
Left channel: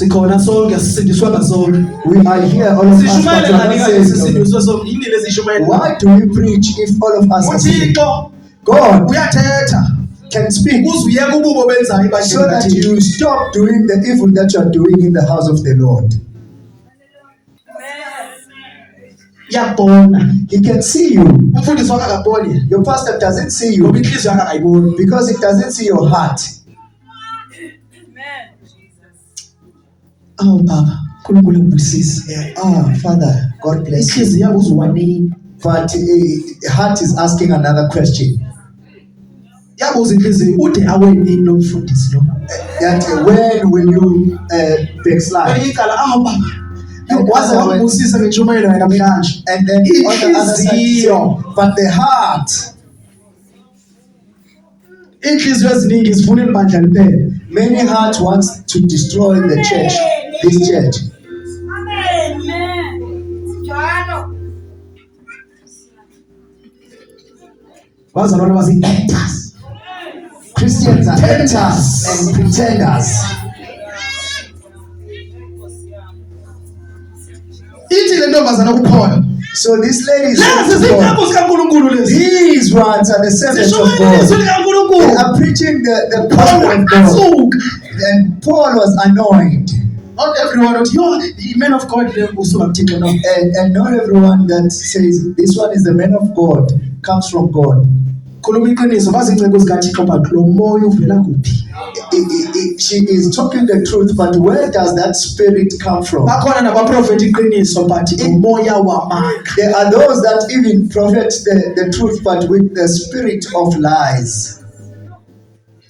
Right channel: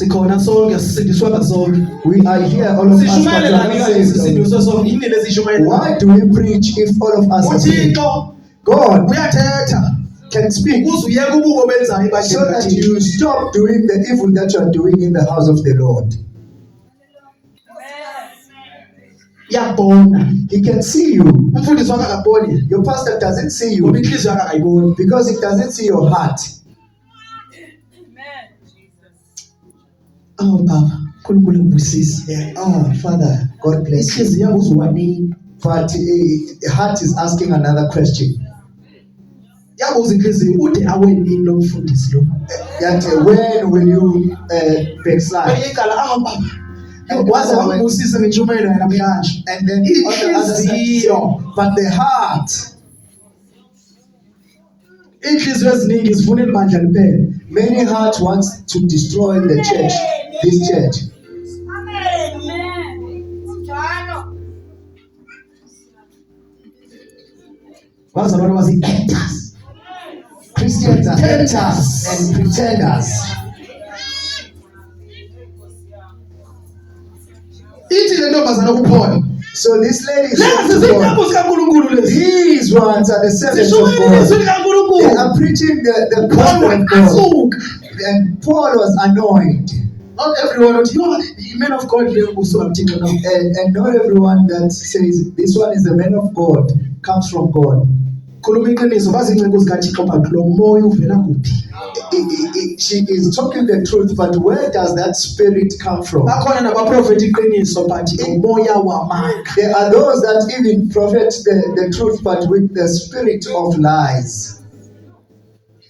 sikhona sonke sisindiswa sonke. We are here, all of us, but Sishumayele we are ngani not kanje saved. sisindiswa sonke? Yini lesishumayele? Why do we preach if all of us are saved? uThixo God uyathetha can speak ukuze uyeke ububo benzayo so that ebandleni. you stop doing the evil that you are doing in the house of the Lord. Uyabona. He can see you. Umfundisi wakhe akaboni Your pastor doesn't see ngoba you inhliziyo yakhe akayiboni. because he doesn't see your heart. Awu baba, uNkulunkulu ngibusise. Father, God bless you. Inhliziyo yabo uzuwanini. But the heart is asking another question. Yabuza inhliziyo ude awenini lo mfundisi lo. That when will you backslide? Bayikala baba. Yokwazi wangibusisa ngentshumayelo yakhe namhlanje. And then on the other side, Inhliziyo. but the heart. Inhliziyo eziningi zifunela ibandla liphela. Many hearts wants to destroy the church, this church. Bazalwane basi-actors. Christians are actors and pretenders. Ithi le ntombazana kuphona. So this lady is Lezi saying to God, zinqabo zikaNkulunkulu lezi. these ones are the servants of Zishumayele izwi God. They likaNkulunkulu. are preaching the Paul gospel of God. asuka. And Paul was annoyed. Not everyone would, the man of God le usuka kuThixo no. And not everyone that says this one is the man of God comes from God. Khuluma iqiniso bazinceke zikaThixo but lo moya uvela kuphi? She is talking the truth, but where does that spirit come from? Bakhona nabaprofeti iqiniso but umoya wamanga. There are those that even prophet the truth, but with the spirit of lies.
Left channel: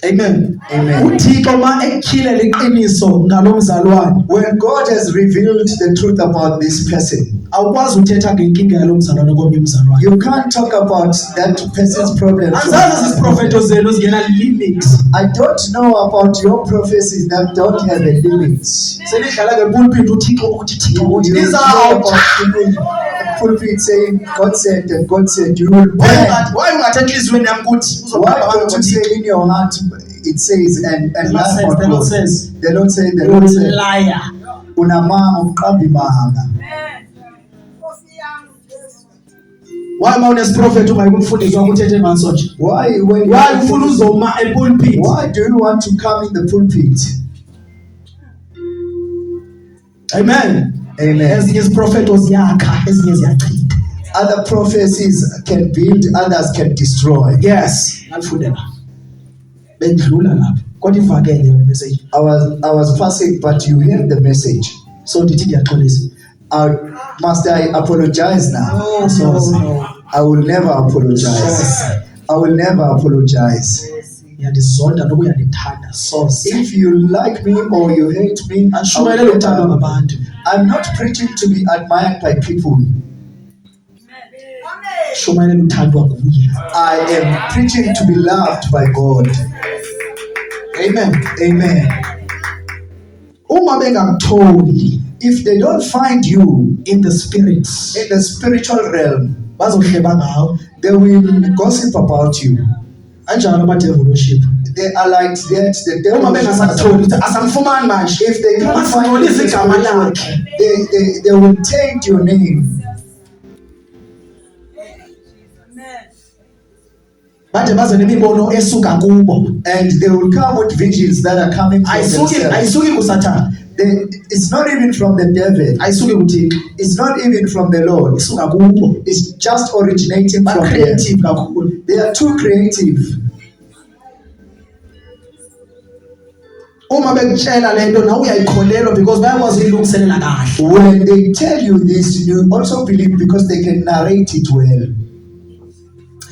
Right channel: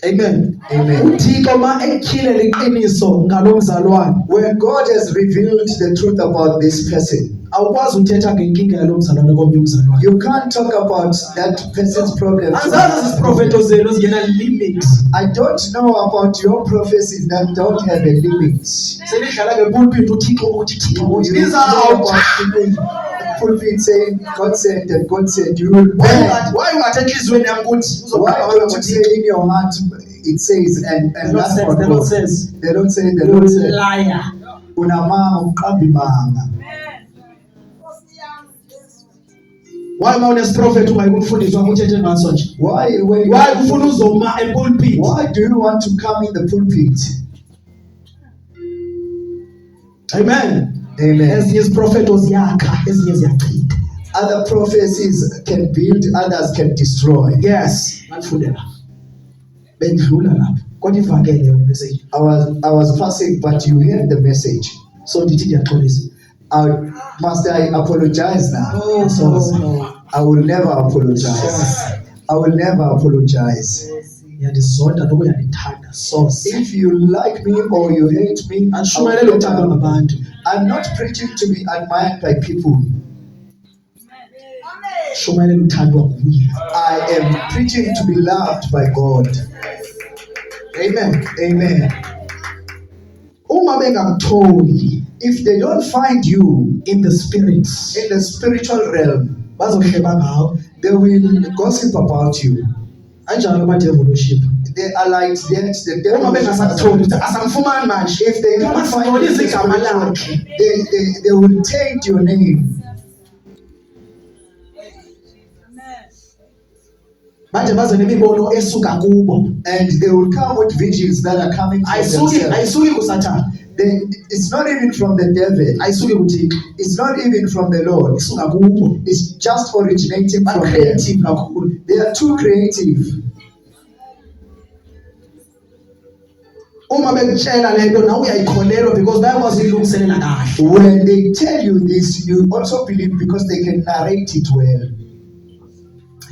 Amen. Amen. uThixo ma ekhilela iqiniso ngalo mzalwane When God has revealed the truth about this person, awukwazi uthetha ngenkinga yalo mzalwane komnye umzalwane. you can't talk about that person's problem. Anzazi isiprofeto zenu zingena limit. I don't know about your prophecies that don't have a limit. Senihlala ngepulpit uThixo uthi Thixo uthi You know izawuthi. about people in the pulpit saying God said and God said you will burn. Why ungathe enhlizweni yami ukuthi Why uzobheka don't you ukuthi say in your heart it says and The Lord that's says, what the Lord God says. The Lord said, the you Lord said, liar. unamanga uqamba imanga. Why ma unesprofethi uma ukufundiswa ukuthethe ngaso nje? Why when you Why ufuna uzoma epulpit? why do you want to come in the pulpit? Amen. Amen. Ezinye iziprofeto ziyakha, ezinye ziyachitha. Other prophecies can build, others can destroy. Yes, ngakufundela. Bendlula lapho. Kodwa ivakele yona message. I was passing, but you heard the message. So ndithi ndiyaxolisa. Must I apologize now? No. I will never apologize. I will never apologize. Uyandizonda noba uyandithanda soze. If you like me or you hate me, Ashumayele uthandwa ngabantu. I'm not preaching to be admired by people. Shumayele uthandwa nguye. I am preaching to be loved by God. Amen. Amen. Uma bengakutholi If they don't find you in the spirit, in the spiritual realm, bazohleba ngawo. they will gossip about you. Anjalo ama-devil worship. They are like that. The devil. Uma bengasakutholi ukuthi asamfumani manje. If they can't find Basingcolisa you, igama lakhe. they will taint your name. Bade baze nemibono esuka kubo. And they will come with visions that are coming from themselves. Ayisuki kuSathane. It's not even from the devil. Ayisuki kuThixo. It's not even from the Lord. Isuka kubo. It's just originating Ba from them. creative kakhulu. They are too creative. Uma bekutshela lento nawe uyayikholelwa because bayakwazi ilungiselela kahle. When they tell you this, you also believe because they can narrate it well.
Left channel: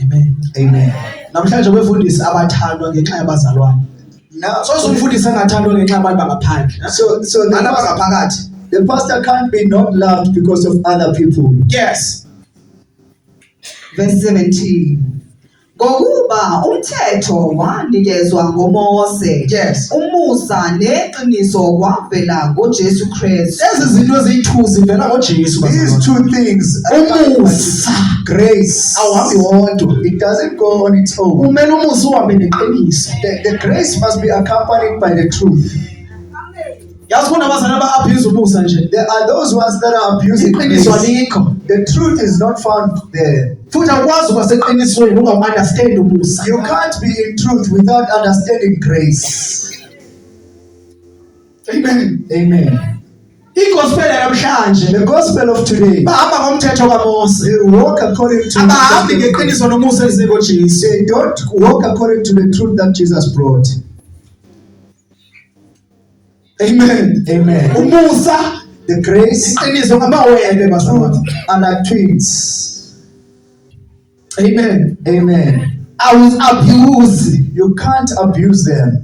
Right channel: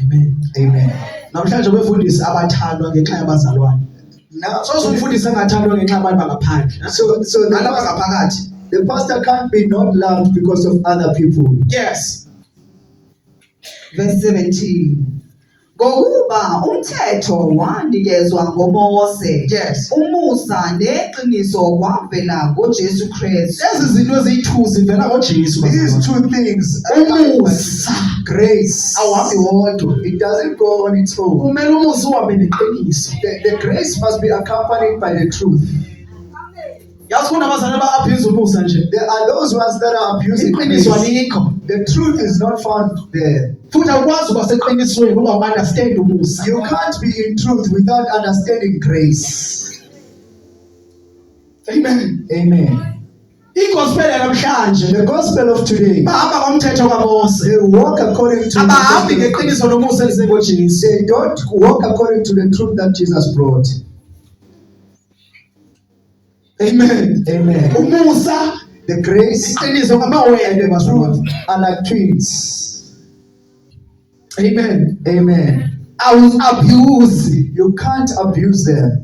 Amen. Amen. Namhlanje kwefundisi abathandwa ngenxa yabazalwane. Now, So umfundisi angathandwa ngenxa yabantu bangaphandle. so Abantu abangaphakathi. the pastor can't be not loved because of other people. Yes. Verse 17. Ngokuba umthetho wanikezwa ngoMose. Yes. Umusa neqiniso kwavela ngoJesu Kristu. Ezi zinto eziyi-2 zivela ngoJesu. These two things, Umusa grace, awuhambi wodwa. it doesn't go on its own. Kumele umusa uhambe neqiniso. The grace must be accompanied by the truth. yazi kunabazali aba-abuse umusa nje There are those ones that are abusing iqiniso grace. alikho The truth is not found there. futhi akwazi ukuba seqinisweni ungawu-understand umusa. You can't be in truth without understanding grace. Amen. Amen. igospel yanamhlanje The gospel of today, bahamba ngomthetho kaMose, they walk according to abahambi the ngeqiniso nomusa elizeko Jesu. they don't walk according to the truth that Jesus brought. Amen. Amen. Umusa The grace iqiniso ngamawele bazalwane. are like twins. Amen. Amen. Awuz-abuse You can't abuse them.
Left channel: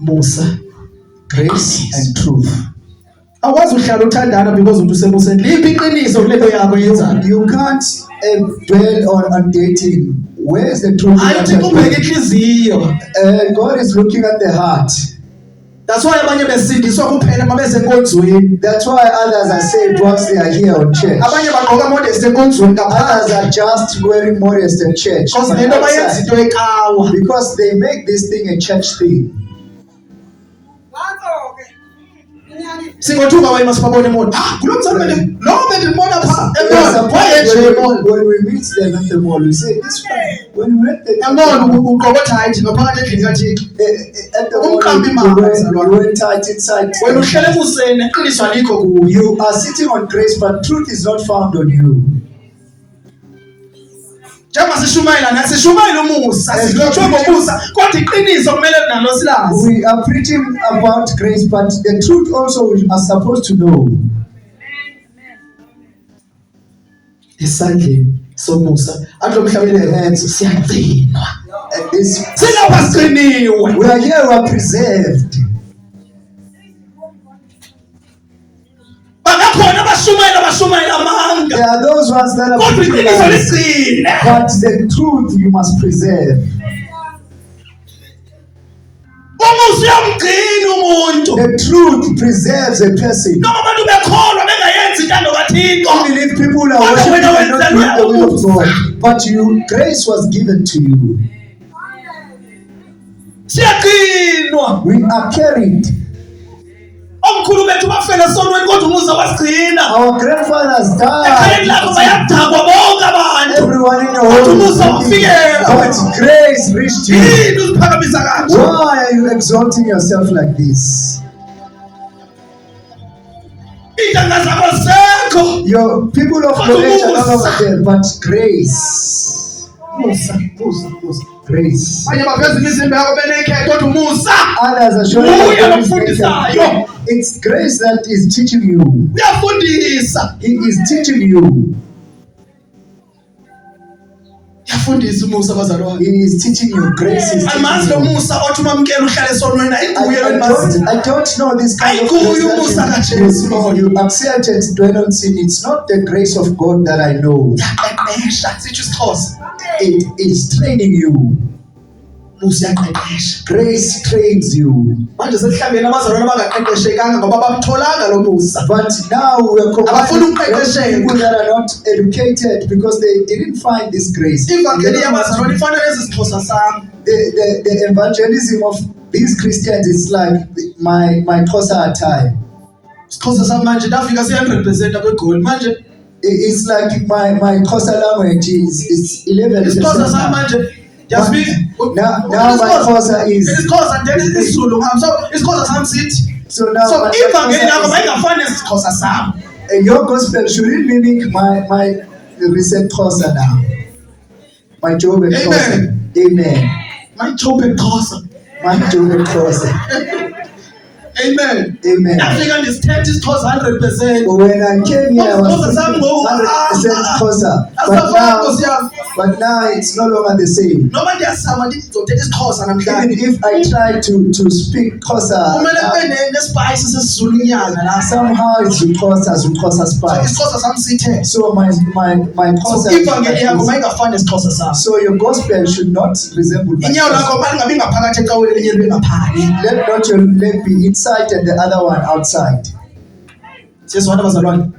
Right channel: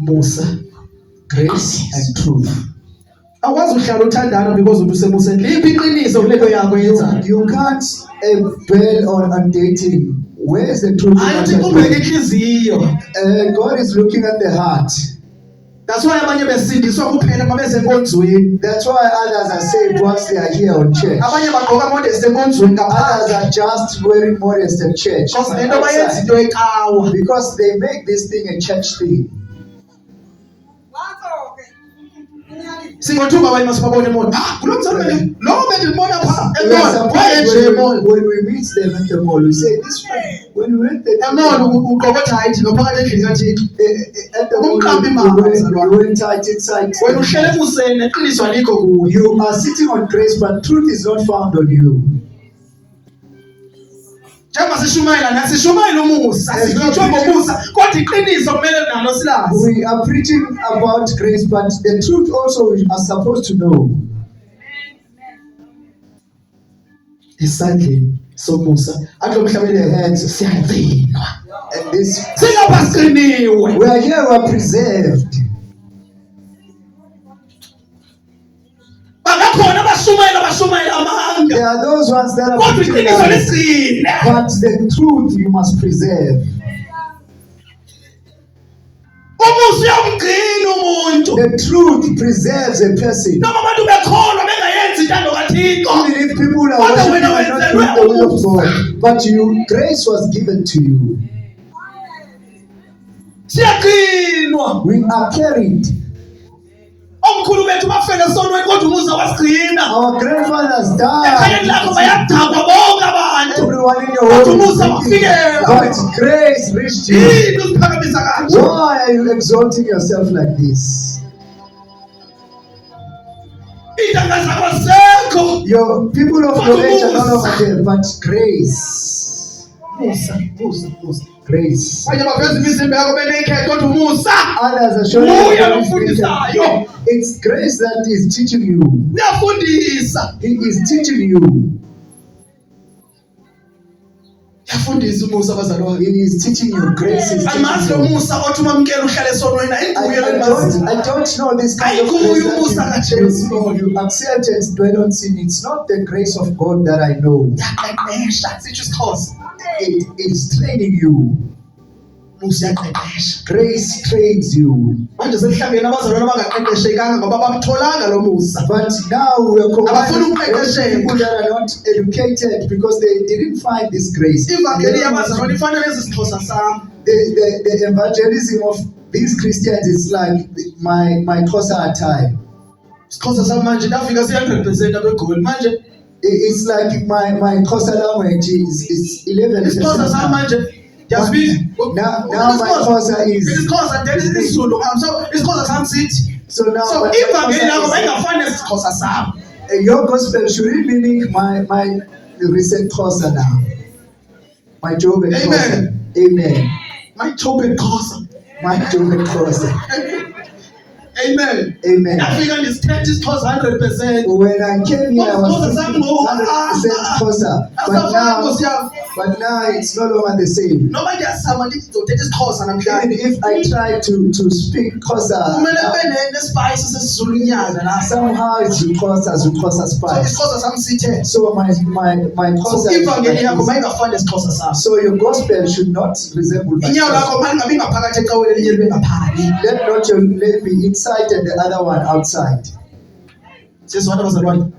Musa. Grace and truth. Awukwazi uhlala uthandana because uthi usemuseni. Liphi iqiniso kulento yakho yenzayo? You can't dwell on dating. Where's the truth? in what Ayithi you're kubheke doing? inhliziyo. God is looking at the heart. That's why abanye besindiswa kuphela uma besenkonzweni. That's why others are saved once they are here on church. Abanye bagqoka modest enkonzweni Others ngaphandle. are just wearing modest in church. Because lento bayenza into ekawa. Because they make this thing a church thing. Singothuka abanye masibabone emona. Kulo mzalwane lo bendibona pha We are emona. surprised Wayenje emona. when we meet them at the mall, we say, this one, when we went Emona uqokotha hayithi ngaphakathi endlini kaThixo. at the mall, Umqambi we mama, went, mzalwane. we went tight inside. Wena uhlele ebuseni neqiniso alikho kuyo. You are sitting on grace, but truth is not found on you. Njengoba sishumayela nathi sishumayela umusa, sikhutshwe ngomusa, kodwa iqiniso kumele nalo silazi. We are preaching about grace, but the truth also we are supposed to know. Isandleni somusa athi umhlabeni The hands siyagcinwa. and this. Singapha sigciniwe. We are here, we are preserved. Bangakhona abashumayela amanga. There are those ones that are Kodwa preaching iqiniso lies, ligcine. but the truth you must preserve. Umusa uyamgcina umuntu. The truth preserves a person. Noma abantu bekholwa bengayenzi intando kaThixo. Even if people are worshiping and not doing the will of God, but grace was given to you. Siyagcinwa. We are carried. Omkhulu bethu bafela sonweni kodwa umusa wasigcina. Our grandfathers Ekhayeni lakho died. bayadakwa bonke abantu. Everyone in your Kodwa home umusa is thinking, wafikela. but grace reached you. Yini uziphakamisa kanje? Why are you exalting yourself like this? Intanga zakho sekho. Your people of knowledge are no longer there, but grace. Musa. Grace. Abanye baveza imizimba yabo benekhe kodwa umusa Others are showing Nguye you ofundisayo. it's grace that is teaching you. uyafundisa. He is teaching you. Uyafundisa umusa bazalwane. He is teaching you. Grace is Amazi teaching lo you. musa othi umamkela uhlale esonweni ayiguye I don't know this kind of grace that you accept and dwell on sin. It's not the grace of God that I know. yaqeqesha sitsho isiXhosa. It is training you. Musa yaqeqesha. Grace trains you. Manje sesihlangene abazalwane abangaqeqeshekanga ngoba bamtholanga lo musa. But now we are Abafuna combining ukuqeqesheka. people that are not educated because they didn't find this grace. Ivangeli yabazalwane ifana lezi siXhosa sami. The evangelism of these Christians is like my Xhosa attire. isiXhosa sami manje ndafika se-100% abegoli manje It's like my Xhosa language is 11%. isiXhosa sami manje Now my Xhosa is. isiXhosa then isiZulu ngam so isiXhosa sami sithi So now so my ivangeli lakho Xhosa mayingafani nesiXhosa sami. your gospel shouldn't mimic my recent Xhosa now. My Job and Xhosa. Amen. Mayithobe Xhosa. My Job and Xhosa. Amen. Amen. Ndafika ndisithetha isiXhosa 100%. When I came here, I was Xhosa sami ngoku 100% Xhosa. asafana Nkosi yami. But now it's no longer the same. Noma ndiyazama ndithi ndizothetha isiXhosa Even namhlanje if I try to speak Xhosa, kumele kube nesipayisi sesizulu inyanga la. somehow it's Xhosa So spice. isiXhosa sami sithe So my so Xhosa. ivangeli yakho mayingafani nesiXhosa sami. So your gospel should not resemble my Inyawo Xhosa. lakho mali ngabe ngaphakathi ecaweni elinye libe ngaphali. Let not your leg be inside and the other one outside. Siyezwana bazalwane.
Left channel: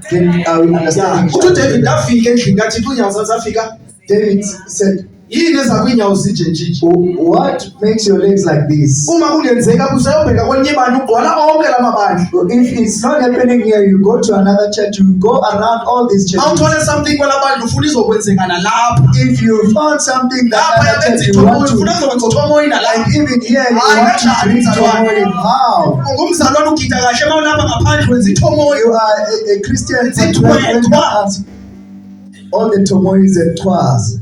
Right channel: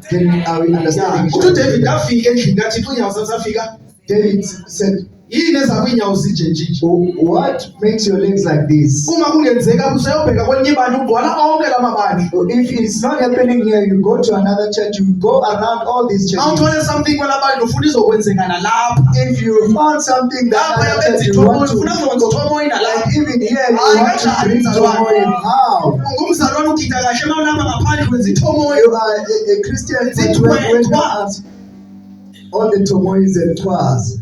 Are we understanding? Uthi uDavid afika endlini kaThixo unyawo zakhe zafika. David said, yini eza kwinyawo zinje njije What makes your legs like this? uma kungenzeka busayobheka kwelinye ibandla ugcwala onke lamabandla If it's not happening here, you go to another church, you go around all these churches. awuthole something kwelabandla ufuna izokwenzeka nalapha If you found something lapha that yabenza you want ithomoyo to, ufuna kuzokwenza uthomoyo nalapha like even here, you Hayi, want to kanjani bring mzalwane? joy. How? ungumzalwane ugida kahle uma ulapha ngaphandle wenza ithomoyo You are a Christian, It's a but when you twa. are out, all the turmoils and twas.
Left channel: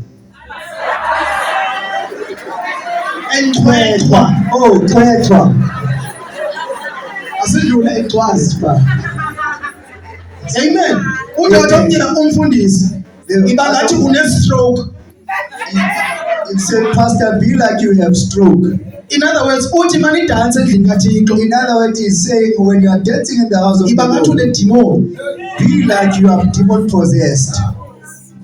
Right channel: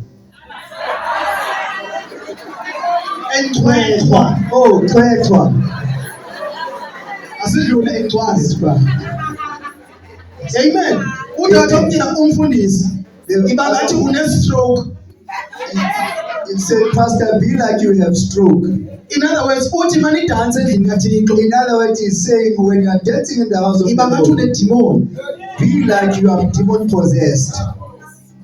enqwethwa Oh, twa. asidlule ecwazi Yes, pa. amen udade omnyela umfundisi ibangathi une-stroke It said, Pastor, be like you have stroke. in other words uthi manidanse endlini kathixo In other words, he's saying when you are dancing in the house of the ibangathi Lord, une-demon be like you are demon possessed.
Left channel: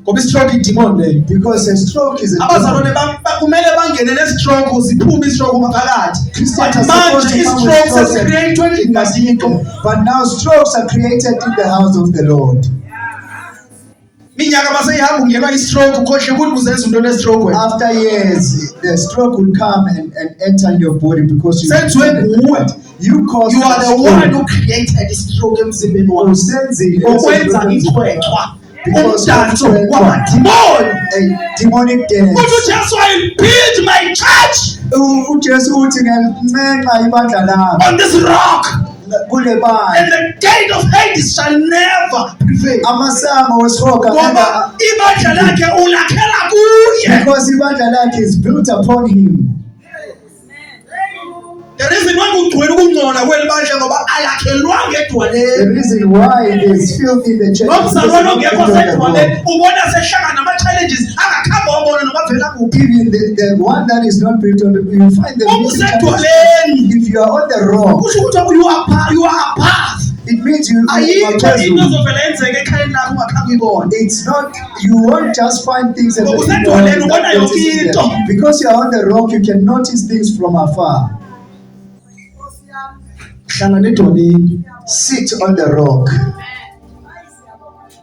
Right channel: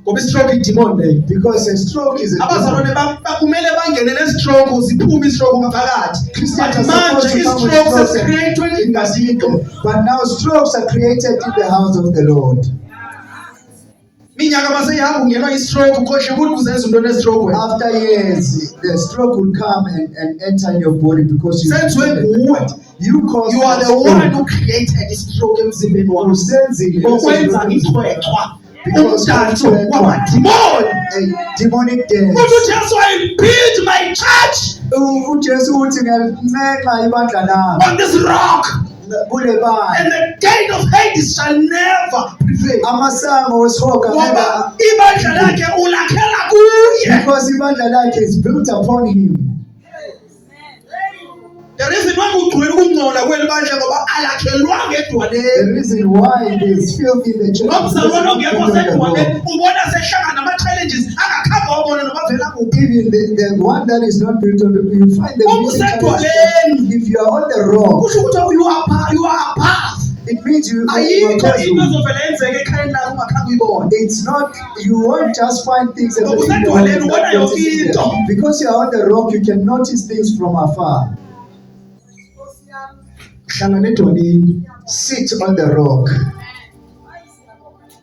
ngoba i-stroke i-demon leyo Because a stroke is a demon. abazalwane kumele bangene ne-stroke ziphume i-stroke ngaphakathi Christians but are supposed manje to come i-stroke with sesicreatwe endlini kathixo But now strokes are created in the house of the Lord. minyaka maseyihamba ungenwa i-stroke ukhohle ukuthi uzenza into ne-stroke wena After years, the stroke will come and enter in your body because you senziwe nguwe caused you are the one who created i-stroke emzimbeni wakho ngokwenza ithwethwa umdanso wamadimoni a demonic ukuthi dance. ujesu I build my church uJesu uthi ngelincenxa ibandla lami on this rock kule and bandla the gate of Hades shall never prevail amasango wesihoga ngoba ibandla lakhe ulakhela kuye because ibandla lakhe is built upon him. the reason why kugcwele ukungcola kweli bandla ngoba alakhelwanga The edwaleni reason why there is filth in the church is nomzalwane ongekho because of the sedwaleni Lord. ubona sehlangana nama-challenges angakhamba wabona noma vela kuphi Even the one that is not built on the, you find the Uma biggest usedwaleni challenge. If you are on the rock, kusho ukuthi you are above it means you are ayikho into casual. ezovela yenzeka ekhayeni lakho ungakhange uyibone It's not, you won't just find things Ngoba happening usedwaleni ubona yonke into. because you are on the rock, you can notice things from afar. hlangana edwaleni Sit on the rock.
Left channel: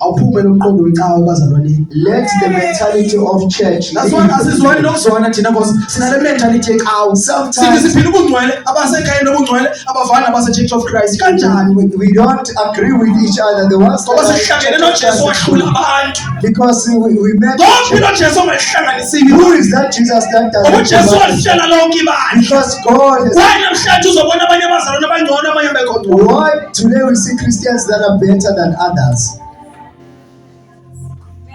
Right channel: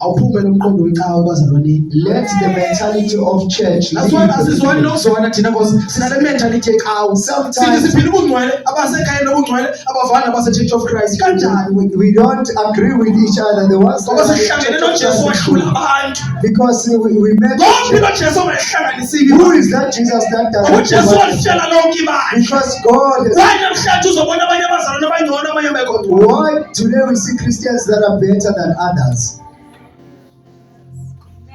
awuphumele umqondo wecawa bazalwaneni Let the mentality of church asizwani nokuzwana thina because sinale mentality yecawa Sometimes- sithi siphila ubungcwele abasekhayeni nobungcwele abavana base-church of Christ kanjani we don't agree with each other. The ones ngoba that sihlangene are nojesu wahlula abantu because we met. konke nojesu ongayihlanganisile Who is that Jesus that ngoba doesn't ujesu provide? wahlela lonke ibandla Because God has. kwaye namhlanje uzobona abanye abazalwane abangcono abanye abekho Why today we see Christians that are better than others?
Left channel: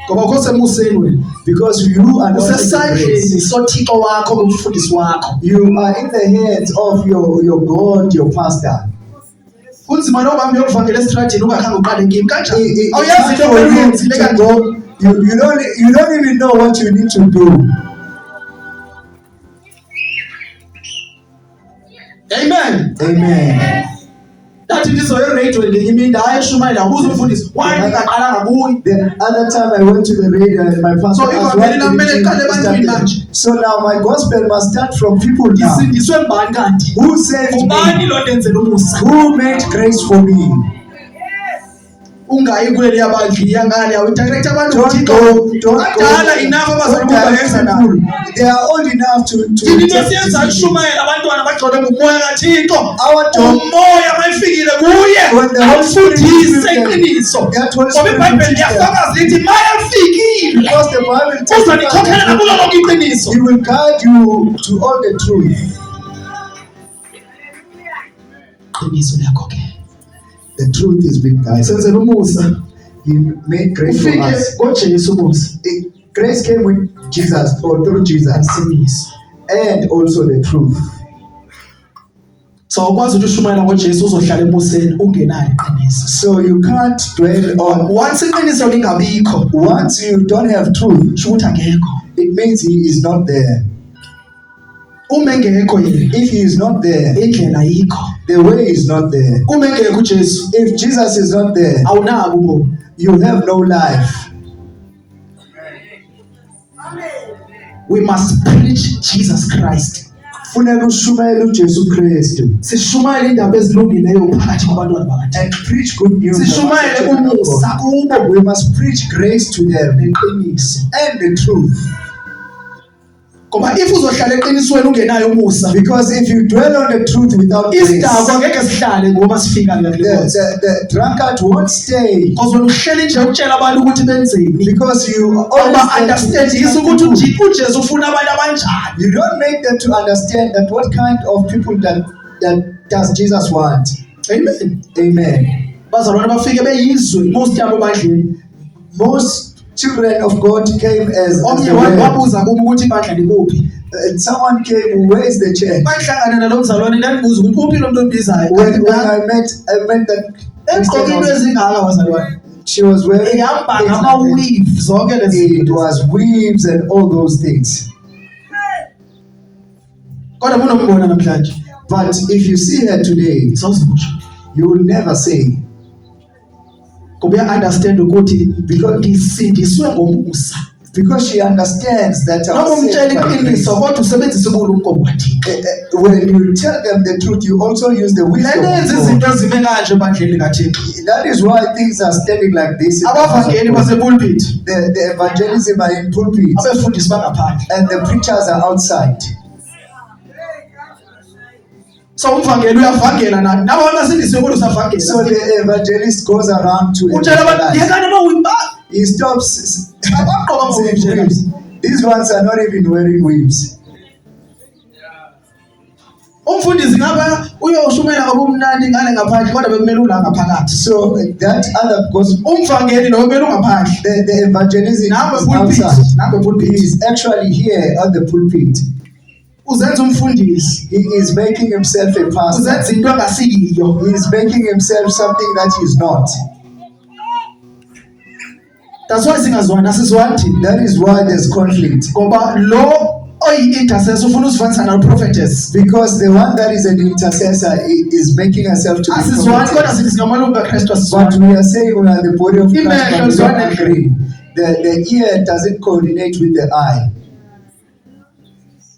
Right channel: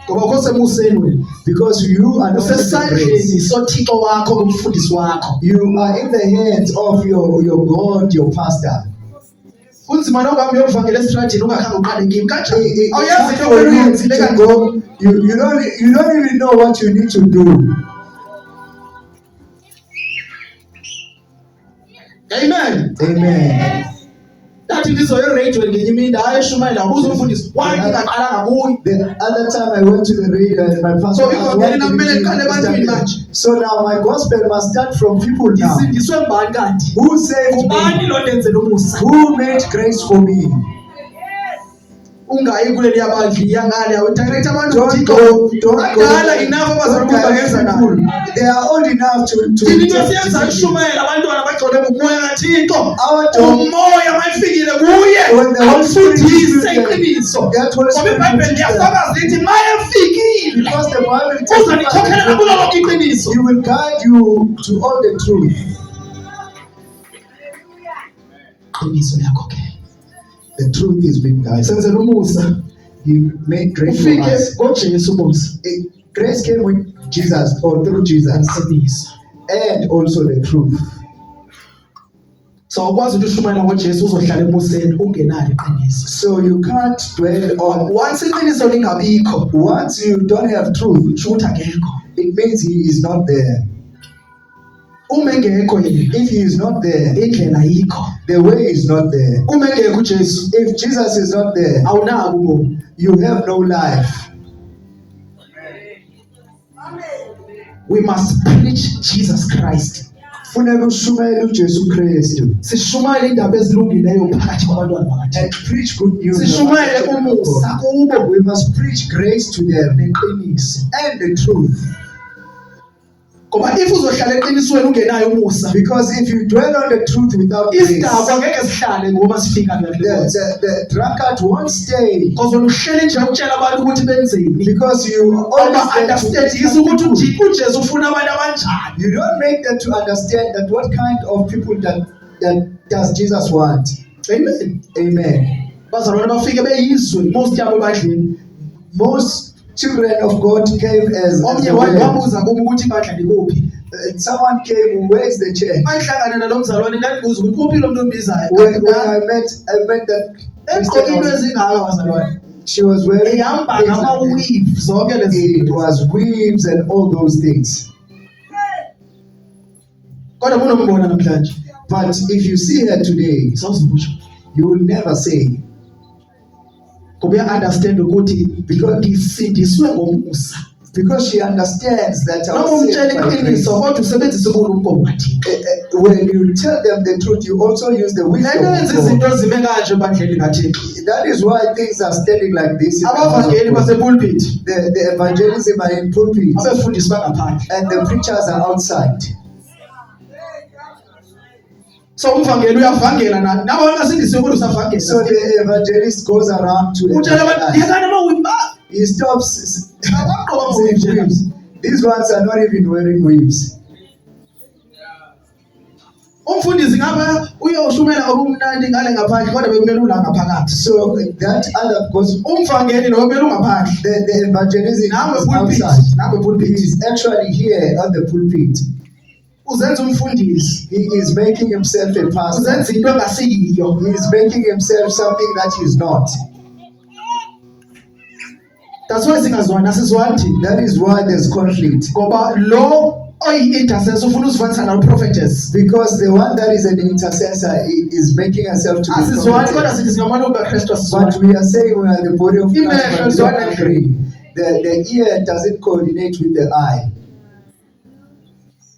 ngoba khosemuseni wena Because you are not in the usesandleni grace. sothixo wakho umfundisi wakho You are in the hands of your God, your pastor. kunzima nokuhamba uyokuvangela esitradini ungakhange uqale kimi kanjani It's awuyazi hard into for okumele you uyenzile to kanti go. You don't even know what you need to do. amen Amen. ndathi ndizoyerediyo ngenye imini hayi eshumayela ubuze umfundisi waye ndingaqalanga kuye The other time I went to the radio and my pastor So asked, if I'm "Why very did mele you qale ebantwini start manje?" it?" So now my gospel must start from people now. ndisindiswe mbani kanti Who saved ubani me? lo ndenzela umusa Who made grace for me? ungayi kuleli yabandli yangale awudirector abantu Don't go. Don't adala go. enough Don't abazalwane direct bangenza nayo people. They are old enough to thina into take siyenza decisions. kushumayela abantwana bagcwele ngumoya kathixo Our job, umoya mayifikile kuye when the Holy Spirit afundise is with them, iqiniso that Holy ngoba Spirit will ibhayibheli teach them. liyafakaza lithi mayafikile Because the Bible uzanikhokhela kulo testifies, lonke iqiniso you will guide you to all the truth. iqiniso liyakhokhela The truth is being guided. senzela umusa He made grace for ufike us. ngojesu umusa Grace came with Jesus or through Jesus iqiniso and also the truth. so awukwazi ukuthi ushumayela ngojesu uzohlala emuseni ungenalo iqiniso So you can't dwell on. once iqiniso lingabikho Once you don't have truth, sho ukuthi akekho it means he is not there. uma engekho yena If he is not there, indlela ayikho the way is not there. uma engekho ujesu If Jesus is not there, awunabo ubomi you have no life. we must preach Jesus Christ Funeka ushumayele uJesu Kristu sishumayele indaba ezilungileyo phakathi kwabantwana bakathixo and preach good news. sishumayele umusa kubo We must preach grace to them neqiniso and the truth. Ngoba if uzohlala eqinisweni ungenayo umusa, Because if you dwell on the truth without grace, isidakwa ngeke sihlale ngoba sifika ngale nkonzo. the drunkard won't stay. Because uhleli nje ukutshela abantu ukuthi benzeni. Because you Ngoba always understand ukuthi uJesu ufuna abantu abanjani. you don't make them to understand that what kind of people that does Jesus want. Amen. Amen. Bazalwane bafike beyizwe most yabo bandleni. Most children of God came as Omnye the word. wabuza kuma ukuthi ibandla likuphi. Someone came, where is the church? Bahlangana nalo mzalwane ndandibuza ukuthi uphi lo muntu ombizayo. When I met that Egqoke into Christian, ezingaka bazalwane. she was wearing Ihamba things ngama like this. weave zonke lezi It zinto. was weaves and all those things. Kodwa kunombona namhlanje. But if you see her today, Sawuzusho. you will never say, Ngoba uya understand ukuthi ndisindiswe ngomusa. because she understands that I Noma was saved umtshela by iqiniso grace. kodwa usebenzise ubulumko bukaThixo. When you tell them the truth, you also use the wisdom Lento yenza of izinto God. zibe kanje ebandleni kaThixo. That is why things are standing like this. In the house of Abavangeli God. basepulpit The evangelism are in pulpit abefundisi bangaphandle. and the preachers are outside. So umvangeli uyavangela nabo abasindisiwe kodwa So usavangela. the evangelist goes around to Utshela abantu evangelize. yekani mawimba. He stops Abaqoka saying mawimba. weaves. These ones are not even wearing weaves. Umfundisi ngapha uyoshumela obumnandi ngale ngaphandle kodwa bekumele ula ngaphakathi. So that other, because Umvangeli lo kumele ungaphandle. the evangelism Nawe is pulpit, outside. nawe He pulpit. is actually here on the pulpit. Uzenza umfundisi. He is making himself a pastor. Uzenza into engasiyiyo. He is making himself something that he is not. That's why singazwani asizwani. That is why there's conflict. Ngoba lo oyi-intercessor ufuna uzifanisa no-prophetess. Because the one that is an intercessor is making herself to be Asizwani kodwa prophetess. sithi singamalungu kaKristu But asizwani. we are saying we are the body of Christ, Imehlo but we don't zwane. agree. The ear doesn't coordinate with the eye.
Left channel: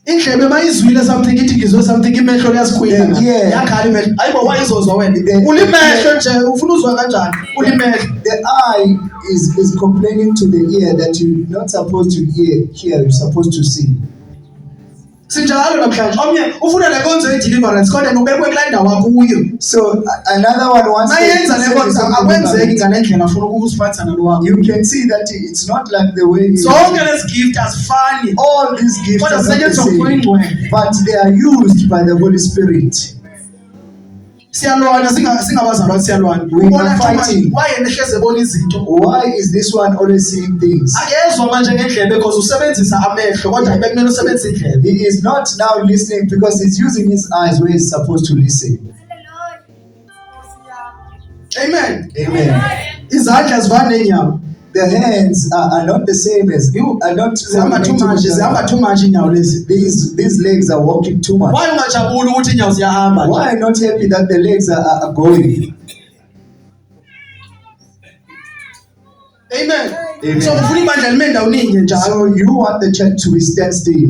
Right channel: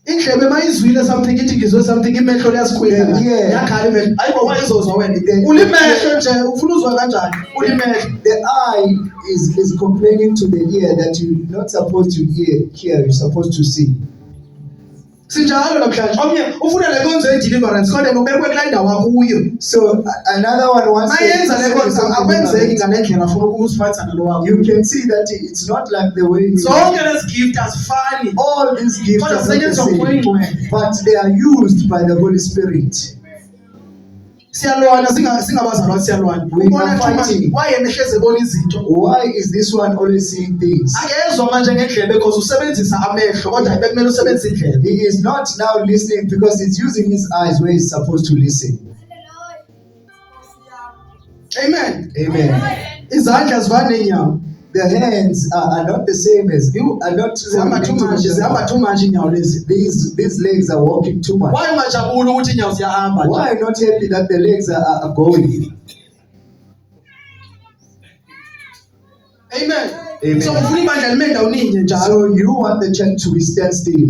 Indlebe mayizwile something ithi ngizwe something imehlo liyasikhwela. Yeah. Yakhala imehlo. Hayibo wayizozwa wena. The- Ulimehlo nje ufuna uzwa kanjani? Ulimehlo. The eye is complaining to the ear that you're not supposed to hear, you're supposed to see. Sinjalo namhlanje. Omnye ufuna le nkonzo ye-deliverance kodwa ngobekwe kula ndawo akuyo. So another one wants Mayenza le nkonzo akwenzeki ngale ndlela afuna ukusifanisa nalo wakho. you can see that it's not like the way Zonke lezi gift azifani. all these gifts Kodwa are not the zisetshenziswa same, ngokuyingcwele. but they are used by the Holy Spirit. Siyalwana singabazalwane siyalwana. We Ubona are nje manje fighting. wayena ehleze ebona izinto. Why is this one always seeing things? Akezwa manje ngendlebe because usebenzisa amehlo kodwa bekumele usebenzise indlebe. He is not now listening because he's using his eyes where he's supposed to listen. Amen. Amen. Izandla zivana neenyawo. The hands are not the same as you are not. Zihamba too much inyawo lezi. These legs are walking too much. Why ungajabuli ukuthi inyawo ziyahamba? Why not happy that the legs are going? Amen. Amen. So ufuna ibandla lime ndawuninye njalo So you want the church to stand still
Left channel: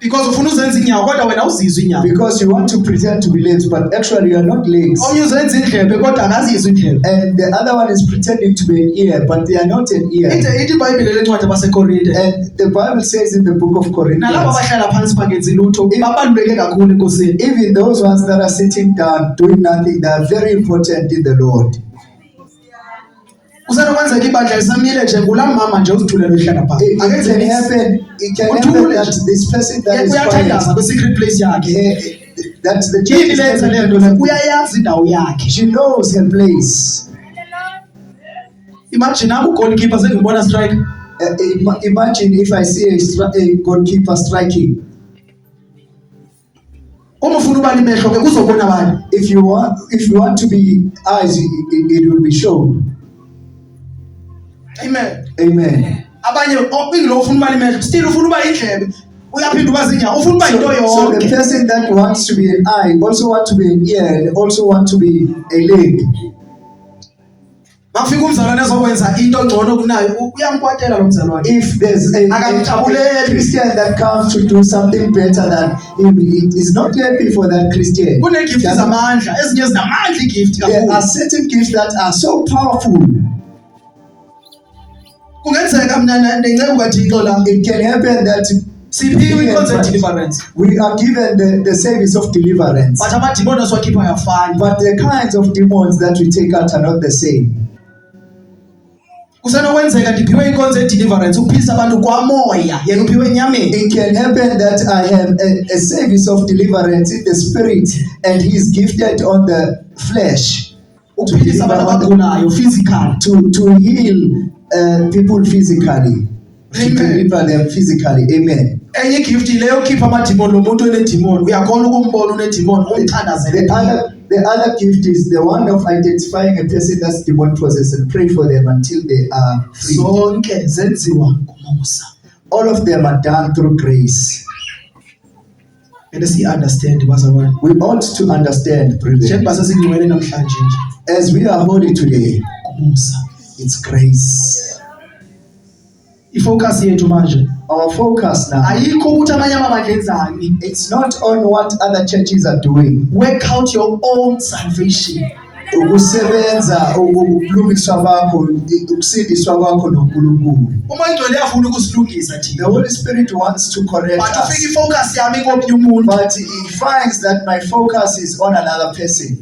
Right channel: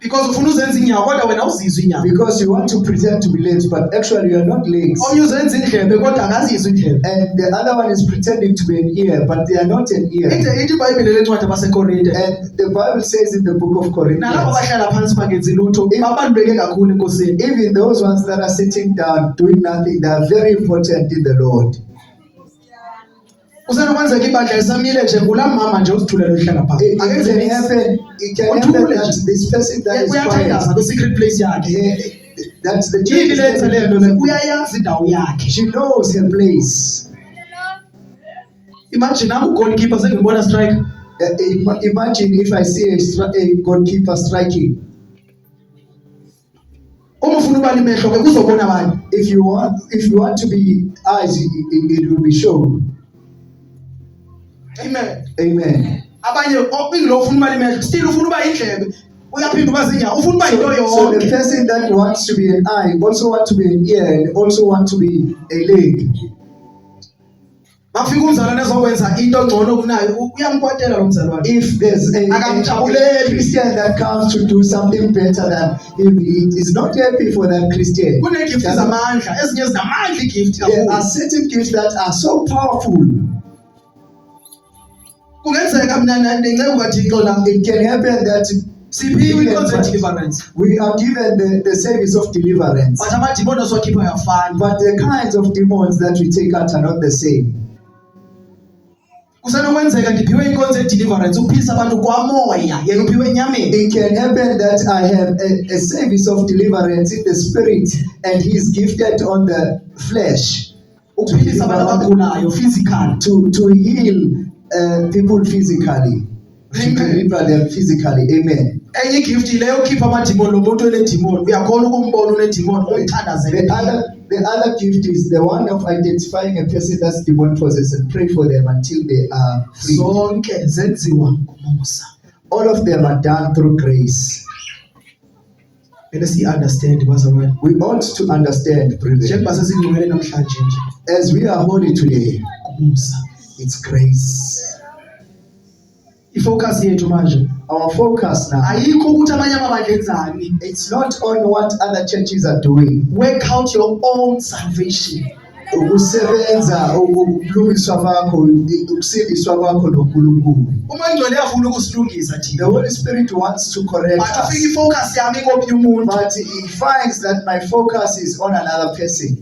because ufuna uzenza inyawo kodwa wena uzizwa inyawo. because you want to pretend to be legs, but actually you are not legs. Omnye uzenza indlebe kodwa akazizwa indlebe. And the other one is pretending to be an ear, but they are not an ear. Ithi iBhayibhile lencwadi abaseKorinte. And the Bible says in the book of Nalabo Corinthians, abahlala phansi bangenzi lutho babaluleke kakhulu enkosini. even those ones that are sitting down doing nothing, they are very important in the Lord. Usenokwenzeka ibandla lisamile nje kulamama nje uzithulele ehlala phansi. It can happen. It can happen that this person that is Uyathandaza quiet, kwi-secret place yakhe. that the church Yini is lenza le nto le? Uyayazi indawo yakhe. she knows her place. Imagine nangu goalkeeper sengibona strike. Imagine if I see a goalkeeper striking. Uma ufuna uba limehlo ke kuzobona bani? If you want to be eyes, it will be shown. Amen. Amen. Abanye lo ufuna uba limehlo still ufuna uba indlebe. Uyaphinda uba zinyawo ufuna uba into So the yonke. person that wants to be an eye also want to be an ear and also want to be a leg. Mafika umzalwane ezokwenza into ngcono kunayo uyamkwatela lo mzalwane. If there's a Akamjabuleli. Christian that comes to do something better than him, he is not happy for that Christian. Kunegift zamandla ezinye zinamandla igift There are kakhulu. certain gifts that are so powerful. Kungenzeka mina ndinceku kaThixo la. It can happen that Siphiwe inkonzo deliverance. we are given the service of deliverance, But amadimoni asiwakhipha yafana. but the kinds of demons that we take out are not the same. Kusenokwenzeka ndiphiwe inkonzo deliverance uphisa abantu kwamoya yena uphiwe enyameni. It can happen that I have a service of deliverance in the spirit and he is gifted on the flesh Uphilisa abantu abagulayo physical. to heal people physically, to deliver them physically. Amen. Enye gift leyo ukhipha amadimoni lo muntu onedimoni uyakhona ukumbona unedimoni umthandazele. The other gift is the one of identifying a person that's demon possessed and pray for them until they are free. Zonke zenziwa ngumusa. All of them are done through grace. Let us understand bazalwane. We ought to understand, brethren. Njengoba sesingcwele namhlanje nje. As we are holy today, Ngumusa. it's grace. Ifocus yethu manje Our focus now, ayikho ukuthi amanye amabandla enzani. it's not on what other churches are doing. Work out your own salvation. Ukusebenza, ukulungiswa kwakho, ukusindiswa kwakho noNkulunkulu. Uma ingcwele yafuna ukusilungisa The thina. Holy Spirit wants to correct But ufika us, ifocus yami komnye umuntu. but he finds that my focus is on another person.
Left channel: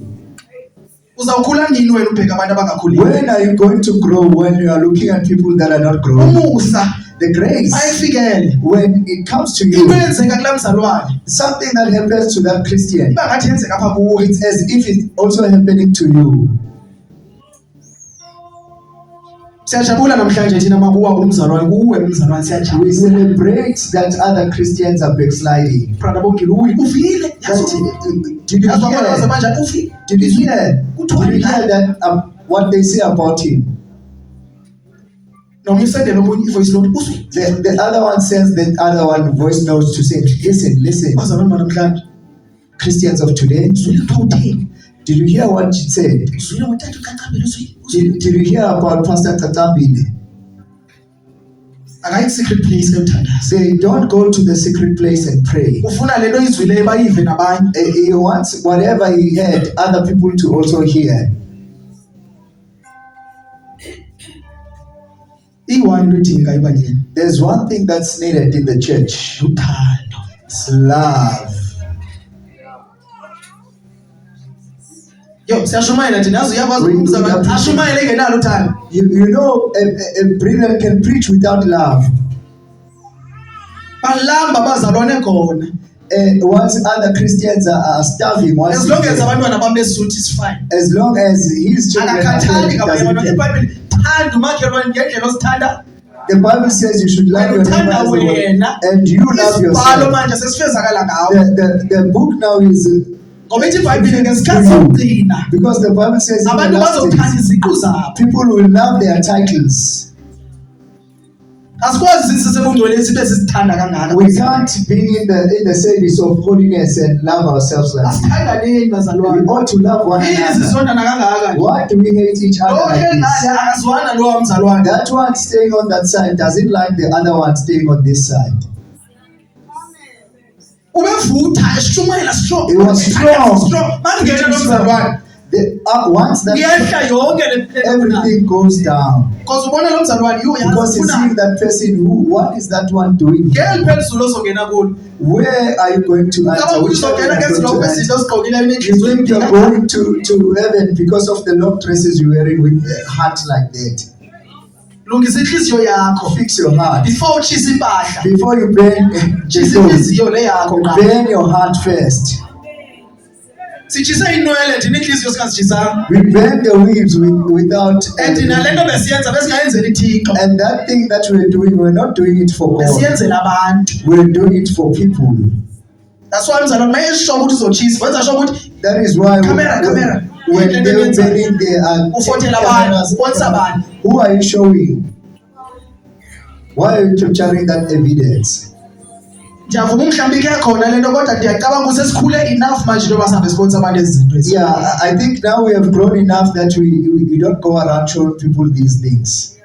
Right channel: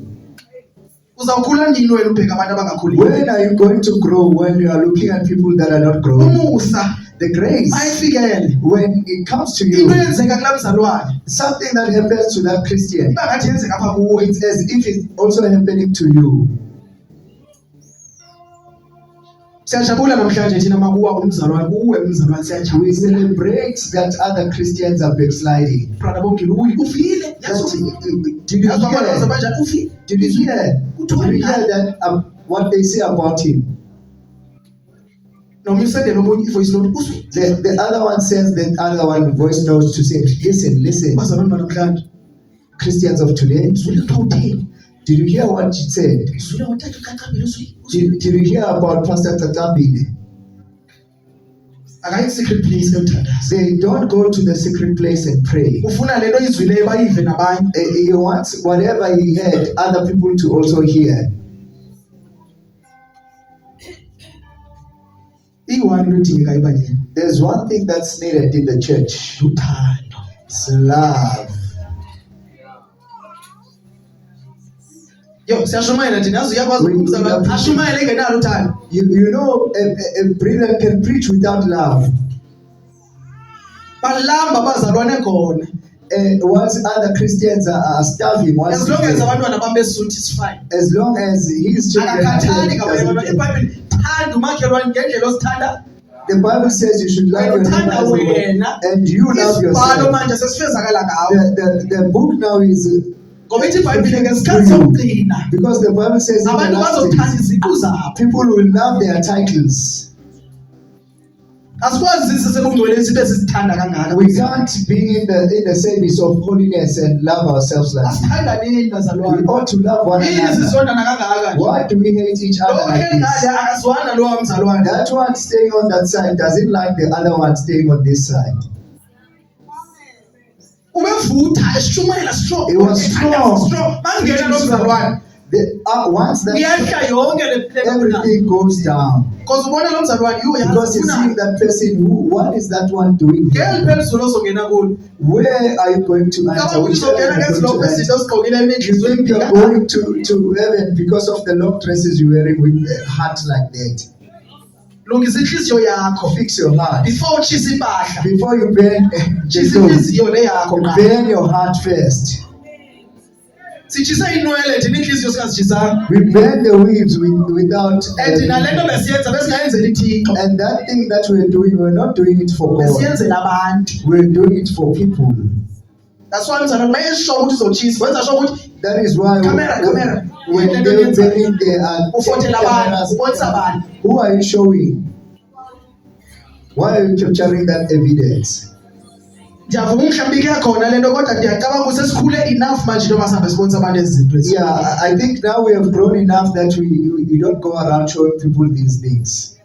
Uzawukhula nini wena ubheka abantu abangakhulile? When are you going to grow when you are looking at people that are not growing? Umusa The grace, mayifikele. when it comes to you, Into yenzeka kula mzalwane. something that happens to that Christian, Iba ngathi yenzeka apha kuwe. it's as if it's also happening to you. Siyajabula namhlanje thina makuwa umzalwane kuwe umzalwane We siyajabula. celebrate that other Christians are backsliding. Brother Bongiluwi ufile. Did you Yazi abantu hear? abazabanja ufile. Did you hear? Did you hear that what they say about him? Noma usendele omunye ivoice note ufile. The other one sends the other one voice notes to say, listen, Bazalwane banamhlanje. Christians of today, Uzwile uthawuthini. did you hear what she said? Uzwile ngothathu kancabile uzwile. Did you hear about Pastor Tatambile? Akayi secret place eyothandaza. Say, don't go to the secret place and pray. Ufuna lento izwile bayive nabanye. He wants whatever he heard, other people to also hear. Iwani into edingeka ebandleni. There's one thing that's needed in the church. Luthando. It's love. Yo, siyashumayela thina yazi uyakwazi We- umzalwane ashumayele engenalo uthando. You know, a brethren can preach without love. Balamba abazalwane khona. Once other Christians are starving, once As long as abantwana bami besuthi is fine. as long as his children are Akakhathali fed, kabanye doesn't abantwana. care. IBhayibheli thanda umakhelwane ngendlela osithanda. The Bible says you should love your neighbor as the Wena. Lord, and you love Isibhalo yourself. manje sesifezakala ngawo. The book now is Ngoba ithi iBhayibheli ngesikhathi sokugcina because the Bible says in the abantu last bazothanda days, iziqu zabo. people will love their titles. Asikwazi sisebungcwele sibe sisithanda kangaka. We can't be in the service of holiness and love ourselves like that. Asithandaneni We bazalwane. ought to love one Yini another. sizondana kangaka? Why do we hate each other Lokho like this? ngale akazwana lo mzalwane. That one staying on that side doesn't like the other one staying on this side. Ubevutha eshumayela strong. It was strong. Mangena lo mzalwane. Once that Iyehla yonke le plan. everything goes down, Because ubona lo mzalwane yo because you see yafuna. that person what is that one doing? Ngeke liphezulu ozongena kulo. Where are you going to Ngaba enter? Which uzongena heaven are you ngezinto going to kwezinto enter? osigqokile You enenhliziyo think you're empila. going to heaven because of the long dresses you're wearing with a heart like that? Lungisa inhliziyo yakho. Fix your heart. Before uchisa impahla. Before you burn Chisa the food, inhliziyo le yakho qala. burn your heart first. Sichisa inwele thina inhliziyo singazichisanga. We burn the weeds without. And thina lento besiyenza besingayenzela iThixo. And that thing that we're doing, we're not doing it for God. Besiyenzela abantu. We're doing it for people. That's why mzalwane mayesho ukuthi uzochisa. Wenza sho ukuthi That is why Camera. when Into they're eyenza. burning, they are Ufotela taking abantu, cameras. ubonisa abantu. Who are you showing? Why are you capturing that evidence? Ndiyavuma mhlawumbi ke khona lento kodwa ndiyacabanga ukuthi sesikhule enough manje njengoba sihambe sponsor abantu ezizinto ezi. Yeah, I think now we have grown enough that we don't go around showing people these things.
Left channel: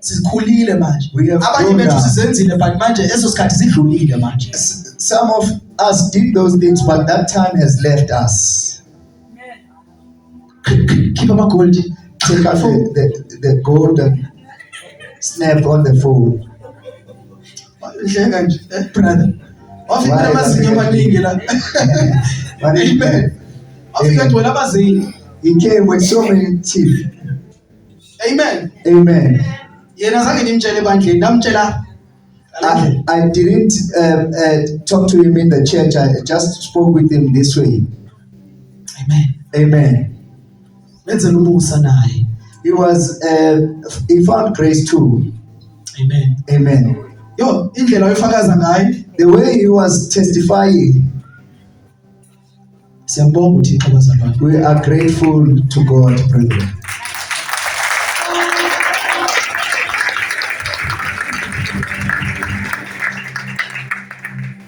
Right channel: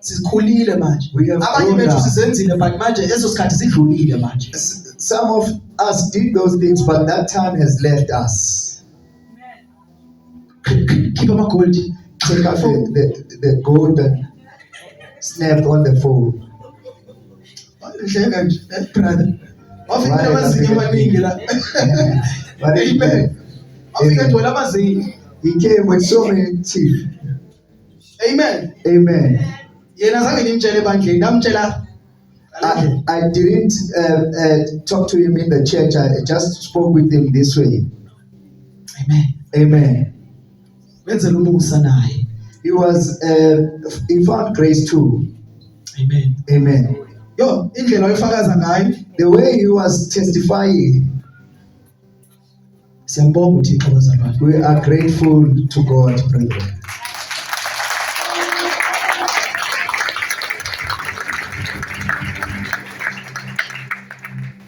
Sikhulile manje. We have Abanye grown bethu up. sizenzile but manje eso sikhathi sidlulile manje. Some of us did those things, but that time has left us. Keep ama gold. Take out the gold and snap on the phone. Nhleka nje, brother. Wafika Why? amazinyo amaningi la. But Amen. Wafika gcwele amazinyo. he came with so many teeth. Amen. Amen. Yena zange nimtshele ebandleni, namtshela I didn't talk to him in the church. I just spoke with him this way. Amen. Amen. Wenzela umusa naye. He found grace too. Amen. Amen. Yo, indlela oyifakaza ngayo. The way he was testifying, Siyambonga uThixo abazalwane. we are grateful to God, brethren.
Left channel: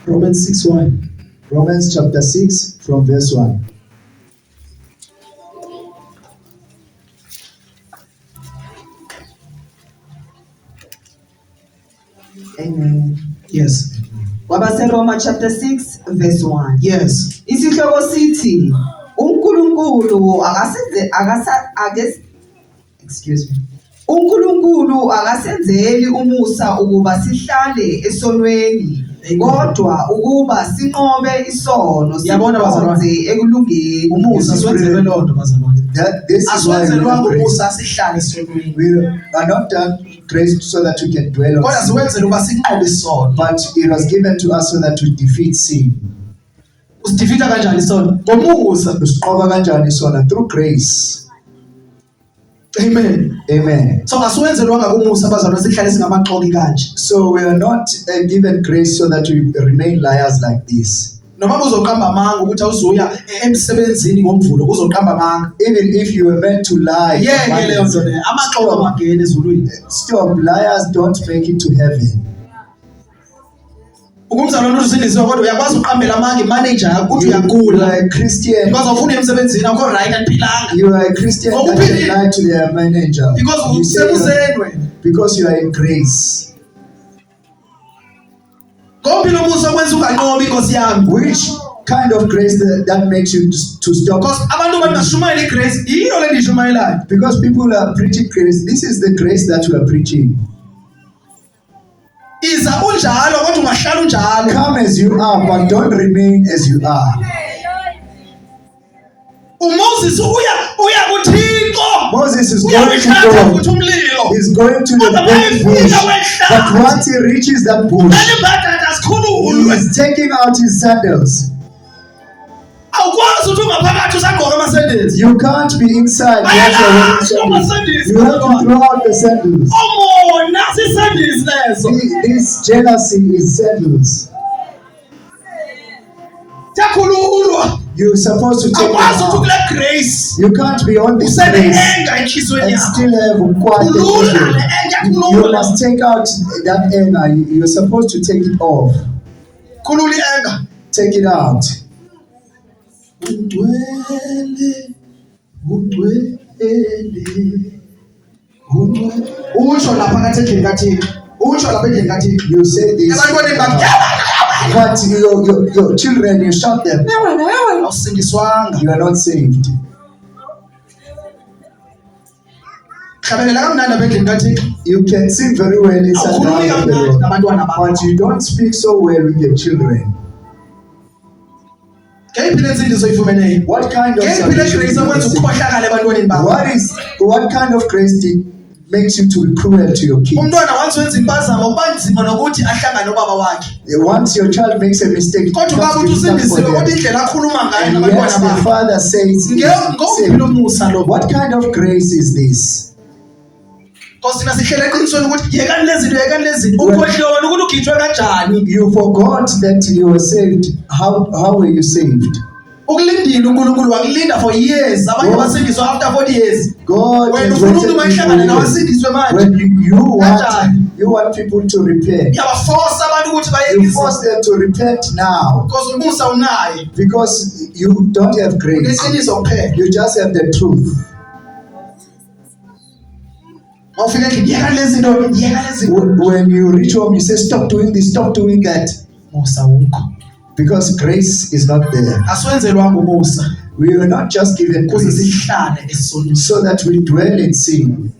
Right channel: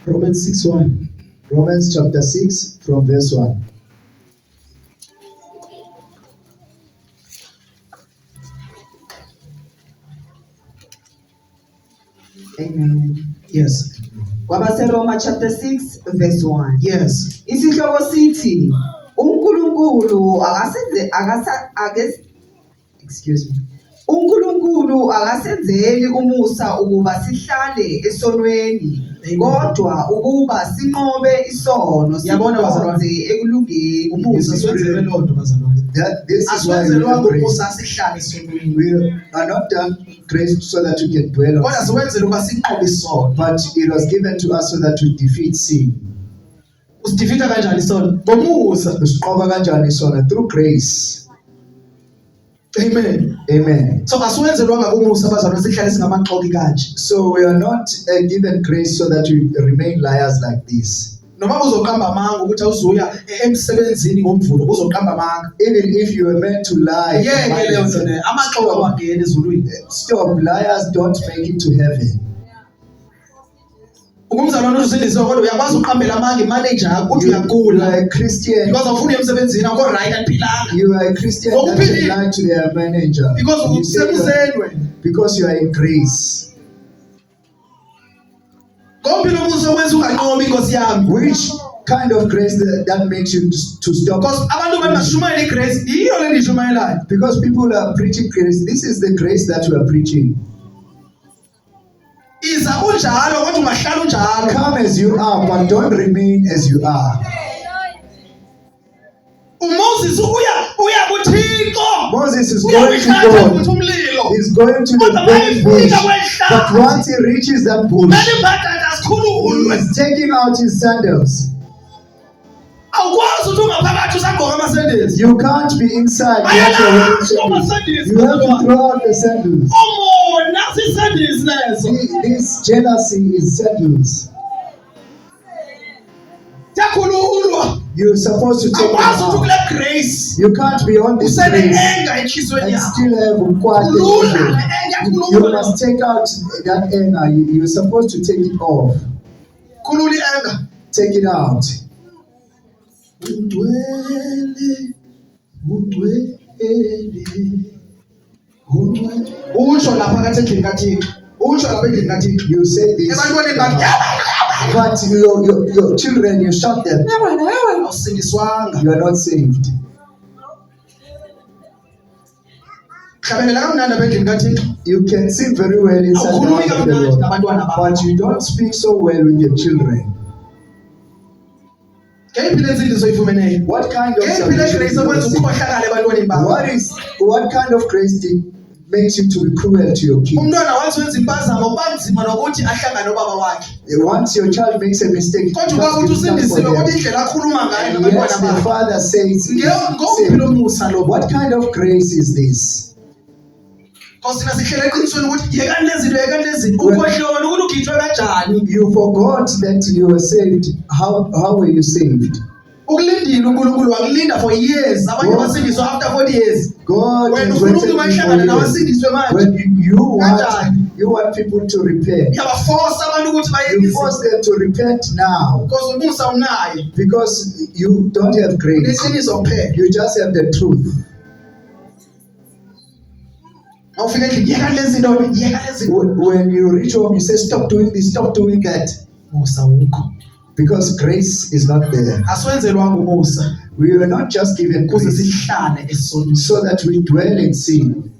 Romans 6:1. Romans chapter 6 from verse 1. Amen. Yes. KwabaseRoma chapter 6 verse 1. Yes. Isihloko sithi uNkulunkulu excuse me. uNkulunkulu akasenzeli umusa ukuba sihlale esonweni kodwa ukuba sinqobe isono Yabona bazalwane. sikhonze ekulungeni. Umusa siwenzelwe lonto bazalwane. This is why we Asiwenzelwanga have grace. umusa sihlale esonweni. We are not done grace so that we can dwell Kodwa on sin, siwenzele ukuba sinqobe isono. but it was given to us so that we defeat sin. Usidefeata kanjani isono? Ngomusa. Usiqoba kanjani sona? Through grace. Amen. Amen. So asiwenzelwanga umusa bazalwane sihlale singamaxoki kanje. So we are not given grace so that we remain liars like this. Noma uzoqamba amanga ukuthi awuzuya emsebenzini ngomvulo uzoqamba amanga. Even if you were meant to lie, Yeke leyo nto leyo. Amaxoki awangena ezulwini. stop. Liars don't make it to heaven. Ukumzalwane usindisiwe kodwa uyakwazi uqambela amanga imanager yakho uthi You are uyagula. a Christian. Because awufuni emsebenzini awukho right aphilanga. You are a Christian that Ngokuphilile. can lie to their manager. Because You say you are- usebuseni wena. because you are in grace. Ngomphi lo musa okwenza unganqobi inkosi yami? Which kind of grace that makes you to stop? Because abantu bathi bashumayela igrace, yiyo le ndishumayelayo. Because people are preaching grace. This is the grace that we are preaching. Iza unjalo kodwa ungahlala unjalo. Come as you are, but don't remain as you are. uMoses uya kuThixo. Moses is Uya going to kuhlaza God. futhi umlilo. He's going to the Kodwa big mayefika bush. wehlaza. But once he reaches that bush, Manje mbadada asikhululwe. he's taking out his sandals. Awukwazi ukuthi ungaphakathi usagqoka ama-sandals. You can't be inside. You have to wear sandals. You have to throw out the sandals. Oh, nasi i-sandals lezo. This jealousy is sandals. Siyakhululwa. You're supposed to take it Awukwazi ukuthi out. kule grace. You can't be on this grace Usene-anger enhliziyweni and yakho. still have umkwate Khulula le phezulu. anger, You khulula. must take out that anger. You're supposed to take it off. Khulula i-anger. Take it out. Ungcwele, ungcwele, ungcwele. Usho lapha phakathi endlini kaThixo. Usho lapha endlini kaThixo. You say this, Ebantwaneni bathi, but your children, you shot them. awusindiswanga. You are not saved. Hlabelela kamnandi apha endlini kaThixo. You can sing very well inside the Awukhulumi house of the kamnandi Lord, nabantwana bakho. but you don't speak so well with your children. Ngeyiphi le nsindiso oyifumeneyo? What kind of Ngeyiphi le salvation grace did you okwenza receive? ukukhohlakala ebantwaneni bakho? What kind of grace makes you to be cruel to your kids? Umntwana once wenza impazamo kuba nzima nokuthi ahlangane nobaba wakhe. Once your child makes a mistake, it Kodwa becomes ubaba uthi difficult usindisiwe for kodwa them. indlela akhuluma ngayo And nabantwana yet the bakhe. father says, Ngowuphi lo musa lo? what kind of grace is this? Because thina sihlele eqinisweni ukuthi yekani lezi zinto, yekani lezi zinto. Ukhohliwe ukuthi ukhitshwe kanjani. You forgot that you were saved. How were you saved? Ukulindile uNkulunkulu wakulinda for years. Abanye God- basindiswa after 40 years. God Wena has ufuna waited ukuthi for bahlangane you. nabasindiswe manje. When you Kanjani? want people to repent, Uyabaforce abantu ukuthi you bayekise. force them to repent now Because umusa unayo. because you don't have grace. Uneqiniso kuphela. You just have the truth. Awufika endlini yekani lezi zinto, yekani lezi zinto. When you reach home, you say, stop doing this, stop doing that. Musa wukho. Because grace is not there. Asiwenzelwanga umusa We were not just given ukuze grace sihlale esonweni. so that we dwell in sin.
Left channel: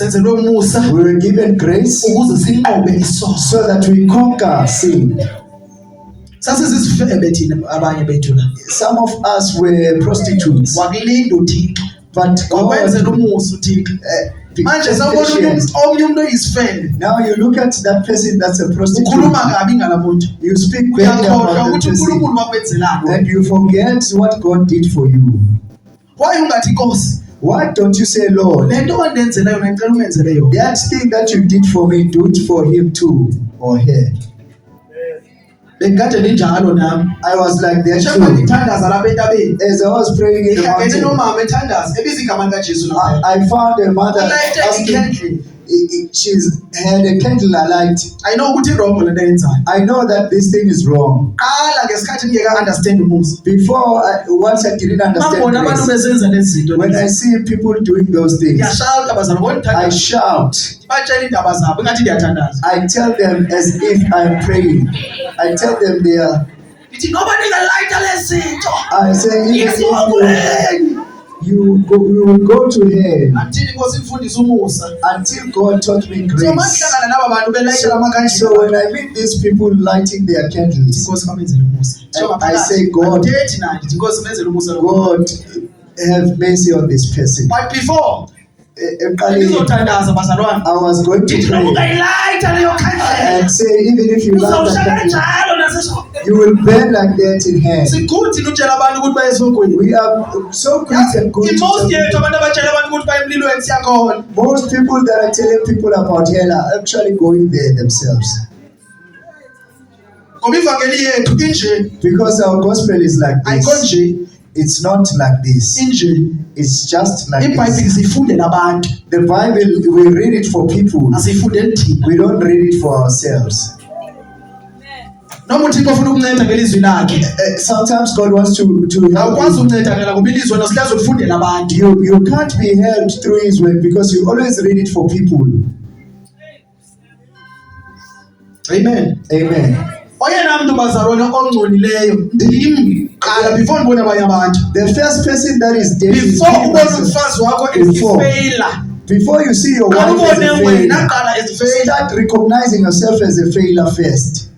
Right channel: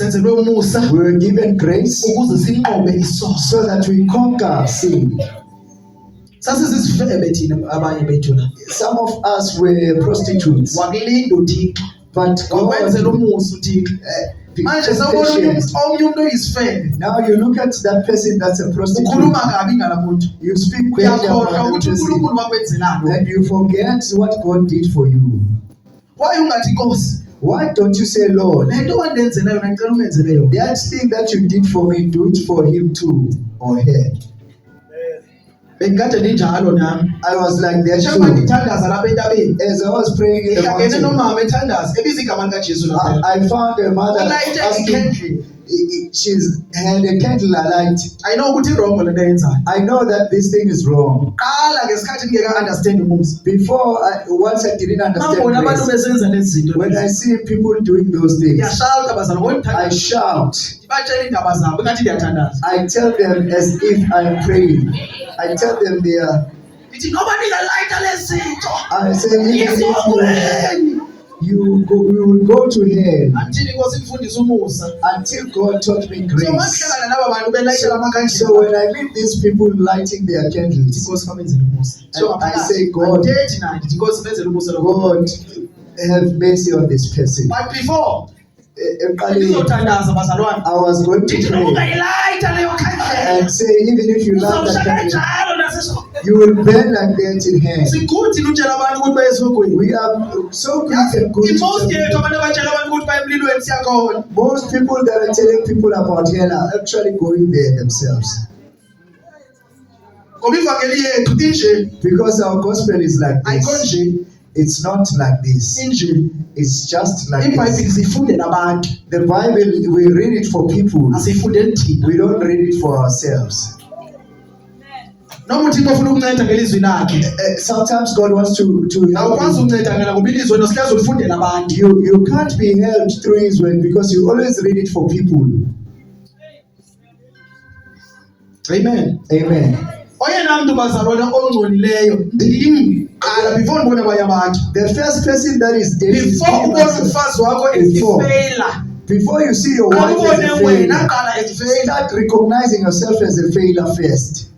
senzelwe umusa We were given grace ukuze sinqobe isono. so that we conquer sin. Sasizizifebe thina abanye bethu la. Some of us were prostitutes, Wakulinda uThixo. but God, Wakwenzela umusa uThixo. Manje sawubona patient. omunye umuntu oyisifebe. Now you look at that person that's a prostitute, Ukhuluma kabi ngalamuntu. you speak badly Uyakhohlwa about that ukuthi person, uNkulunkulu wakwenzelani. and you forget what God did for you. Why ungathi Nkosi? Why don't you say, Lord, Lento wandenzela yona ngicela umenzele yona. that thing that you did for me, do it for him too, or her? Bengikade ninjalo nami. I was like that Shema too. ngithandaza lapha entabeni. As I was praying in the Ngihlangene mountain, nomama ethandaza ebiza igama likaJesu lapha. I found a mother Ulayithe asking, ikhendli. she's had a candle alight. I know ukuthi irongo lento ayenzayo. I know that this thing is wrong. Qala ngesikhathi ngeke understand umusa. Before, once I didn't understand Mangibona abantu grace, besenza lezi zinto. when I see people doing those things, Ngiyashaya abazali I ngothandaza. shout. Batshela indaba zabo ngathi ndiyathandaza. I tell them as if I'm praying. I tell them they are. Ngithi ngoba ningalayitha lezi zinto. I say, Ngizobweni. you will go to hell Athini Nkosi ifundisa umusa. until God taught me So grace. mangihlangana laba bantu belayitha lamakhandlela. So when I meet these people lighting their candles, Nkosi kamenzele umusa. And I say, God- Andithethi naye ngithi Nkosi menzele umusa lo. God have mercy on this person. But before Eqaleni, ngizothandaza bazalwane. I was going to Ngithi noma pray ungayilayitha leyo khandlela. and say, even if you love Uzawushaya that candle, kanjalo nasesokweni. you will burn like that in hell. Sikuthi utshela abantu ukuthi baye esokweni. We are so quick and good to Most tell yethu abantu abatshela abantu ukuthi baye emlilweni siyakhona. most people that are telling people about hell are actually going there themselves, Ngoba ivangeli yethu inje. because our gospel is like Ayikho this. nje. It's not like this. Inje. It's just like iBhayibheli this. sifundela abantu. The Bible, we read it for people. Asifundeli thina. We don't read it for ourselves. Noma uThixo ufuna ukunceda ngelizwi lakhe. Sometimes God wants to help Awukwazi you. ukunceda ngala ngoba ilizwi wena silazi ulifundela abantu. You can't be helped through His word because you always read it for people. Amen. Amen. Oyena muntu bazalwane ongcolileyo ndim qala before ngibone abanye abantu. The first person that is dead is Before you ubone yourself. umfazi wakho Before. esifeyila. Before you see your wife as Awubone a wena failure, qala esifeyila. start recognizing yourself as a failure first.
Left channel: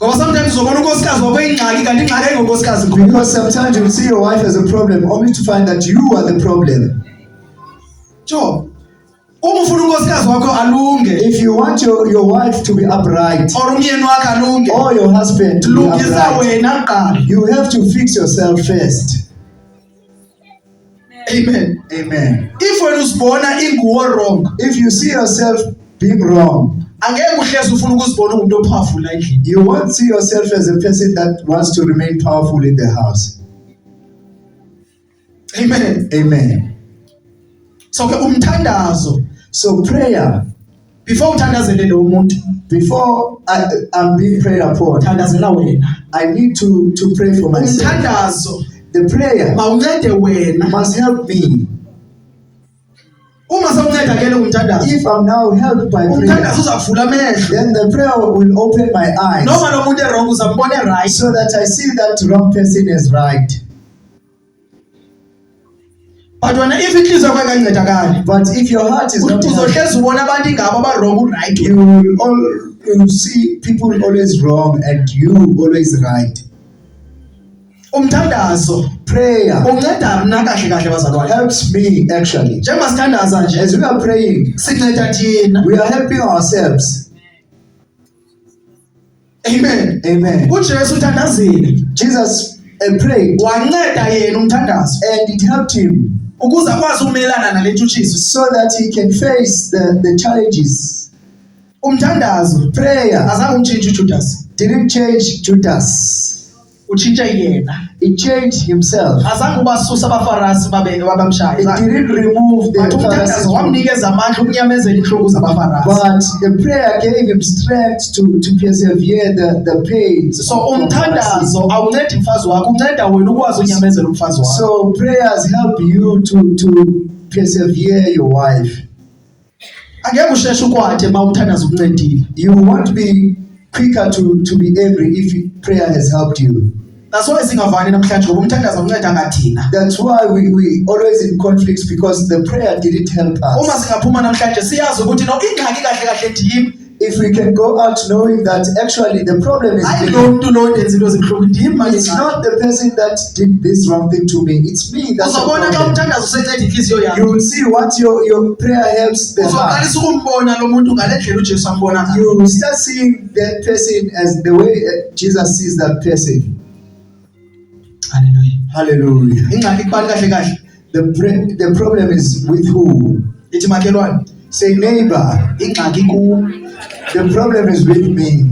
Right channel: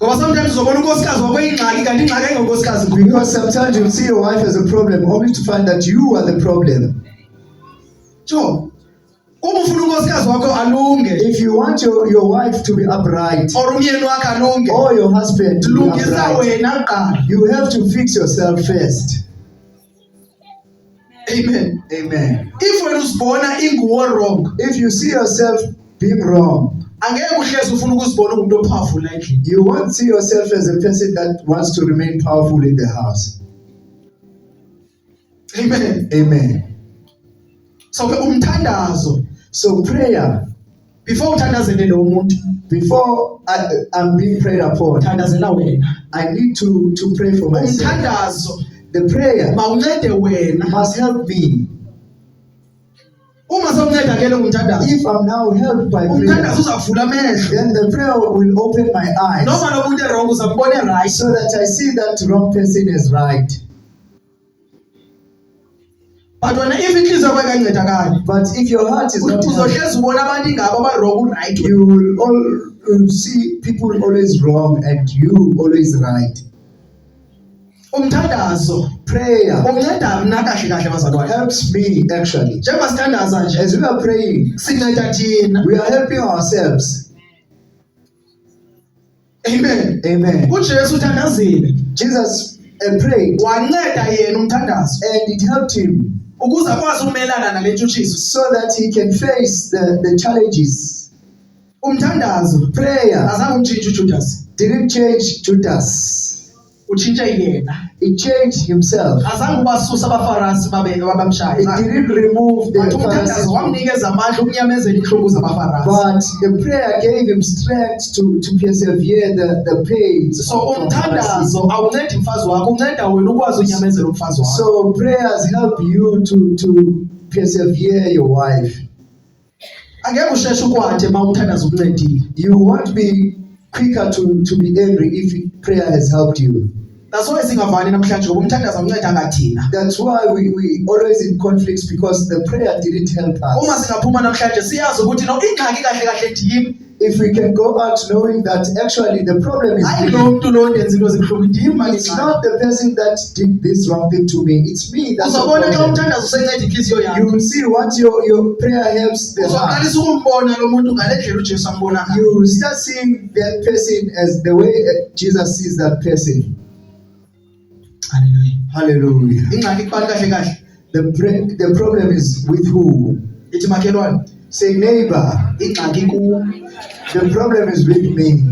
Ngoba sometimes uzobona unkosikazi wakho ingxaki kanti ingxaki ayingonkosikazi kuwe. Because sometimes you see your wife as a problem only to find that you are the problem. Jo. Uma ufuna unkosikazi wakho alunge If you want your wife to be upright or umyeni wakho alunge, or your husband to be lungisa upright, wena qala. you have to fix yourself first. Amen. Amen. If wena uzibona inguwo wrong, If you see yourself being wrong, angeke uhlezi ufuna ukuzibona umuntu opowerful la endlini. you won't see yourself as a person that wants to remain powerful in the house. Amen. Amen. So ke umthandazo So prayer, before uthandazele lo muntu, before I'm being prayed upon, thandazela wena. I need to pray for myself. Umthandazo The prayer mawuncede wena. must help me. Uma sawunceda ke lo umthandazo, If I'm now helped by prayer, umthandazo uzavula amehlo. then the prayer will open my eyes Noma lo muntu wrong uzambona right. so that I see that wrong person is right. But wena if inhliziyo yakho ayikancedakali, But if your heart is not helped, uzohlezi ubona abantu ingabo aba wrong right. you will see people always wrong and you always right. Umthandazo Prayer unceda mna kahle kahle bazalwane. helps me actually. Njengoba sithandaza nje, As we are praying, sinceda thina. we are helping ourselves. Amen. Amen. uJesu uthandazile, Jesus prayed wanceda yena umthandazo and it helped him ukuze akwazi ukumelana nale ntshutshiso. so that he can face the challenges. Umthandazo Prayer azange umtshintshe uJudas, didn't change Judas. utshintshe yena. It changed himself. Azange ubasusa abafarisi babamshaya. It didn't remove the But umthandazo Pharisees, wamnikeza amandla ukunyamezela inhlungu zabafarisi. but the prayer gave him strength to persevere the pains. So of Pharisees. umthandazo awuncedi umfazi wakho, unceda wena ukwazi unyamezela umfazi wakho. So prayers help you to persevere your wife. Angeke usheshe ukwathe uma umthandazo ukuncedile. You won't be quicker to be angry if prayer has helped you. That's why singavani namhlanje ngoba umthandazo unceda ngathina. That's why we always in conflicts, because the prayer didn't help Uma us. singaphuma namhlanje siyazi ukuthi no ingxaki kahle kahle ndim. If we can go out knowing that actually the problem is Hayi me. lo muntu lo ndenza into ezibuhlungu ndim manje. It's not the person that did this wrong thing to me. It's me. That's the Uzobona xa problem. umthandazo usenceda inhliziyo You yakho. will see what your prayer helps the heart. Uzoqalisa ukumbona lo muntu ngale ndlela uJesu ambona ngayo. You will start seeing that person as the way Jesus sees that person. Hallelujah. Hallelujah. Ingxaki kubani kahle kahle? The problem is with who? Ithi makhelwane. Say neighbor. Ingxaki ku. The problem is with me.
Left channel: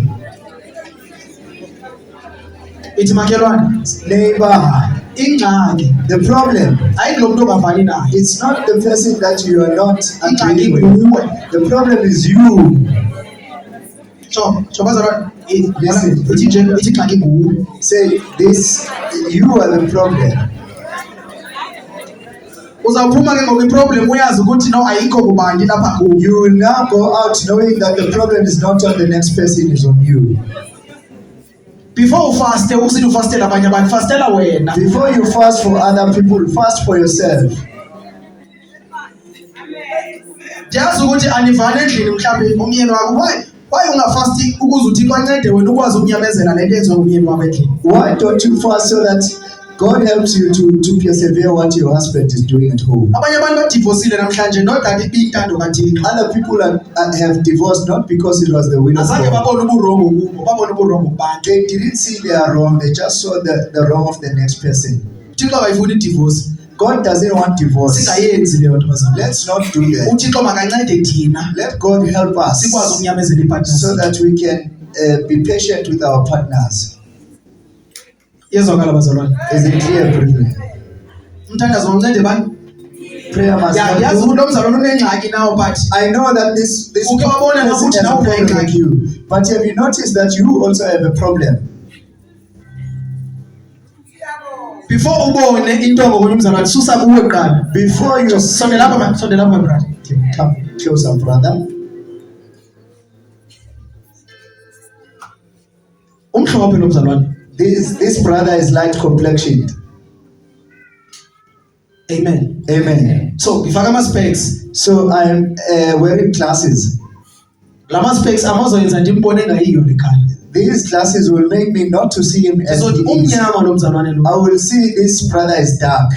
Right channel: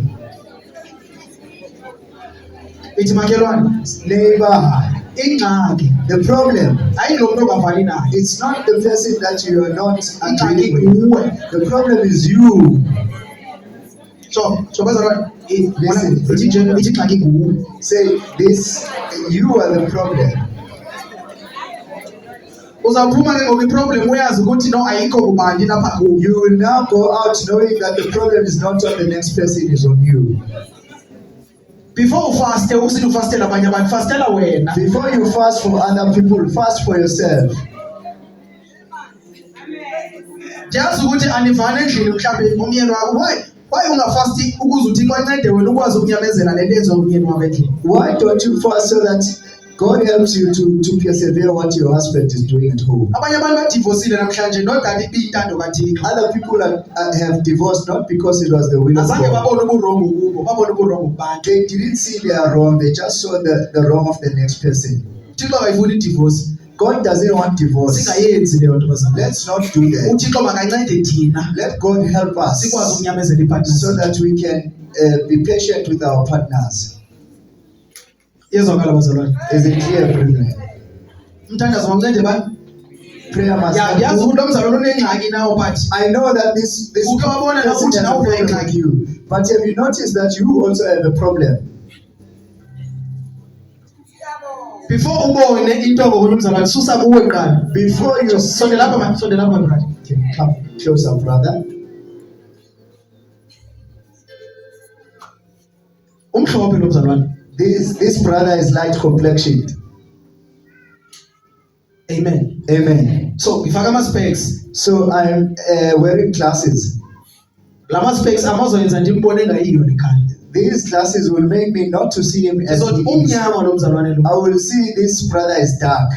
Ithi makhelwane. Neighbor. Ingxaki The problem. hayi lo muntu ongavani naye. It's not the person that you are not Ingxaki agreeing with. kuwe. The problem is you. So bazalwane. Listen. Ithi nje ithi ingxaki kuwe. Say this. You are the problem. Uzawuphuma ke ngoku iproblem uyazi ukuthi no ayikho kubandi lapha kuwe. You will now go out knowing that the problem is not on the next person, is on you. Before ufaste usithi ufastela abanye abantu fastela wena. Before you fast for other people, fast for yourself. Ndiyazi ukuthi anivane endlini mhlawumbe umyeni wakho why ungafasti ukuze uThixo ancede wena ukwazi ukunyamezela le nto enziwe umyeni wakho endlini. Why don't you fast so that God helps you to persevere what your husband is doing at home? Abanye abantu badivosile namhlanje not that ibiyintando kaThixo. Other people have divorced not because it was the will of Azange God. babone uburongo kubo, babone uburongo kubantu. They didn't see they are wrong, they just saw the wrong of the next person. uThixo akayifuni idivorce. God doesn't want divorce. Singayenzi leyo nto bazalwane. Let's not do that. uThixo makancede thina Let God help us sikwazi ukunyamezela ipartners. so that we can be patient with our partners. Yezwakala bazalwane. Is it clear, brethren? Umthandazo wancede bani? Prayer must Yazi help. ukuthi lo mzalwane unengxaki nawo but I know that this Uke wabona person ukuthi has a nawe problem unengxaki. with you, but have you noticed that you also have a problem? before ubone into ngokunye umzalwane susa kuwe qala. Before you Sondela lapha my brother. come closer, brother. Umhlophe lo mzalwane. This brother is light complexioned. Amen. Amen. So ngifaka ama specs. So I am wearing glasses. Lama specs amazoyenza ndimbone ngayiyo lekhaya. These glasses will make me not to see him as he Ndizothi is. umnyama lo mzalwane lo. I will see this brother is dark.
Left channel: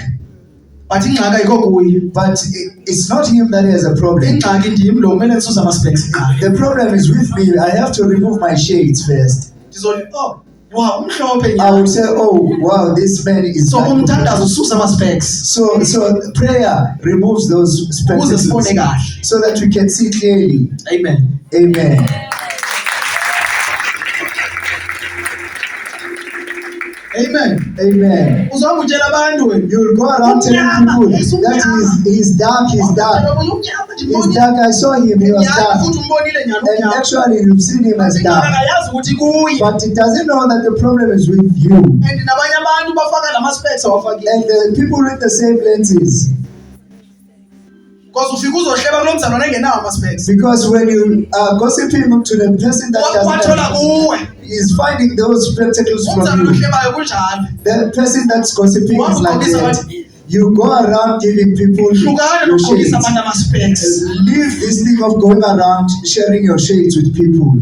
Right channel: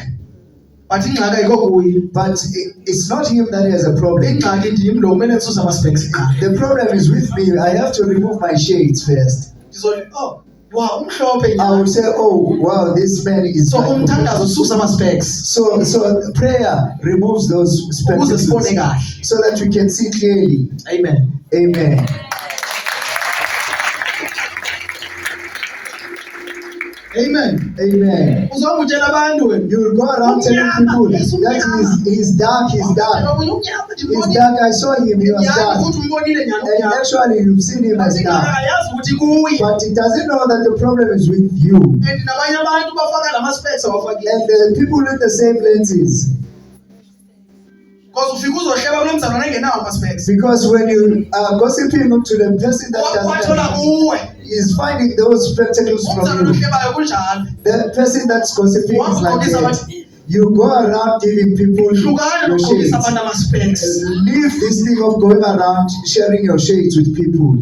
But ingxaki ayikho kuye. But it's not him that has a problem. Ingxaki ndim lo kumele ndisusa ama specs qala. The problem is with me. I have to remove my shades first. Ndizothi wow umhlophe I nyama. will say, oh wow, this man is So light umthandazo complexioned. ususa ama specs. So prayer removes those Ukuze sibone spectacles kahle. so that we can see clearly. Amen. Amen. Amen. Amen. Uzwanga utshela abantu wena. You will go around telling people that he's dark, he's dark. He's dark. I saw him, he was Nyani dark. futhi umbonile nyani And unyama. actually, you've seen him as Ingxaki dark. ayazi ukuthi kuye. But it doesn't know that the problem is with you. And nabanye abantu bafaka lama specs awafakile. And the people with the same lenses. Because ufika uzohleba kulo mzalwane engenawo ama specs. Because when you are gossiping to the person that Wathola doesn't, kuwe. is finding those spectacles from Umzalwane you. ohlebayo kunjalo. The person that's gossiping is like Wamgqokisa that. abantu. You go around giving people Hlukana your nokugqokisa shades. abantu ama specs. Leave this thing of going around sharing your shades with people.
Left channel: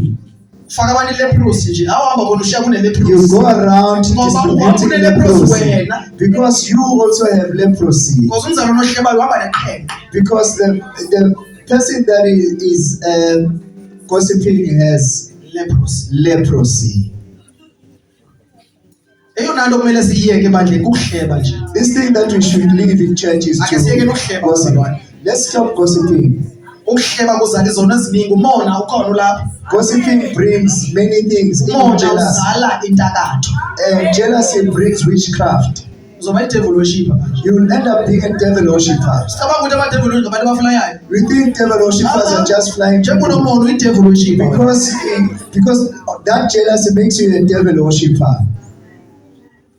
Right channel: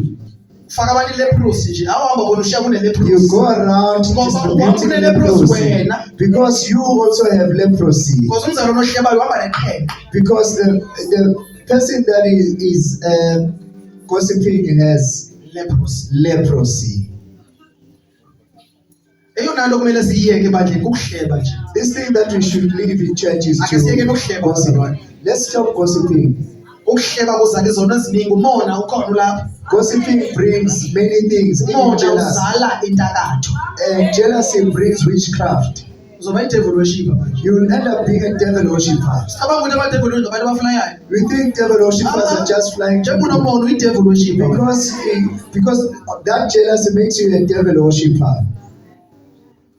Faka abantu leprosy nje. Awuhamba khona ushiya kune You leprosy. go around distributing leprosy because you also have leprosy. Because umzalwane ohlebayo uhamba neqhele. Because the person that is gossiping has leprosy. Eyona nto kumele siyiyeke ebandleni kukuhleba nje. This thing that we should leave in church is Ake siyeke to nokuhleba gossip. bazalwane. Let's stop gossiping. Ukuhleba kuzala izono eziningi umona ukhona ulapha. Gossiping brings many things, even Umona jealousy. uzala intakatho. And jealousy brings witchcraft. Uzoba i-devil worshipper manje. You will end up being a devil worshipper. Sicabanga ukuthi ama-devil worshipper ngabantu abafulayayo. We think devil worshippers are just flying Njengoba people. unomona uyi-devil worshipper. Because that jealousy makes you a devil worshipper.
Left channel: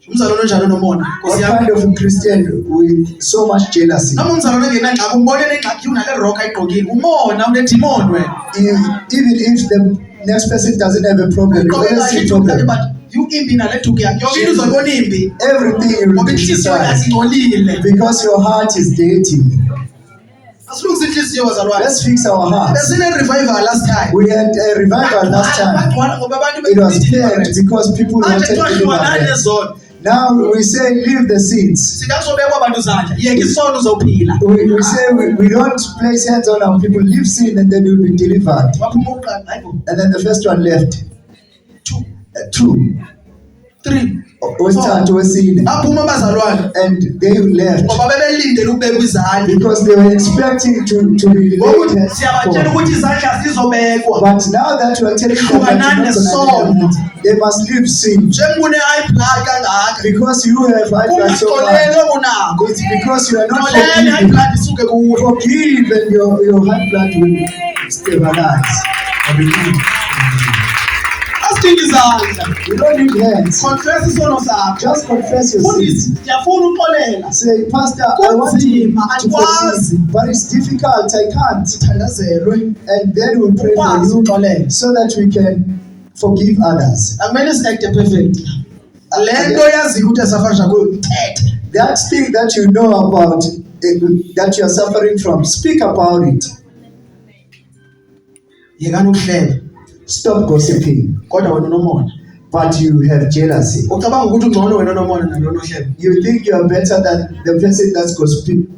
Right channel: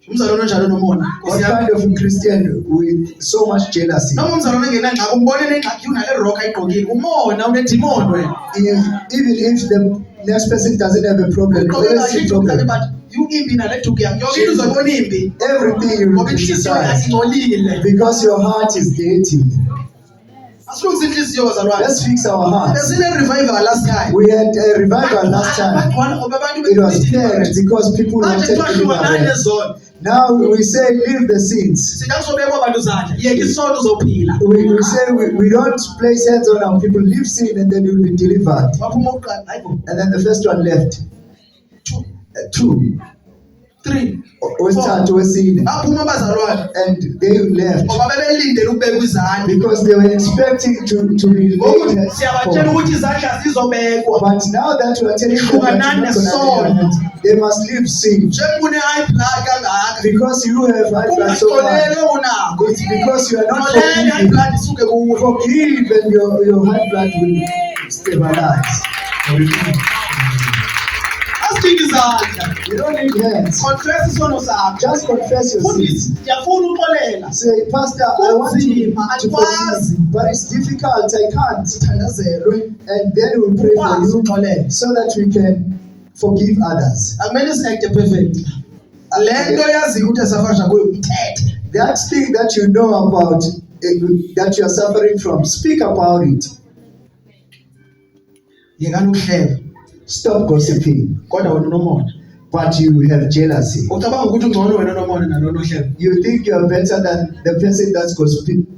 Umzalwane onjalo nomona. What Nkosi yami. kind of a Christian with so much jealousy? Noma umzalwane engenangxaki umbone nengxaki unale rock ayigqokile. Umona unedimoni wena. Even if the next person doesn't have a problem, you Ugqoke always kahle see ijuba problem. but imbi naleduku yakhe yonke into uzoyibona imbi Everything you ngoba will inhliziyo yakhe criticize ingcolile. because your heart is dirty. Asilungise inhliziyo bazalwane. Let's fix our hearts. Besine revival last time. We had a revival last time. Bagcwala ngoba abantu It was deliverance. packed because people Manje wanted kuthiwa hlukana deliverance. nezono. Now we say leave the sins. Sithi akuzobekwa abantu izandla. Yeka isono uzophila. We say we don't place hands on our people, leave sin and then you'll be delivered. Waphuma oqala. Hayibo. And then the first one left. 2, Two. 3. Wesithathu wesine. Aphuma abazalwane. And they left Ngoba bebelindele ukubeka izandla. because they were expecting to be Ngokuthi laid siyabatshela for. ukuthi izandla zizobekwa. But now that you are telling them that you're not gonna lay hands, they must leave sin. Njengune high blood kangaka. Because you have high blood so much. Ungaxolele unakho. It's because you are not Xolele high forgiving. blood isuke kuwe. Forgive and your high blood will stabilize. Asidinga izandla. You don't need hands. Confess isono sakho. Just confess your Fundisi, sins. ndiyafuna uxolela. Say, Pastor, I want Kunzima, to andikwazi. forgive, but it's difficult. I can't. Sithandazelwe. And then we'll pray for Ukwazi you uxolela. so that we can forgive others. Akumele si-acte perfect. Le nto yaziyo ukuthi asafasha kuyo ithethe. That thing that you know about, that you are suffering from, speak about it. Yekani ukuhleba. Stop gossiping. Kodwa wena unomona. But you have jealousy. Ucabanga ukuthi ungcono wena unomona nalona ohleba. You think you are better than the person that's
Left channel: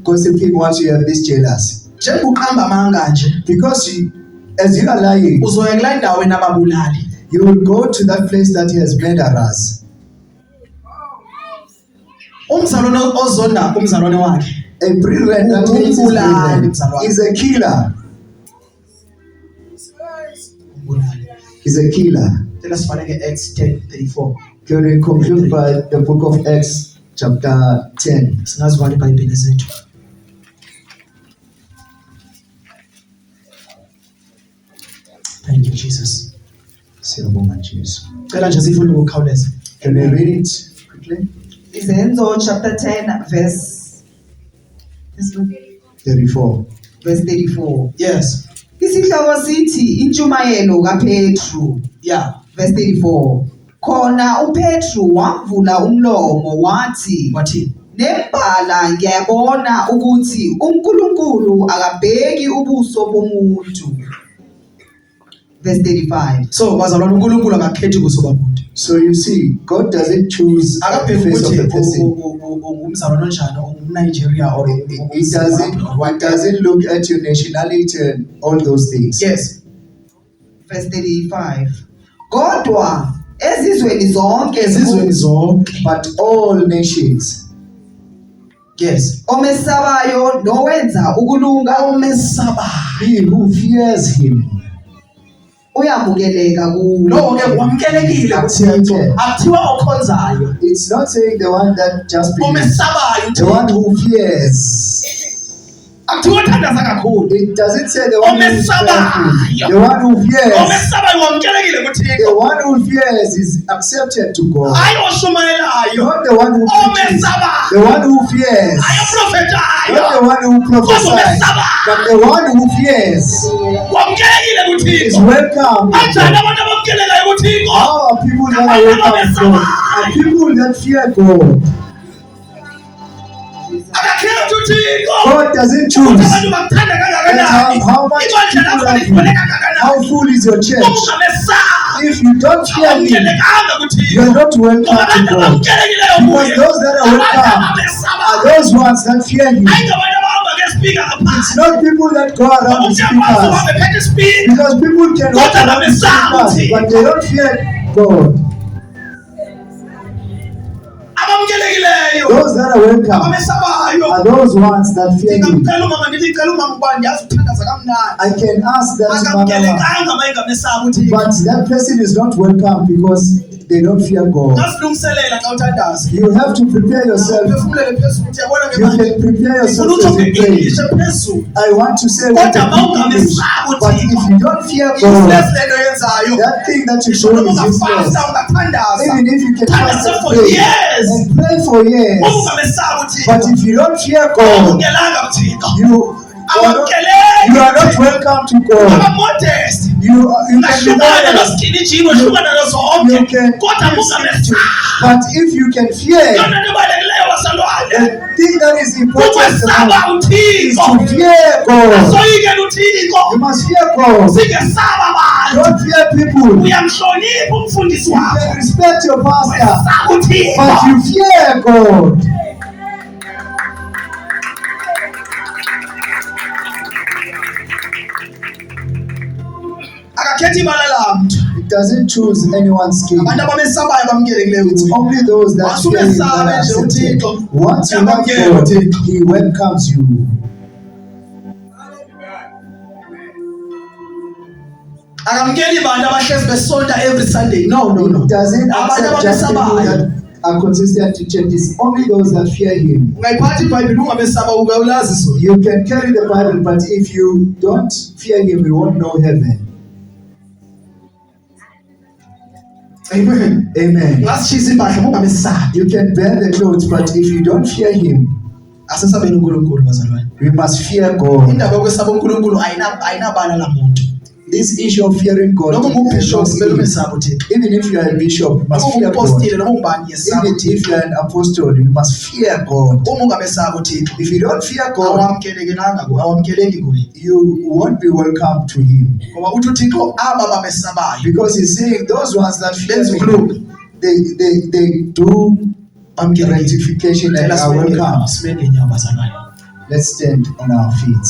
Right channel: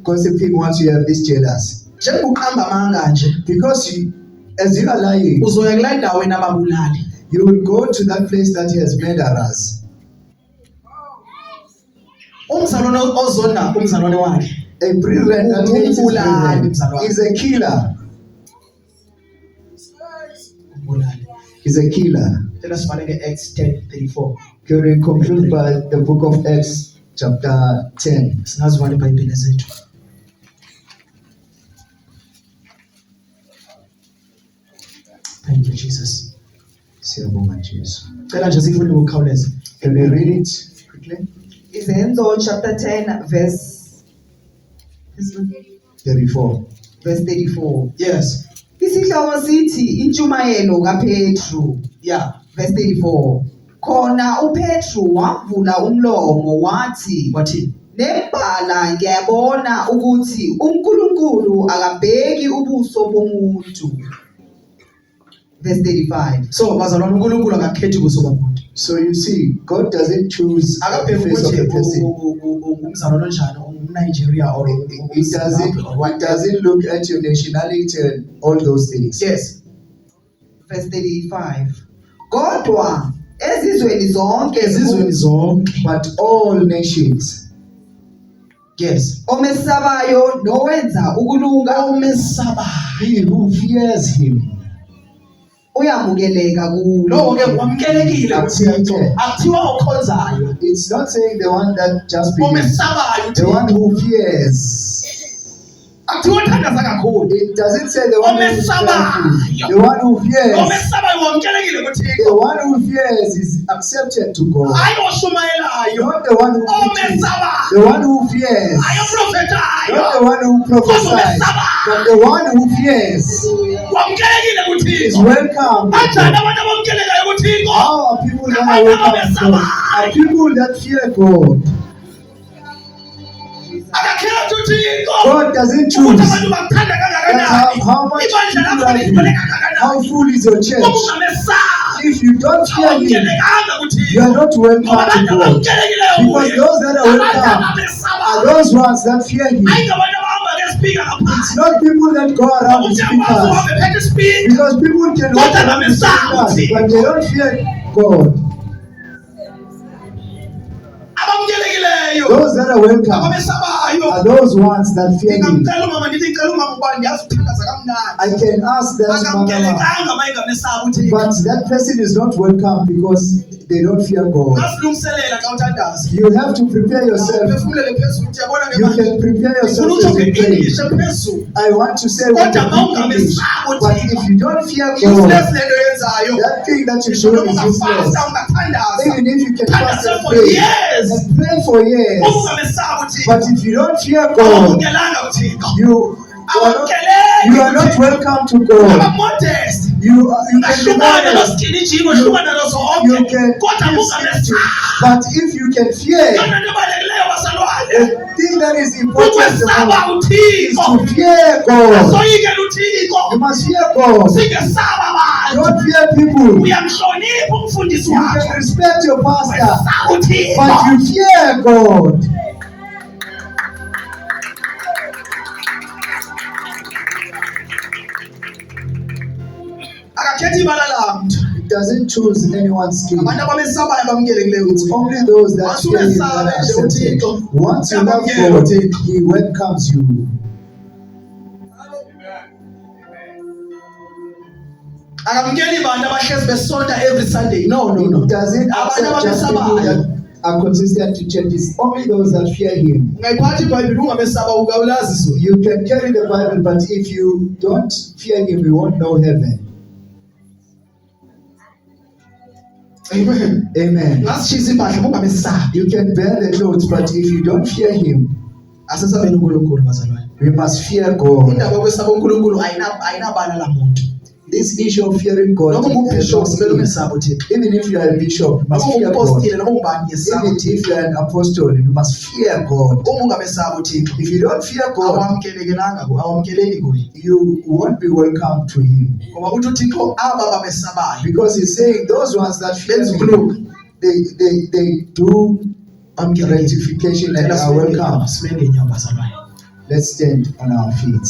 gossiping once you have this jealousy. Njengoba uqamba amanga nje, Because as you are lying, uzoya kula ndawo enababulali. you will go to that place that has murderers. Umzalwane ozonda umzalwane wakhe. A brethren that hates his brethren is a killer. Umbulali. Is a killer. Tell us Acts 10:34. Can we conclude by the book of Acts chapter 10? Singazivala iBhayibheli zethu. Thank you Jesus. Siyabonga Jesu. Cela nje sifunde ngokukhawuleza. Can we read it quickly? Izenzo chapter 10 verse 34. 34. Yes. Isihloko sithi intshumayelo kaPetru. Yeah. Verse 34. Khona uPetru wavula umlomo wathi Wathi nembala ngiyabona ukuthi uNkulunkulu akabheki ubuso bomuntu. Verse 35. so bazalwane uNkulunkulu akakhethi kuso bamuntu. So you see, God doesn't choose the Akabheki face of the ukuthi person. ungumzalwane onjani, ungumNigeria or It doesn't look at your nationality and all those things. Yes. Verse 35. Kodwa ezizweni zonke Ezizweni zonke. But all nations, Yes. omesabayo nowenza ukulunga Omesabayo. he who fears him, uyamukeleka kuwo. No ke wamukelekile Accepted. uThixo. Akuthiwa okhonzayo. it's not saying the one that just believes, Omesabayo the one uThixo. who fears. Akuthiwa othandaza kakhulu. It doesn't say the one who is Omesabayo. fearful. The one who fears. Omesabayo wamukelekile The kuThixo. one who fears is accepted to God. Hayi oshumayelayo. Not the one who preaches. Omesabayo. The one who fears. Hayi oprofetayo. Not the one who prophesies. But the one who fears Wamukelekile is kuThixo. welcome. Kanjani abantu abamukelekayo kuThixo? How are people that are welcome to God? Are people that fear God. Akakhethi uThixo. God doesn't Ukuthi choose. abantu bakuthanda kangakanani. That's how much Ibandla people lakho are ligcwele you. kangakanani. How full is your church? Uma ungamesabi, If you don't fear me, awumukelekanga you kuThixo. are not welcome Ngoba to abantu God. abamukelekileyo Because kuye. those that are Abantu welcome abamesabayo. are those ones that fear Him. Hayi ngabantu abahamba ngespeaker ngaphandle. It's not people that go around with Umuntu uyakwazi speakers. uhambe ephethe ispeaker. Because people can walk Kodwa around with abamesabi speakers, but they don't fear God. Abamukelekileyo. Those that are welcome Abamesabayo. are those ones that fear Him. Ngingamcela umama ndithi ngicela umama ubani ndiyazi uthandaza kamnandi. I can ask that mama, Akamukelekanga uma engamesabi uThixo. but that person is not welcome because they don't fear God. Ngasilungiselela xa uthandaza. You have to prepare yourself. Uphefumulele phezulu ukuthi yabona You ngemanje. can prepare Ufuna yourself ukuthi as you pray. English ephezulu. I want to say Kodwa what uma in English, ungamesabi but uThixo, if you don't fear useless God, lento oyenzayo. that thing that you Ngisho do noma is useless. ungafasta ungathandaza. Even if you can fast Thandaza and for pray years. and pray for years, Uma ungamesabi uThixo. but if you don't fear God, Awumukelanga uThixo. you are not welcome to God. Aba modest. You can be lahlukana honest. nosigijimo hlukana nazo You zonke can kodwa kungamesaba but if you can fear, yona nto ebalulekileyo bazalwane the thing that is important the ukwesaba most is uthixo to fear God. asoyikela uthixo You must fear God. singesaba abantu Don't fear people. uyamhlonipha umfundisi You wakho can respect your pastor, wesaba but uthixo you fear God. akakhethi ibala lamntu It doesn't choose anyone's skin. abantu abamesabayo bamkelekileyo It's uthixo only those that Once fear Him that umesabe are nje accepted. uThixo, Once you love uyamkela God, uThixo. He welcomes you. akamkeli bantu abahlezi besonta every Sunday no He doesn't abantu accept just people abamesabayo that are consistent to church. It's only those that fear Him. ungayiphatha ibhayibhile ungamesaba ungawulazi so You can carry the Bible, but if you don't fear Him, you won't know heaven. amen Amen. ungasishisa impahla ungamesabi You can bear the clothes, but if you don't fear Him, asesabeni uNkulunkulu bazalwane we must fear God. indaba yokwesaba uNkulunkulu ayinabala lamuntu This issue of fearing God, noma ungubishop kumele umesaba uThixo even if you are a bishop, you must noma fear God. ungupostile noma ungubani yesaba Even uThixo if you are an apostle, you must fear God. uma ungamesaba uThixo If you don't fear God, awamkeleki kuye you won't be welcome to Him. ngoba uthi uThixo aba bamesabayo Because He's saying those ones that fear benza me, ukulunga they do bamkelekile rectification and Cela are welcome. simele ngenyawo bazalwane Let's stand on our feet.